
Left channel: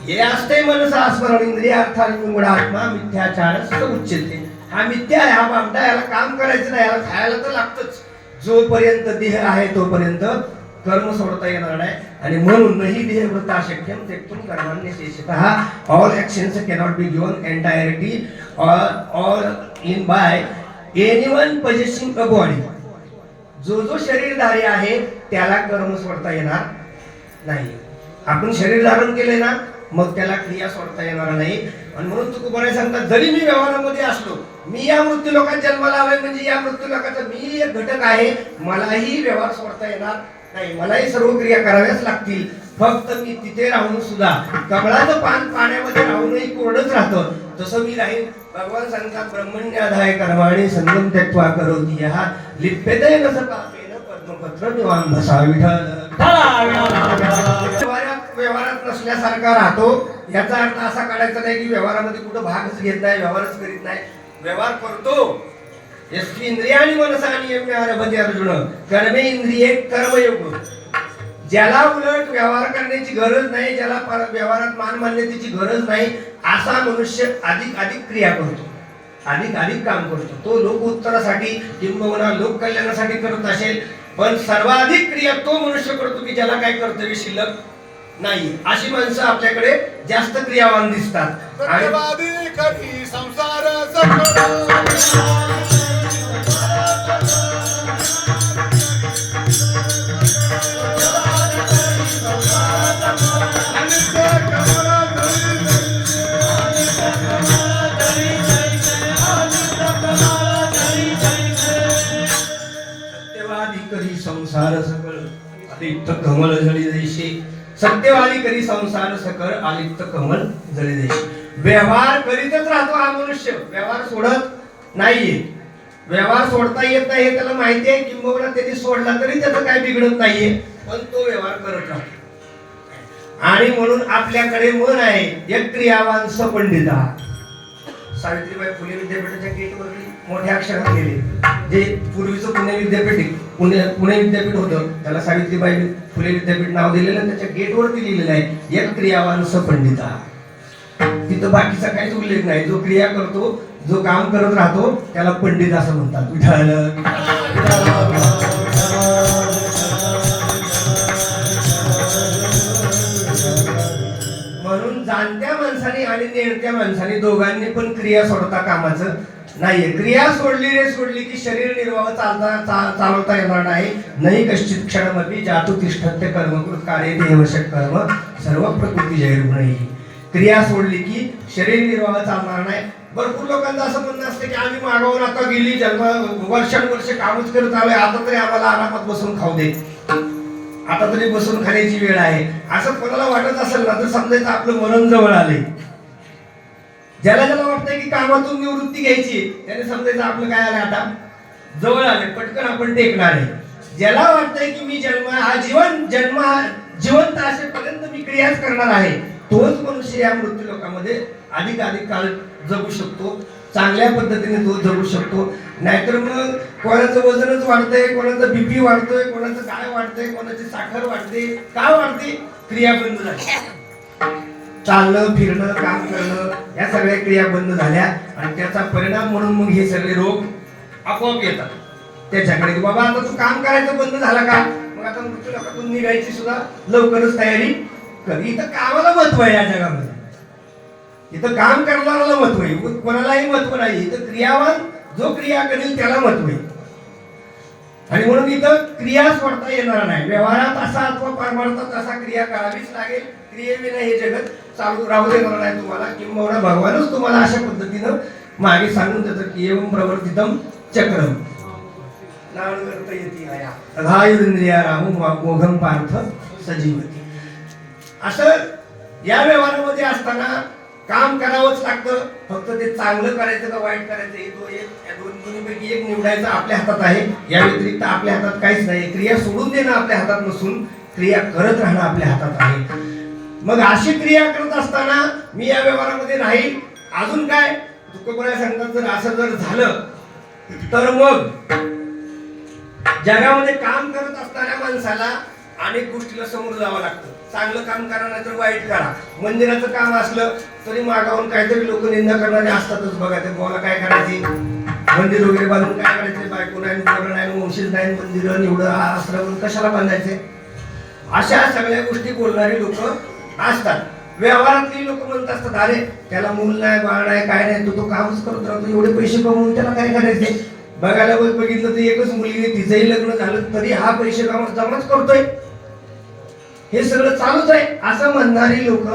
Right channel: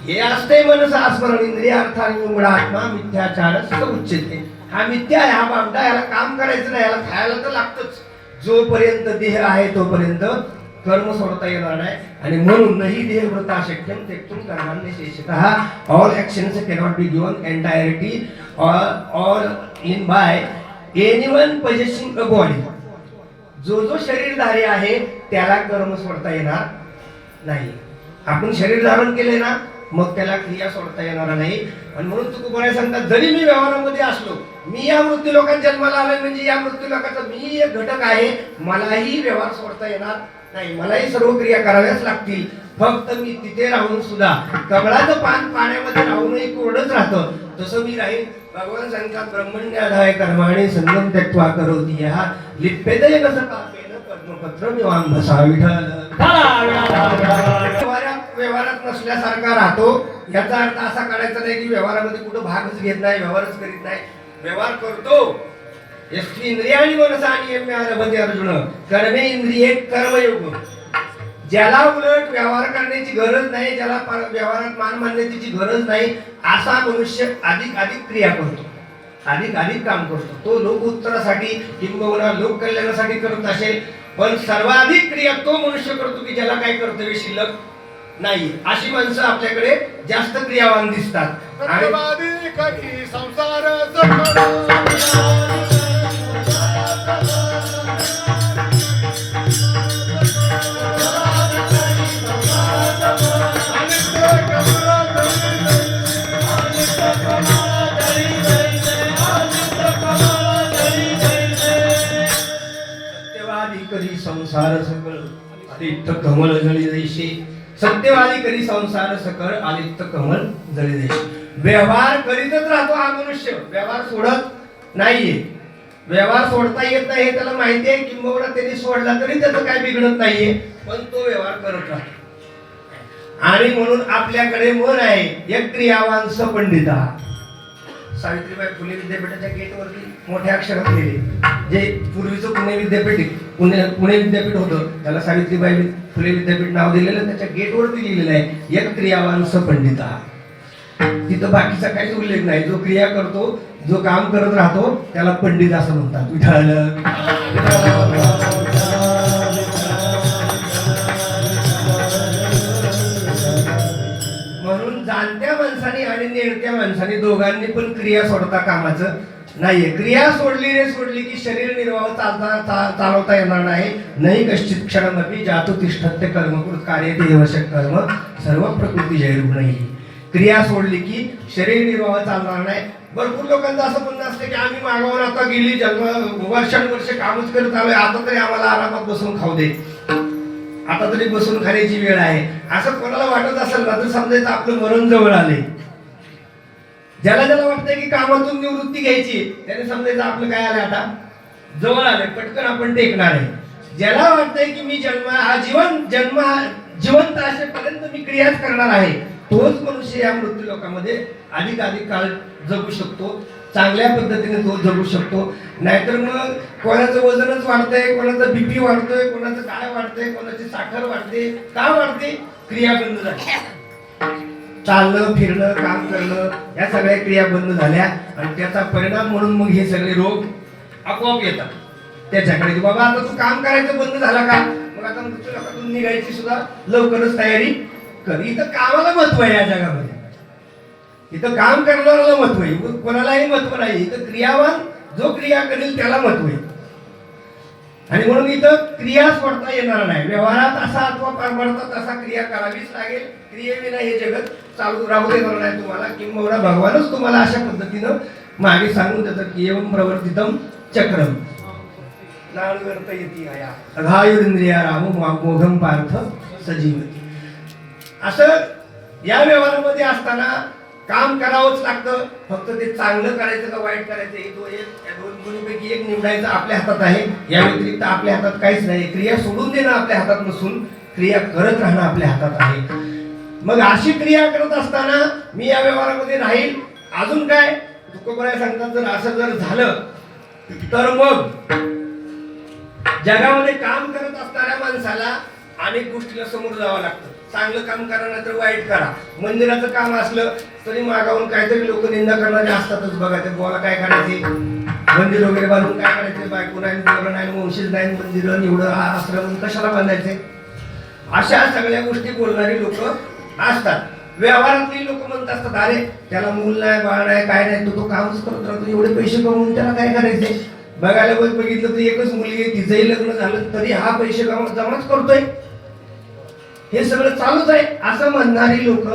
हे असते मनसा स्मरण इंद्रियार्थाने विमुढात्मा मिथ्याचार उच्यते. हा मिथ्या आहे, हा बामटा. याला काम करायचं नाही, याला खायला तर लागतच. जोपर्यंत देह आहे तोपर्यंत कर्म सोडता येणार नाही. आणि म्हणूनही देहव्रत अशक्यम त्यक्तुम कर्माण्य शेषतः. All actions cannot be given entirety all in by anyone possessing a body. जो जो शरीरधारी आहे त्याला कर्म सोडता येणार नाही. आपण शरीर धारण केले ना, मग त्याला क्रिया सोडता येणार नाही. आणि म्हणून तुकोबाराय सांगतात, जरी मी व्यवहारामध्ये असलो, मी या मृत्यू लोकात जन्माला आलोय म्हणजे या मृत्यू लोकाचा मी एक घटक आहे, मलाही व्यवहार सोडता येणार नाही, मलाही सर्व क्रिया कराव्याच लागतील. फक्त मी तिथे राहून सुद्धा कमळाचं पान पाण्यामध्ये राहूनही कोरडच राहतं, तसं मी राहीन. भगवान सांगतात, ब्रह्मण्याधाय कर्माणि संगम त्यक्त्वा करोति यः लिप्यते न स पापेन पद्मपत्र मिवांभसा. विठ्ठल व्यवहारात नसल्यासारखा राहतो. याचा अर्थ असा काढायचा नाही की व्यवहारामध्ये कुठं भागच घेत नाही, व्यवहारच करीत नाही. व्यवहार करतो. इंद्रियाणी मनसा नियम्यारभते अर्जुन कर्मे इंद्रिये कर्मयोग. ज्याला उलट व्यवहार करण्याची गरज नाही, ज्याला व्यवहारात मान मान्यतेची गरज नाही, असा मनुष्य अधिक अधिक क्रिया करतो, अधिक अधिक काम करतो. तो लोक उत्तरासाठी किंबहुना लोक कल्याणासाठी करत असेल, पण सर्वाधिक क्रिया तो मनुष्य करतो की ज्याला काही कर्तव्य शिल्लक नाही. अशी माणसं आपल्याकडे जास्त क्रियावान दिसतात. आणि संसार संसार सकळ अलिप्त कमळ जळी देशे. सत्यवादी करी संसार सकळ अलिप्त कमळ जळी देशे. व्यवहार करीतच राहतो हा मनुष्य, व्यवहार सोडत नाहीये. व्यवहार सोडता येत नाही त्याला माहिती आहे, किंबहुना त्यांनी सोडला तरी त्याचं काय बिघडत नाहीये, पण तो व्यवहार करत राहतो. आणि म्हणून आपल्याकडे मन आहे एक क्रियावान सपंडिता. सावित्रीबाई फुले विद्यापीठाच्या गेटवरती मोठ्या अक्षरात लिहिले, जे पूर्वीचं पुणे विद्यापीठ पुणे विद्यापीठ होतं, त्याला सावित्रीबाई फुले विद्यापीठ नाव दिलेलं. त्याच्या गेटवरती लिहिलेलं आहे एक क्रियावान सपंडिता. तिथं बाकीचा काहीच उल्लेख नाही. जो क्रिया करतो, जो काम करत राहतो त्याला पंडित असं म्हणतात. म्हणून जाणत्या माणसाने आणि नेणत्या माणसाने दोघांनी पण क्रिया सोडता कामाचं नाहीये. क्रिया सोडली की शरीर निर्वाह चालवता येणार नाही. नाही कश्चित क्षणमपि जातु तिष्ठत्य कर्मकृत कार्य देवशक कर्म सर्व प्रकृती जैर्गुणी. क्रिया सोडली की शरीर निर्वाह चालणार नाही. भरपूर लोकांचं असं म्हणणं असतं की आम्ही मागावर आता गेली वर्षानुवर्ष कामच करत आलोय, आता तरी आम्हाला आरामात बसून खाऊ दे, आता तरी बसून खाण्याची वेळ आहे. असं कोणाला वाटत असेल ना तर समजायचं आपलं मरण जवळ आले. ज्याला ज्याला वाटतंय की कामातून निवृत्ती घ्यायची त्याने समजायचं आपलं काय आलंय, आता जवळ आलंय, पटकन आपण टेकणार आहे. ज्याला वाटतंय की मी जिवंत असेपर्यंत मी क्रियाच करणार आहे, तोच मनुष्य या मृत्यू लोकांमध्ये अधिक अधिक काळ जगू शकतो, चांगल्या पद्धतीने तो जगू शकतो. नाहीतर मग कोणाचं वजनच वाढतंय, कोणाचं बीपी वाढतोय, कोणाचं काय वाढतंय, कोणाची साखर वाढते. काय वाढते? क्रिया बंद झाल्या. चालणं फिरणं काम करणं या सगळ्या क्रिया बंद झाल्या आणि त्याचा परिणाम म्हणून मग हे सगळे रोग आपोआप येतात त्याच्याकडे. की बाबा आता तू काम करायचं बंद झाला का, मग आता मृत्यू लोकातून निघायची सुद्धा लवकरच तयारी कर. इथं कामाला महत्व आहे या जगामध्ये, इथं काम करणाऱ्याला महत्व आहे, कोणालाही महत्व नाही. इथं क्रियावान जो क्रिया करेल त्याला महत्व आहे. आणि म्हणून इथं क्रिया सोडता येणार नाही. व्यवहारात असा अथवा परमार्थात तसा क्रिया करावीच लागेल. क्रियेविना हे जगत चालू राहू देणार नाही तुम्हाला. किंबहुना भगवानच तुम्हाला अशा पद्धतीनं मागे सांगून देतात की एवं प्रवर्तितम चक्रम नानुवर्त येती आया अघायुरिंद्रिया राहू मोघम पार्थ सजीवती. असं या व्यवहारामध्ये असताना काम करावंच लागतं. फक्त ते चांगलं करायचं का वाईट करायचं हे दोन्हीपैकी एक निवडायचं आपल्या हातात आहे. या व्यतिरिक्त आपल्या हातात काहीच नाही. क्रिया सोडून देणं आपल्या हातात नसून क्रिया करत राहणं आपल्या हातात आहे. मग अशी क्रिया करत असताना मी या व्यवहारामध्ये राहील. अजून काय तुकोबराय सांगतात, जर असं जर झालं तर मग जगामध्ये काम करत असणाऱ्या माणसाला अनेक गोष्टीला समोर जावं लागतं. चांगलं काम करा नाही तर वाईट करा. मंदिराचं काम असलं तरी मागावून काहीतरी लोक निंदा करणारे असतातच. बघा ते बोला काय करायचे, मंदिर वगैरे बांधून काय करायचे, बायको नाही, मुलं नाही, वंशीच नाही, मंदिर एवढं आश्रम कशाला बांधायचे, अशा सगळ्या गोष्टी बोलणारी लोक असतात. व्यवहारातली लोक म्हणत असतात, अरे त्याला मूल नाही, बाळ नाही, काय नाही, तो कामच करत राहतो, एवढे पैसे कमवून त्याला काय करायचे. बघायला बघितलं तर एकच मुलगी, तिचंही लग्न झालं तरी हा पैसे जमाच करतोय, हे सगळं चालूच आहे असं म्हणणारी लोक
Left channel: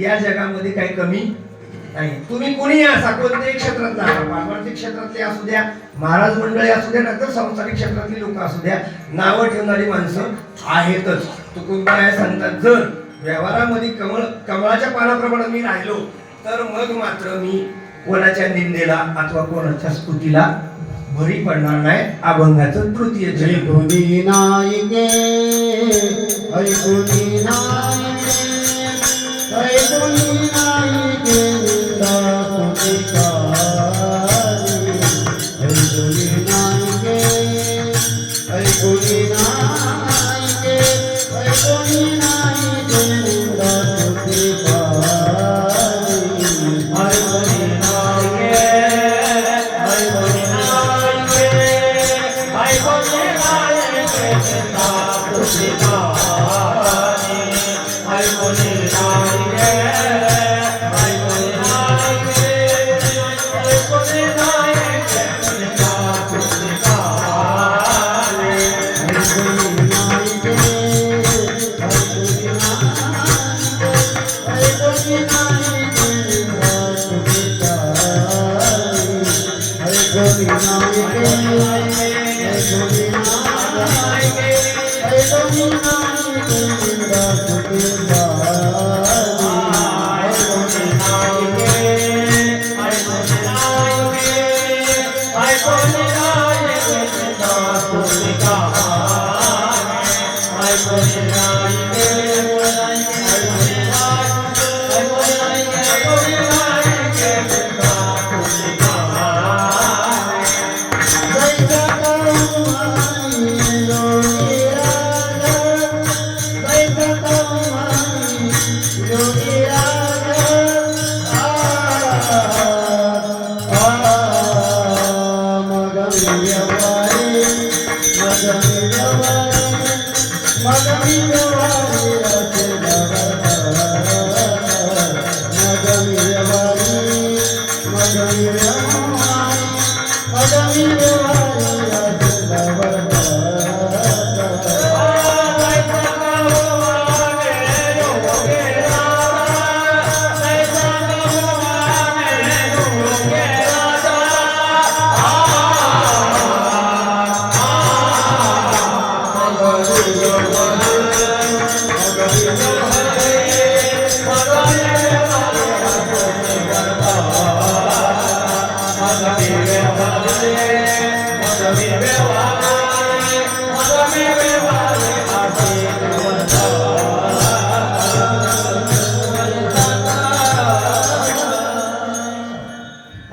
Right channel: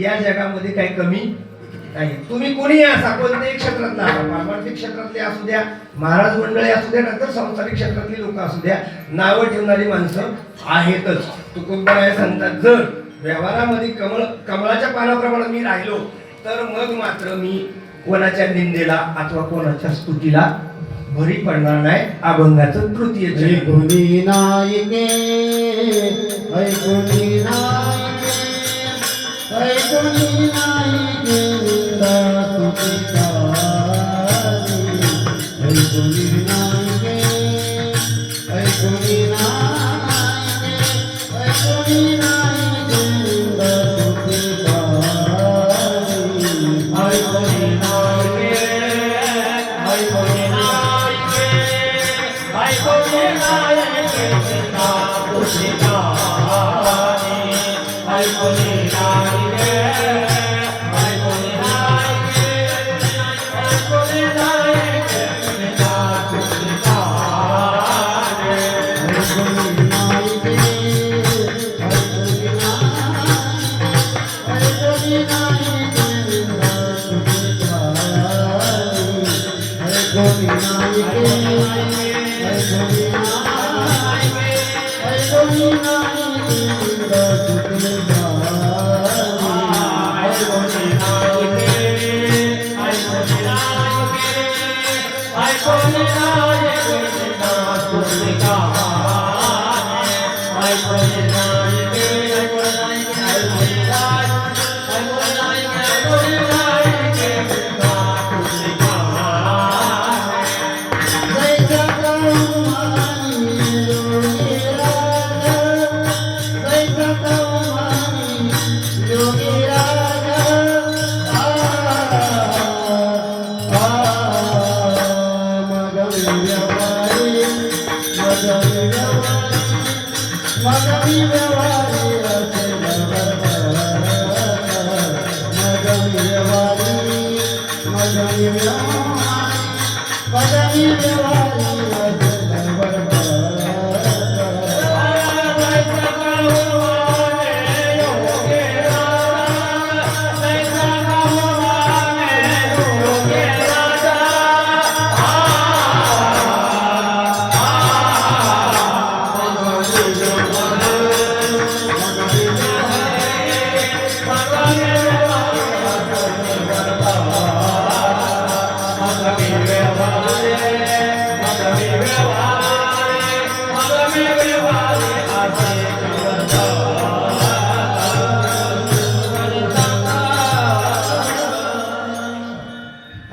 या जगामध्ये काही कमी नाही. तुम्ही कोणी असा कोणत्याही क्षेत्रात नाही, पारमार्थिक क्षेत्रातले असू द्या, महाराज मंडळी असू द्या, नंतर सांसारिक क्षेत्रातली लोक असू द्या, नावं ठेवणारी माणसं आहेतच. तुकोबराय सांगतात, जर व्यवहारामध्ये कमळाच्या पानाप्रमाणे मी राहिलो तर मग मात्र मी कोणाच्या निंदेला अथवा कोणाच्या स्तुतीला भरी पडणार नाही. अभंगाचं तृतीय ऐकुनी नायके ऐकुनी नायके ऐकुनी नायके निंदा स्तुतिकारी ऐकुनी नायके ऐकुनी नायके ऐकुनी नायके निंदा स्तुतिकारी ऐकुनी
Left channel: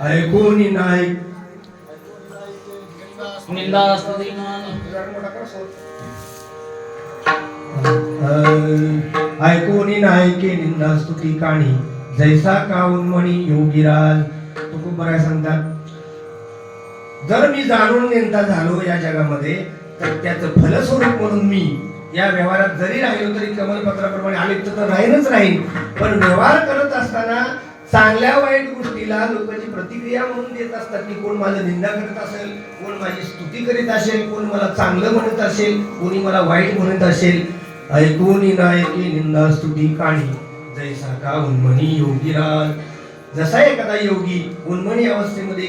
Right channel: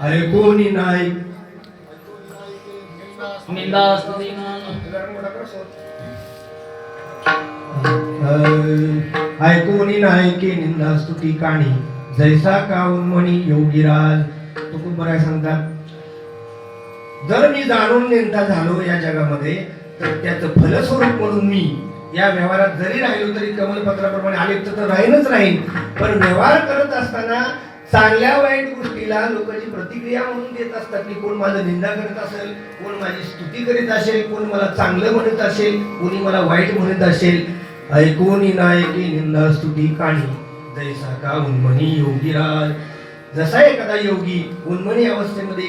ऐकुनी नाही निंदा स्तुतिमान ऐकोनी नायके निंदा स्तुती काणी जैसा काऊन म्हणी योगीराज. तुकोबराय सांगतात, जर मी जाणून नेता झालो या जगामध्ये तर त्याचं फलस्वरूप म्हणून मी या व्यवहारात जरी राहिलो तरी कमलपत्राप्रमाणे आलिप्त तर राहीनच राहीन. पण व्यवहार करत असताना चांगल्या वाईट गोष्टी गोष्टीला लोक जी प्रतिक्रिया म्हणून देत असतात की कोण माझं निंदा करत असेल, कोण माझी स्तुती करीत असेल, कोण मला चांगलं म्हणत असेल, कोणी मला वाईट म्हणत असेल. ऐकून नायकी निंदा स्तुती काणी जैसा का उन्मनी योगीराज. जसा एखादा योगी उन्मनी अवस्थेमध्ये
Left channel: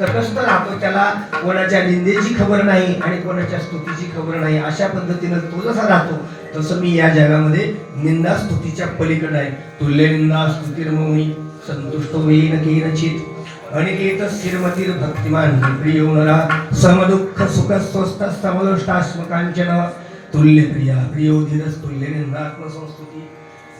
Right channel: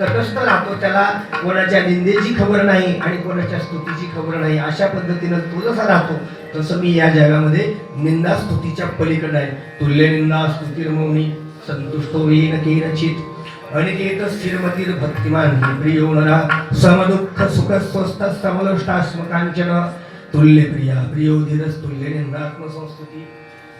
तटस्थ राहतो, त्याला कोणाच्या निंदेची खबर नाही आणि कोणाच्या स्तुतीची खबर नाही, अशा पद्धतीनं तो जसा राहतो तसं मी या जगामध्ये निंदा स्तुतीच्या पलीकडे आहे. तुल्य निंदा स्तुतीर्मौनी संतुष्ट होईन केनचित अनिकेत स्थिरमतीर भक्तिमान प्रियो नरा समदुःख सुख स्वस्थ समलोष्टास्मकांचन तुल्य प्रिया प्रियो धीरस तुल्य निंदात्म संस्कृती.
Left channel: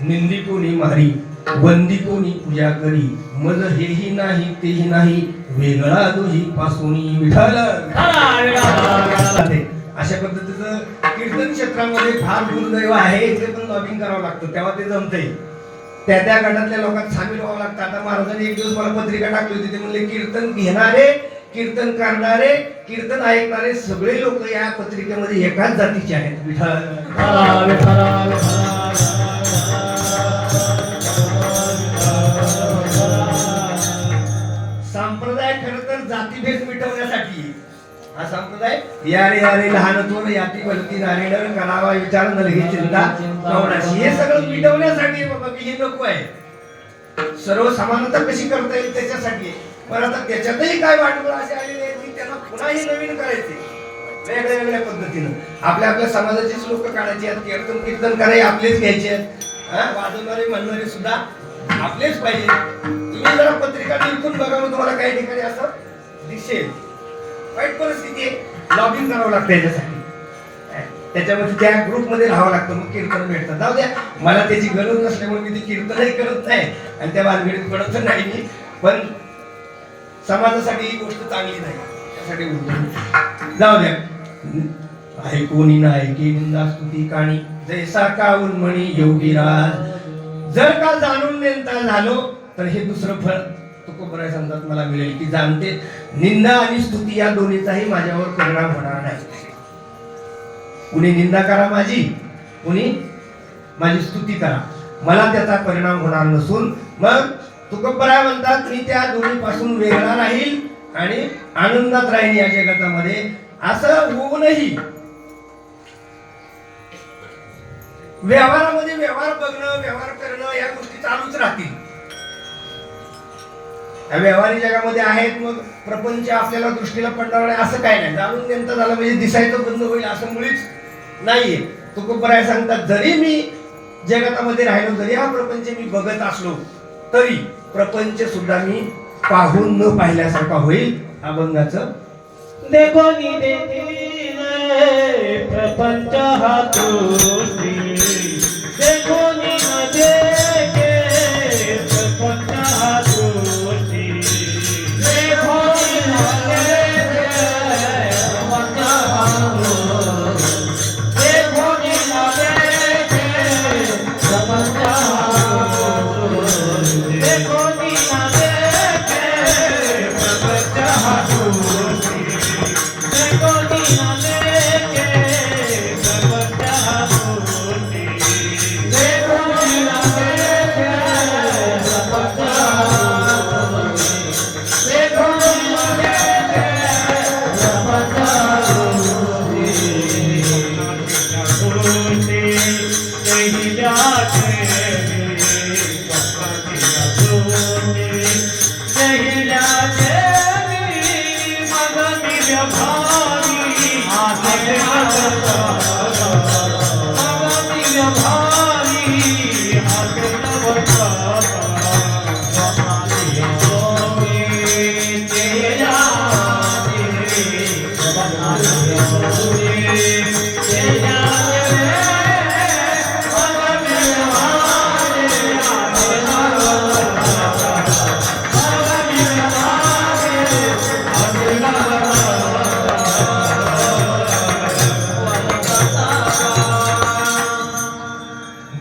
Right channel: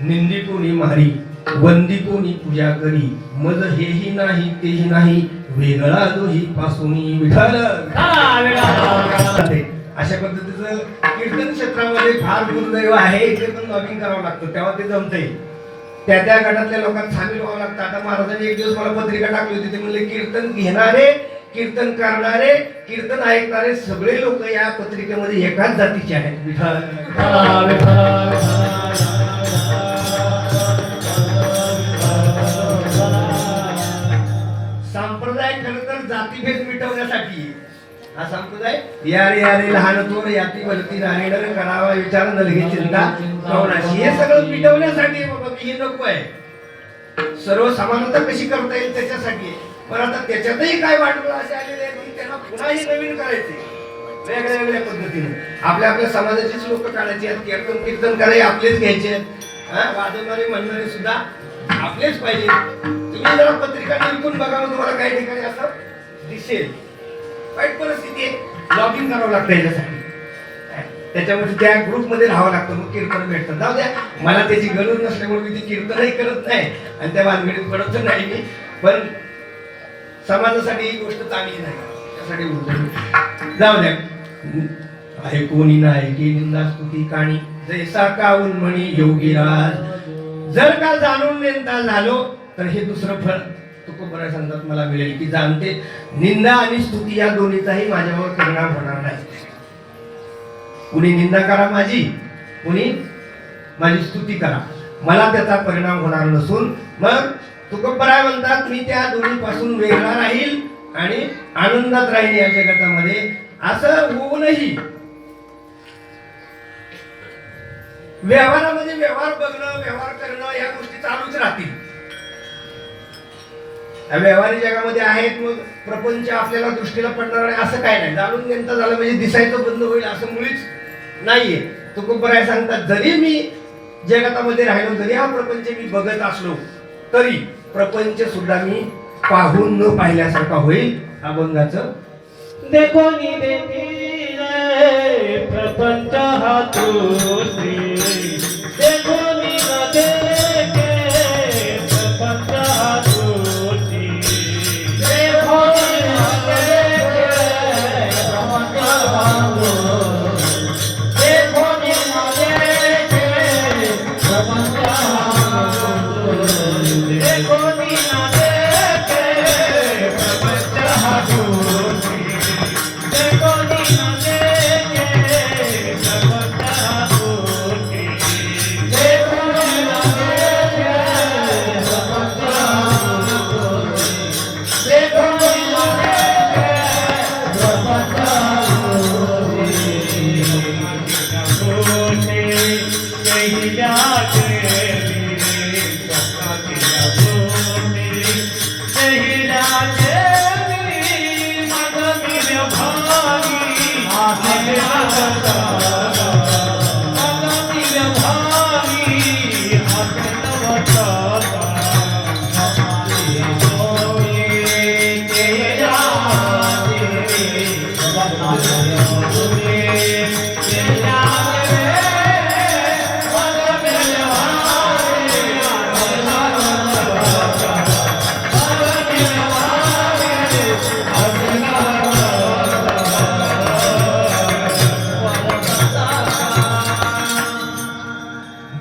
निंदिकोनी मारी वंदिकोनी पूजा करी मज हेही नाही तेही नाही वेगळा दोही पासूनी विठाल. अशा पद्धतीचं कीर्तन क्षेत्रामध्ये फार दुर्दैव आहे. इथे पण लॉबिंग करावं लागतं तेव्हा ते जमतंय. त्या गटातल्या लोकांना सामील व्हावं लागतं. आता महाराजांनी एक दिवस मला पत्रिका टाकली होती, ते म्हणले कीर्तन घेणारे, कीर्तन करणारे, कीर्तन ऐकणारे सगळे लोक या पत्रिकेमध्ये एकाच जातीचे आहेत. विठाल. संप्रदाय खरं तर जातीभेद मिटवण्यासाठी. हा संप्रदाय यारे लहान थोर याती भलती नारेडर करावा विचार न लगे चिंता कवनाशी, हे सगळं मिटवण्यासाठी बाबा की हे नको आहे. सर्व समानता कशी करता येईल त्याच्यासाठी आहे. पण आता त्याच्यातही काय वाटवळ असे आलेले आहेत की त्यांना पुन्हा हे नवीन करायचे वेगळ्या वेगळ्या पद्धतीनं. आपल्या समाजाचीच लोक काढायची आहेत, कीर्तन करायचे आपलेच घ्यायचे आहेत, वाजवणारे म्हणणारे सुद्धा आपलेच पाहिजे. तुम्ही जरा पत्रिका निरखून बघा, मग तुम्हाला काही ठिकाणी असं दिसेल. वाईट परिस्थिती आहे, लॉगिंग करावं लागतं याच्यासाठी. त्याच्यामध्ये त्या ग्रुपमध्ये राहावं लागतं, मग कीर्तन भेटतं. जाऊ द्या, मला त्याची गरज नसल्यामुळे मी ती कीर्तनही करत नाही आणि त्या भानगडीत पडत नाही मी. पण समाजासाठी ही गोष्ट चांगली नाही, त्यासाठी बोलतो. जाऊ द्या. ऐकून नायकी निंदा स्तुती काणी जैसा का उन्मणी योगीराज. जर का जाणून नेता झालो तर हे दुसरं फळ तुकोबराय सांगतात मला मिळेल की जाणते निंदा आणि स्तुती या दोन्हीचाही माझ्यावर परिणाम होणार नाही. कुणी निंदा करा माझी, कुणी माझी स्तुती करा, मला त्याचा परिणाम होणार नसून मग तुकोबराय म्हणतात मी त्या दोन्हीपासून वेगळा राहील आणि आनंदात राहील या जगतामध्ये. असं होऊनही व्यवहारामध्ये व्यवहार बघणं, व्यवहार करणं या गोष्टी चालूच राहतील. व्यवहारी जगामध्ये आहेत, मग प्रपंच आपल्याला दृष्टीला पडणार नाही असं काय नाही. जाणून नेमता झालं म्हणजे दिसायचं बंद होईल असं मुळीच नाहीये. तुकोबराय सांगतात जरी मी जगतामध्ये राहिलो, जरी हा प्रपंच मी बघत असलो तरी प्रपंच सुद्धा मी पाहून न पाहिल्यासारखा होईल. अभंगाचं देखो नी देखी प्रपंच हा दृष्टी, देखो नी न देखे प्रपंच हा दृष्टी, देखो नी न देखे प्रपंच हा दृष्टी, देखो नी न देखे प्रपंच हा दृष्टी, देखो नी न देखे प्रपंच हा दृष्टी, देखो नी न देखे प्रपंच हा दृष्टी, देखो नी न देखे प्रपंच हा दृष्टी, देखो नी न देखे प्रपंच हा दृष्टी, पहिल्या देवी स्वतःच्या दृष्टी, पहिल्या देवी मग मी भारी आले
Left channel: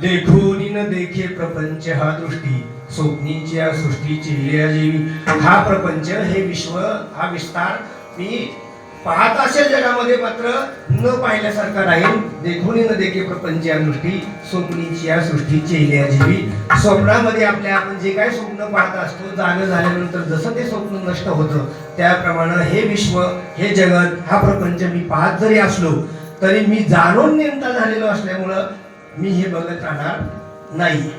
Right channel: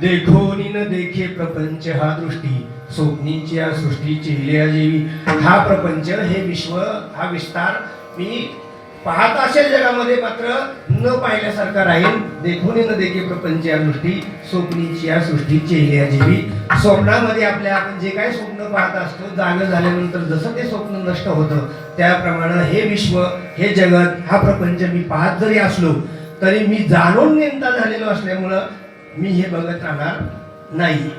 देखो नी न देखे प्रपंच हा दृष्टी. स्वप्नीची या सृष्टीची लीला जीवी. हा प्रपंच, हे विश्व, हा विस्तार मी पाहत असेल जगामध्ये मात्र न पाहिल्यासारखा राहील. देखून न देखे प्रपंच या दृष्टी स्वप्नीची या सृष्टी चेहऱ्या जीवी. स्वप्नामध्ये आपल्या आपण जे काही स्वप्न पाहत असतो जागे झाल्यानंतर जसं ते स्वप्न नष्ट होतं त्याप्रमाणे हे विश्व हे जगत हा प्रपंच मी पाहत जरी असलो तरी मी जाणून नेमता झालेलो असल्यामुळं मी हे बघत राहणार नाही.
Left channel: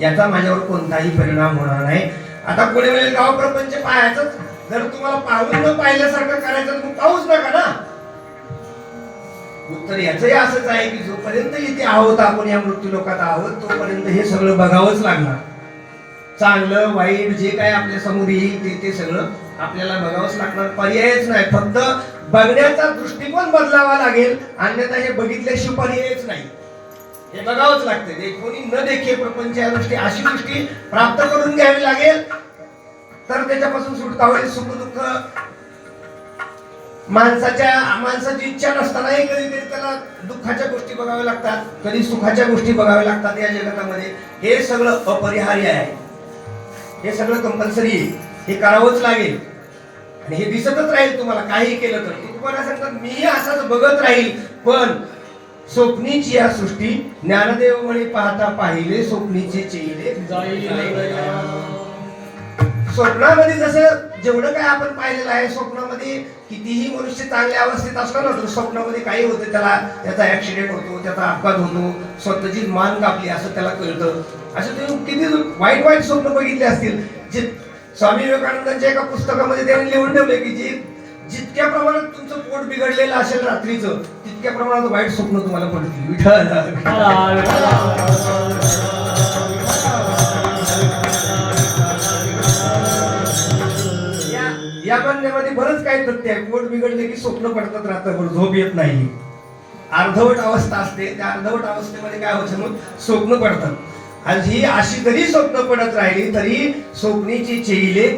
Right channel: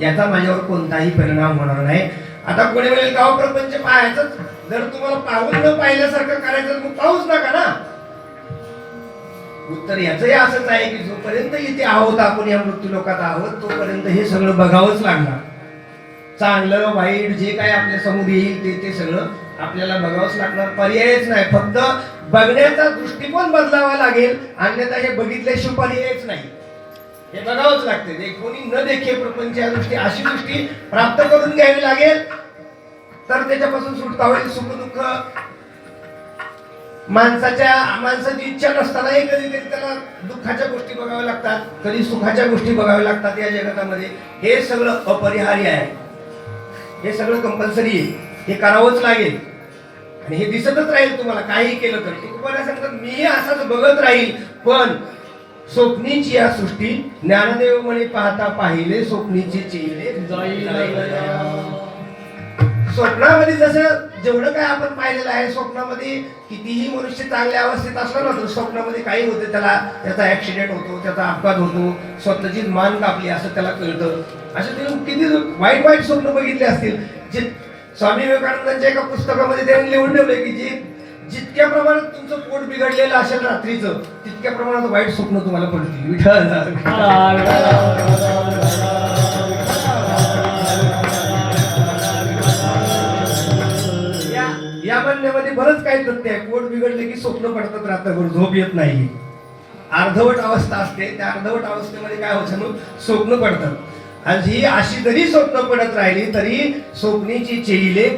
याचा माझ्यावर कोणताही परिणाम होणार नाही. आता कोणी वेळेला गाव प्रपंच पाहायचं जर तुम्हाला पाहून न पाहिल्यासारखं करायचं तर मग पाहूच नका ना. उत्तर याचंही असंच आहे की जोपर्यंत इथे आहोत आपण या मृत्यू लोकात आहोत तोपर्यंत हे सगळं बघावंच लागणार. चांगलं वाईट जे काय आपल्या समोर येईल ते सगळं आपल्याला बघावंच लागणार. पर्यायच नाही. फक्त बघण्याचा दृष्टिकोन बदलावा लागेल. अन्यथा हे बघितल्याशिवाय पर्यायच नाही. हे बघावंच लागते. कोणी न देखे प्रपंच या दृष्टी अशी दृष्टी प्राप्त करून घ्यावी लागेल तर त्याच्यापासून सुटका होईल. सुख दुःख माणसाची इच्छा नसतानाही कधी त्याला दुःखाच्या गोष्टी बघाव्या लागतात, कधी सुखाच्या गोष्टी बघाव्या लागतात या जगतामध्ये. हे सगळं अपरिहार्य आहे. हे सगळं कंपल्सरी हे करावंच लागेल आणि हे दिसतच राहील तुम्हाला काही केलं तर. तुम्हाला सांगतात मी असंच बघत राहील पण स्वप्नीची या सृष्टी ज्ञानदेव म्हणे पाहता पाहिले स्वप्नीचे चेहरे स्वप्नामध्ये जसं जेवढं काय आपण पाहिलेलं आहे स्वप्नामध्ये कितीही मनुष्य चांगल्या अवस्थेत असला ना तर स्वप्नामध्ये काही होतं त्याचा ऍक्सिडेंट होतो, त्याचा अपघात होतो, स्वतःची मान कापली असं त्याला कळतं. असे तुम्ही किती वाईट वाईट स्वप्न बघितले असतील. जे स्वामी विवेकानंदांच्या एका पुस्तकामध्ये त्यांनी लिहून ठेवले की जितक्या प्रमाणात तुमचं पोट बिघडलेलं असेल रात्रीचं तितक्या प्रमाणात वाईट स्वप्न तुम्हाला पडतील. या म्हणण्यामध्ये बरंच काही तथ्य आहे. पोट बिघडले की स्वप्न पडतात, रात्रभर झोप येत नाही, अर्धवट अवस्था असते. त्या अर्धवट अवस्थेमध्ये काय होतं मग स्वप्न पडतात. आणि ही अशी जरी स्वप्न पडत राहिली तरी स्वप्नीची चेहिले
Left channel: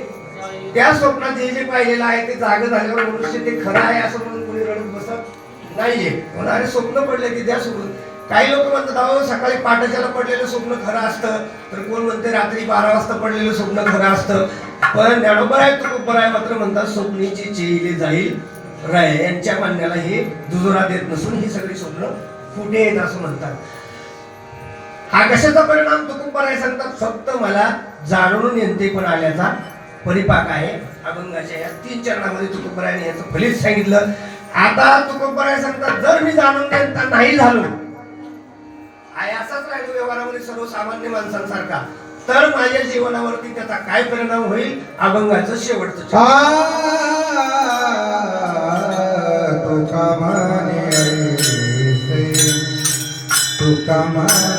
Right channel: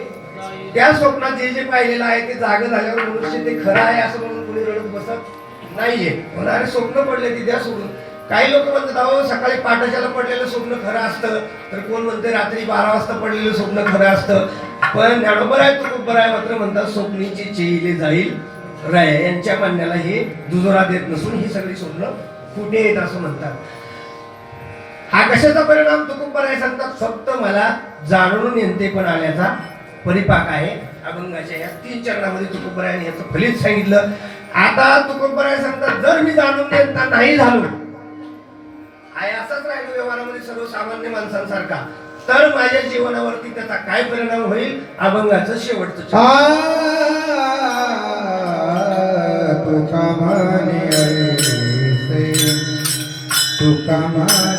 त्या स्वप्नात जे पाहिलेलं आहे ते जागं झाल्यावर मनुष्य ते खरं आहे असं म्हणून कोणी रडत बसत नाहीये. अरे स्वप्न पडले ती द्या सोडून. काही लोक म्हणतात अहो सकाळी पाठशाला पडलेलं स्वप्न खरं असतं, तर कोण म्हणते रात्री 12 वाजता पडलेलं स्वप्न खरं असतं. पण ज्ञानोबर आहे तुकोबर आहे मात्र म्हणतात स्वप्नीची चेहिले जाईल राय. यांच्या म्हणण्याला हे दुजोरा देत नसून ही सगळी स्वप्न कुठे येत असं म्हणतात. हा कशाचा परिणाम तुकोबर आहे सांगतात. फक्त मला जाणून नेमते पण आल्याचा परिपाक आहे. अभंगाच्या या 3 चरणामध्ये तुकोबरायाने याचं फलित सांगितलं. आता तुकोबराय सांगतात जर मी जाणून नेमता नाही झालो आहे असाच राहिलो व्यवहारामध्ये सर्वसामान्य माणसांसारखा तर माझ्या जीवनावरती त्याचा काय परिणाम होईल. अभंगाचं शेवटचं तुका माने तुका माने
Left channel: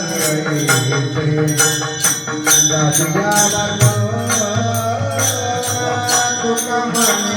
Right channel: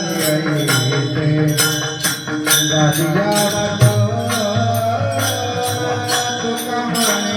तुका माने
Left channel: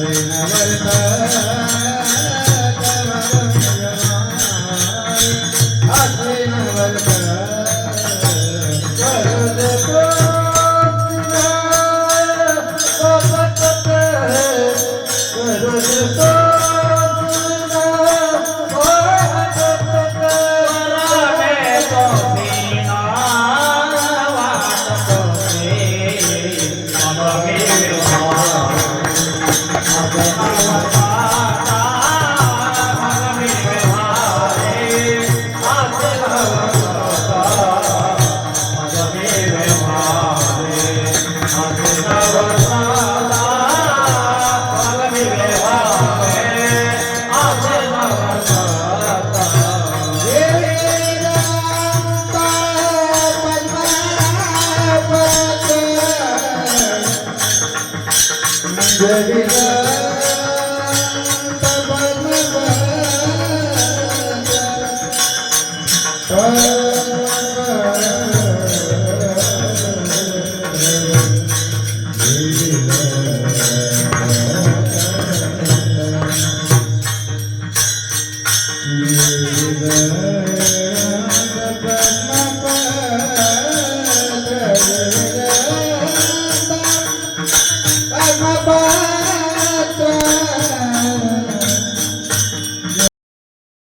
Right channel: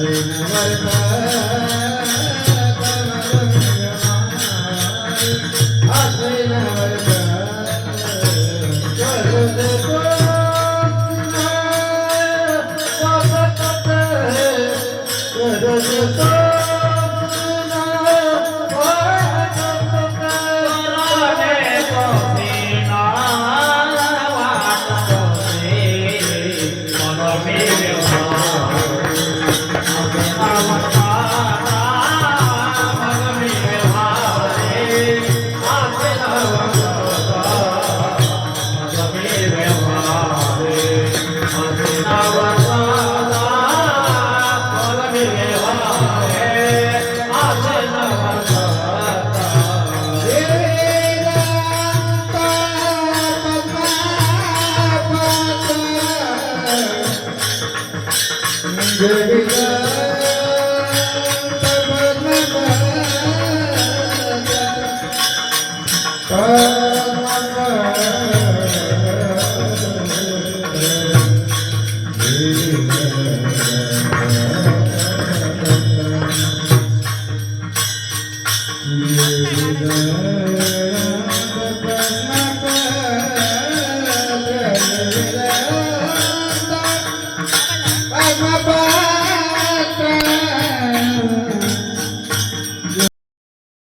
Yeah.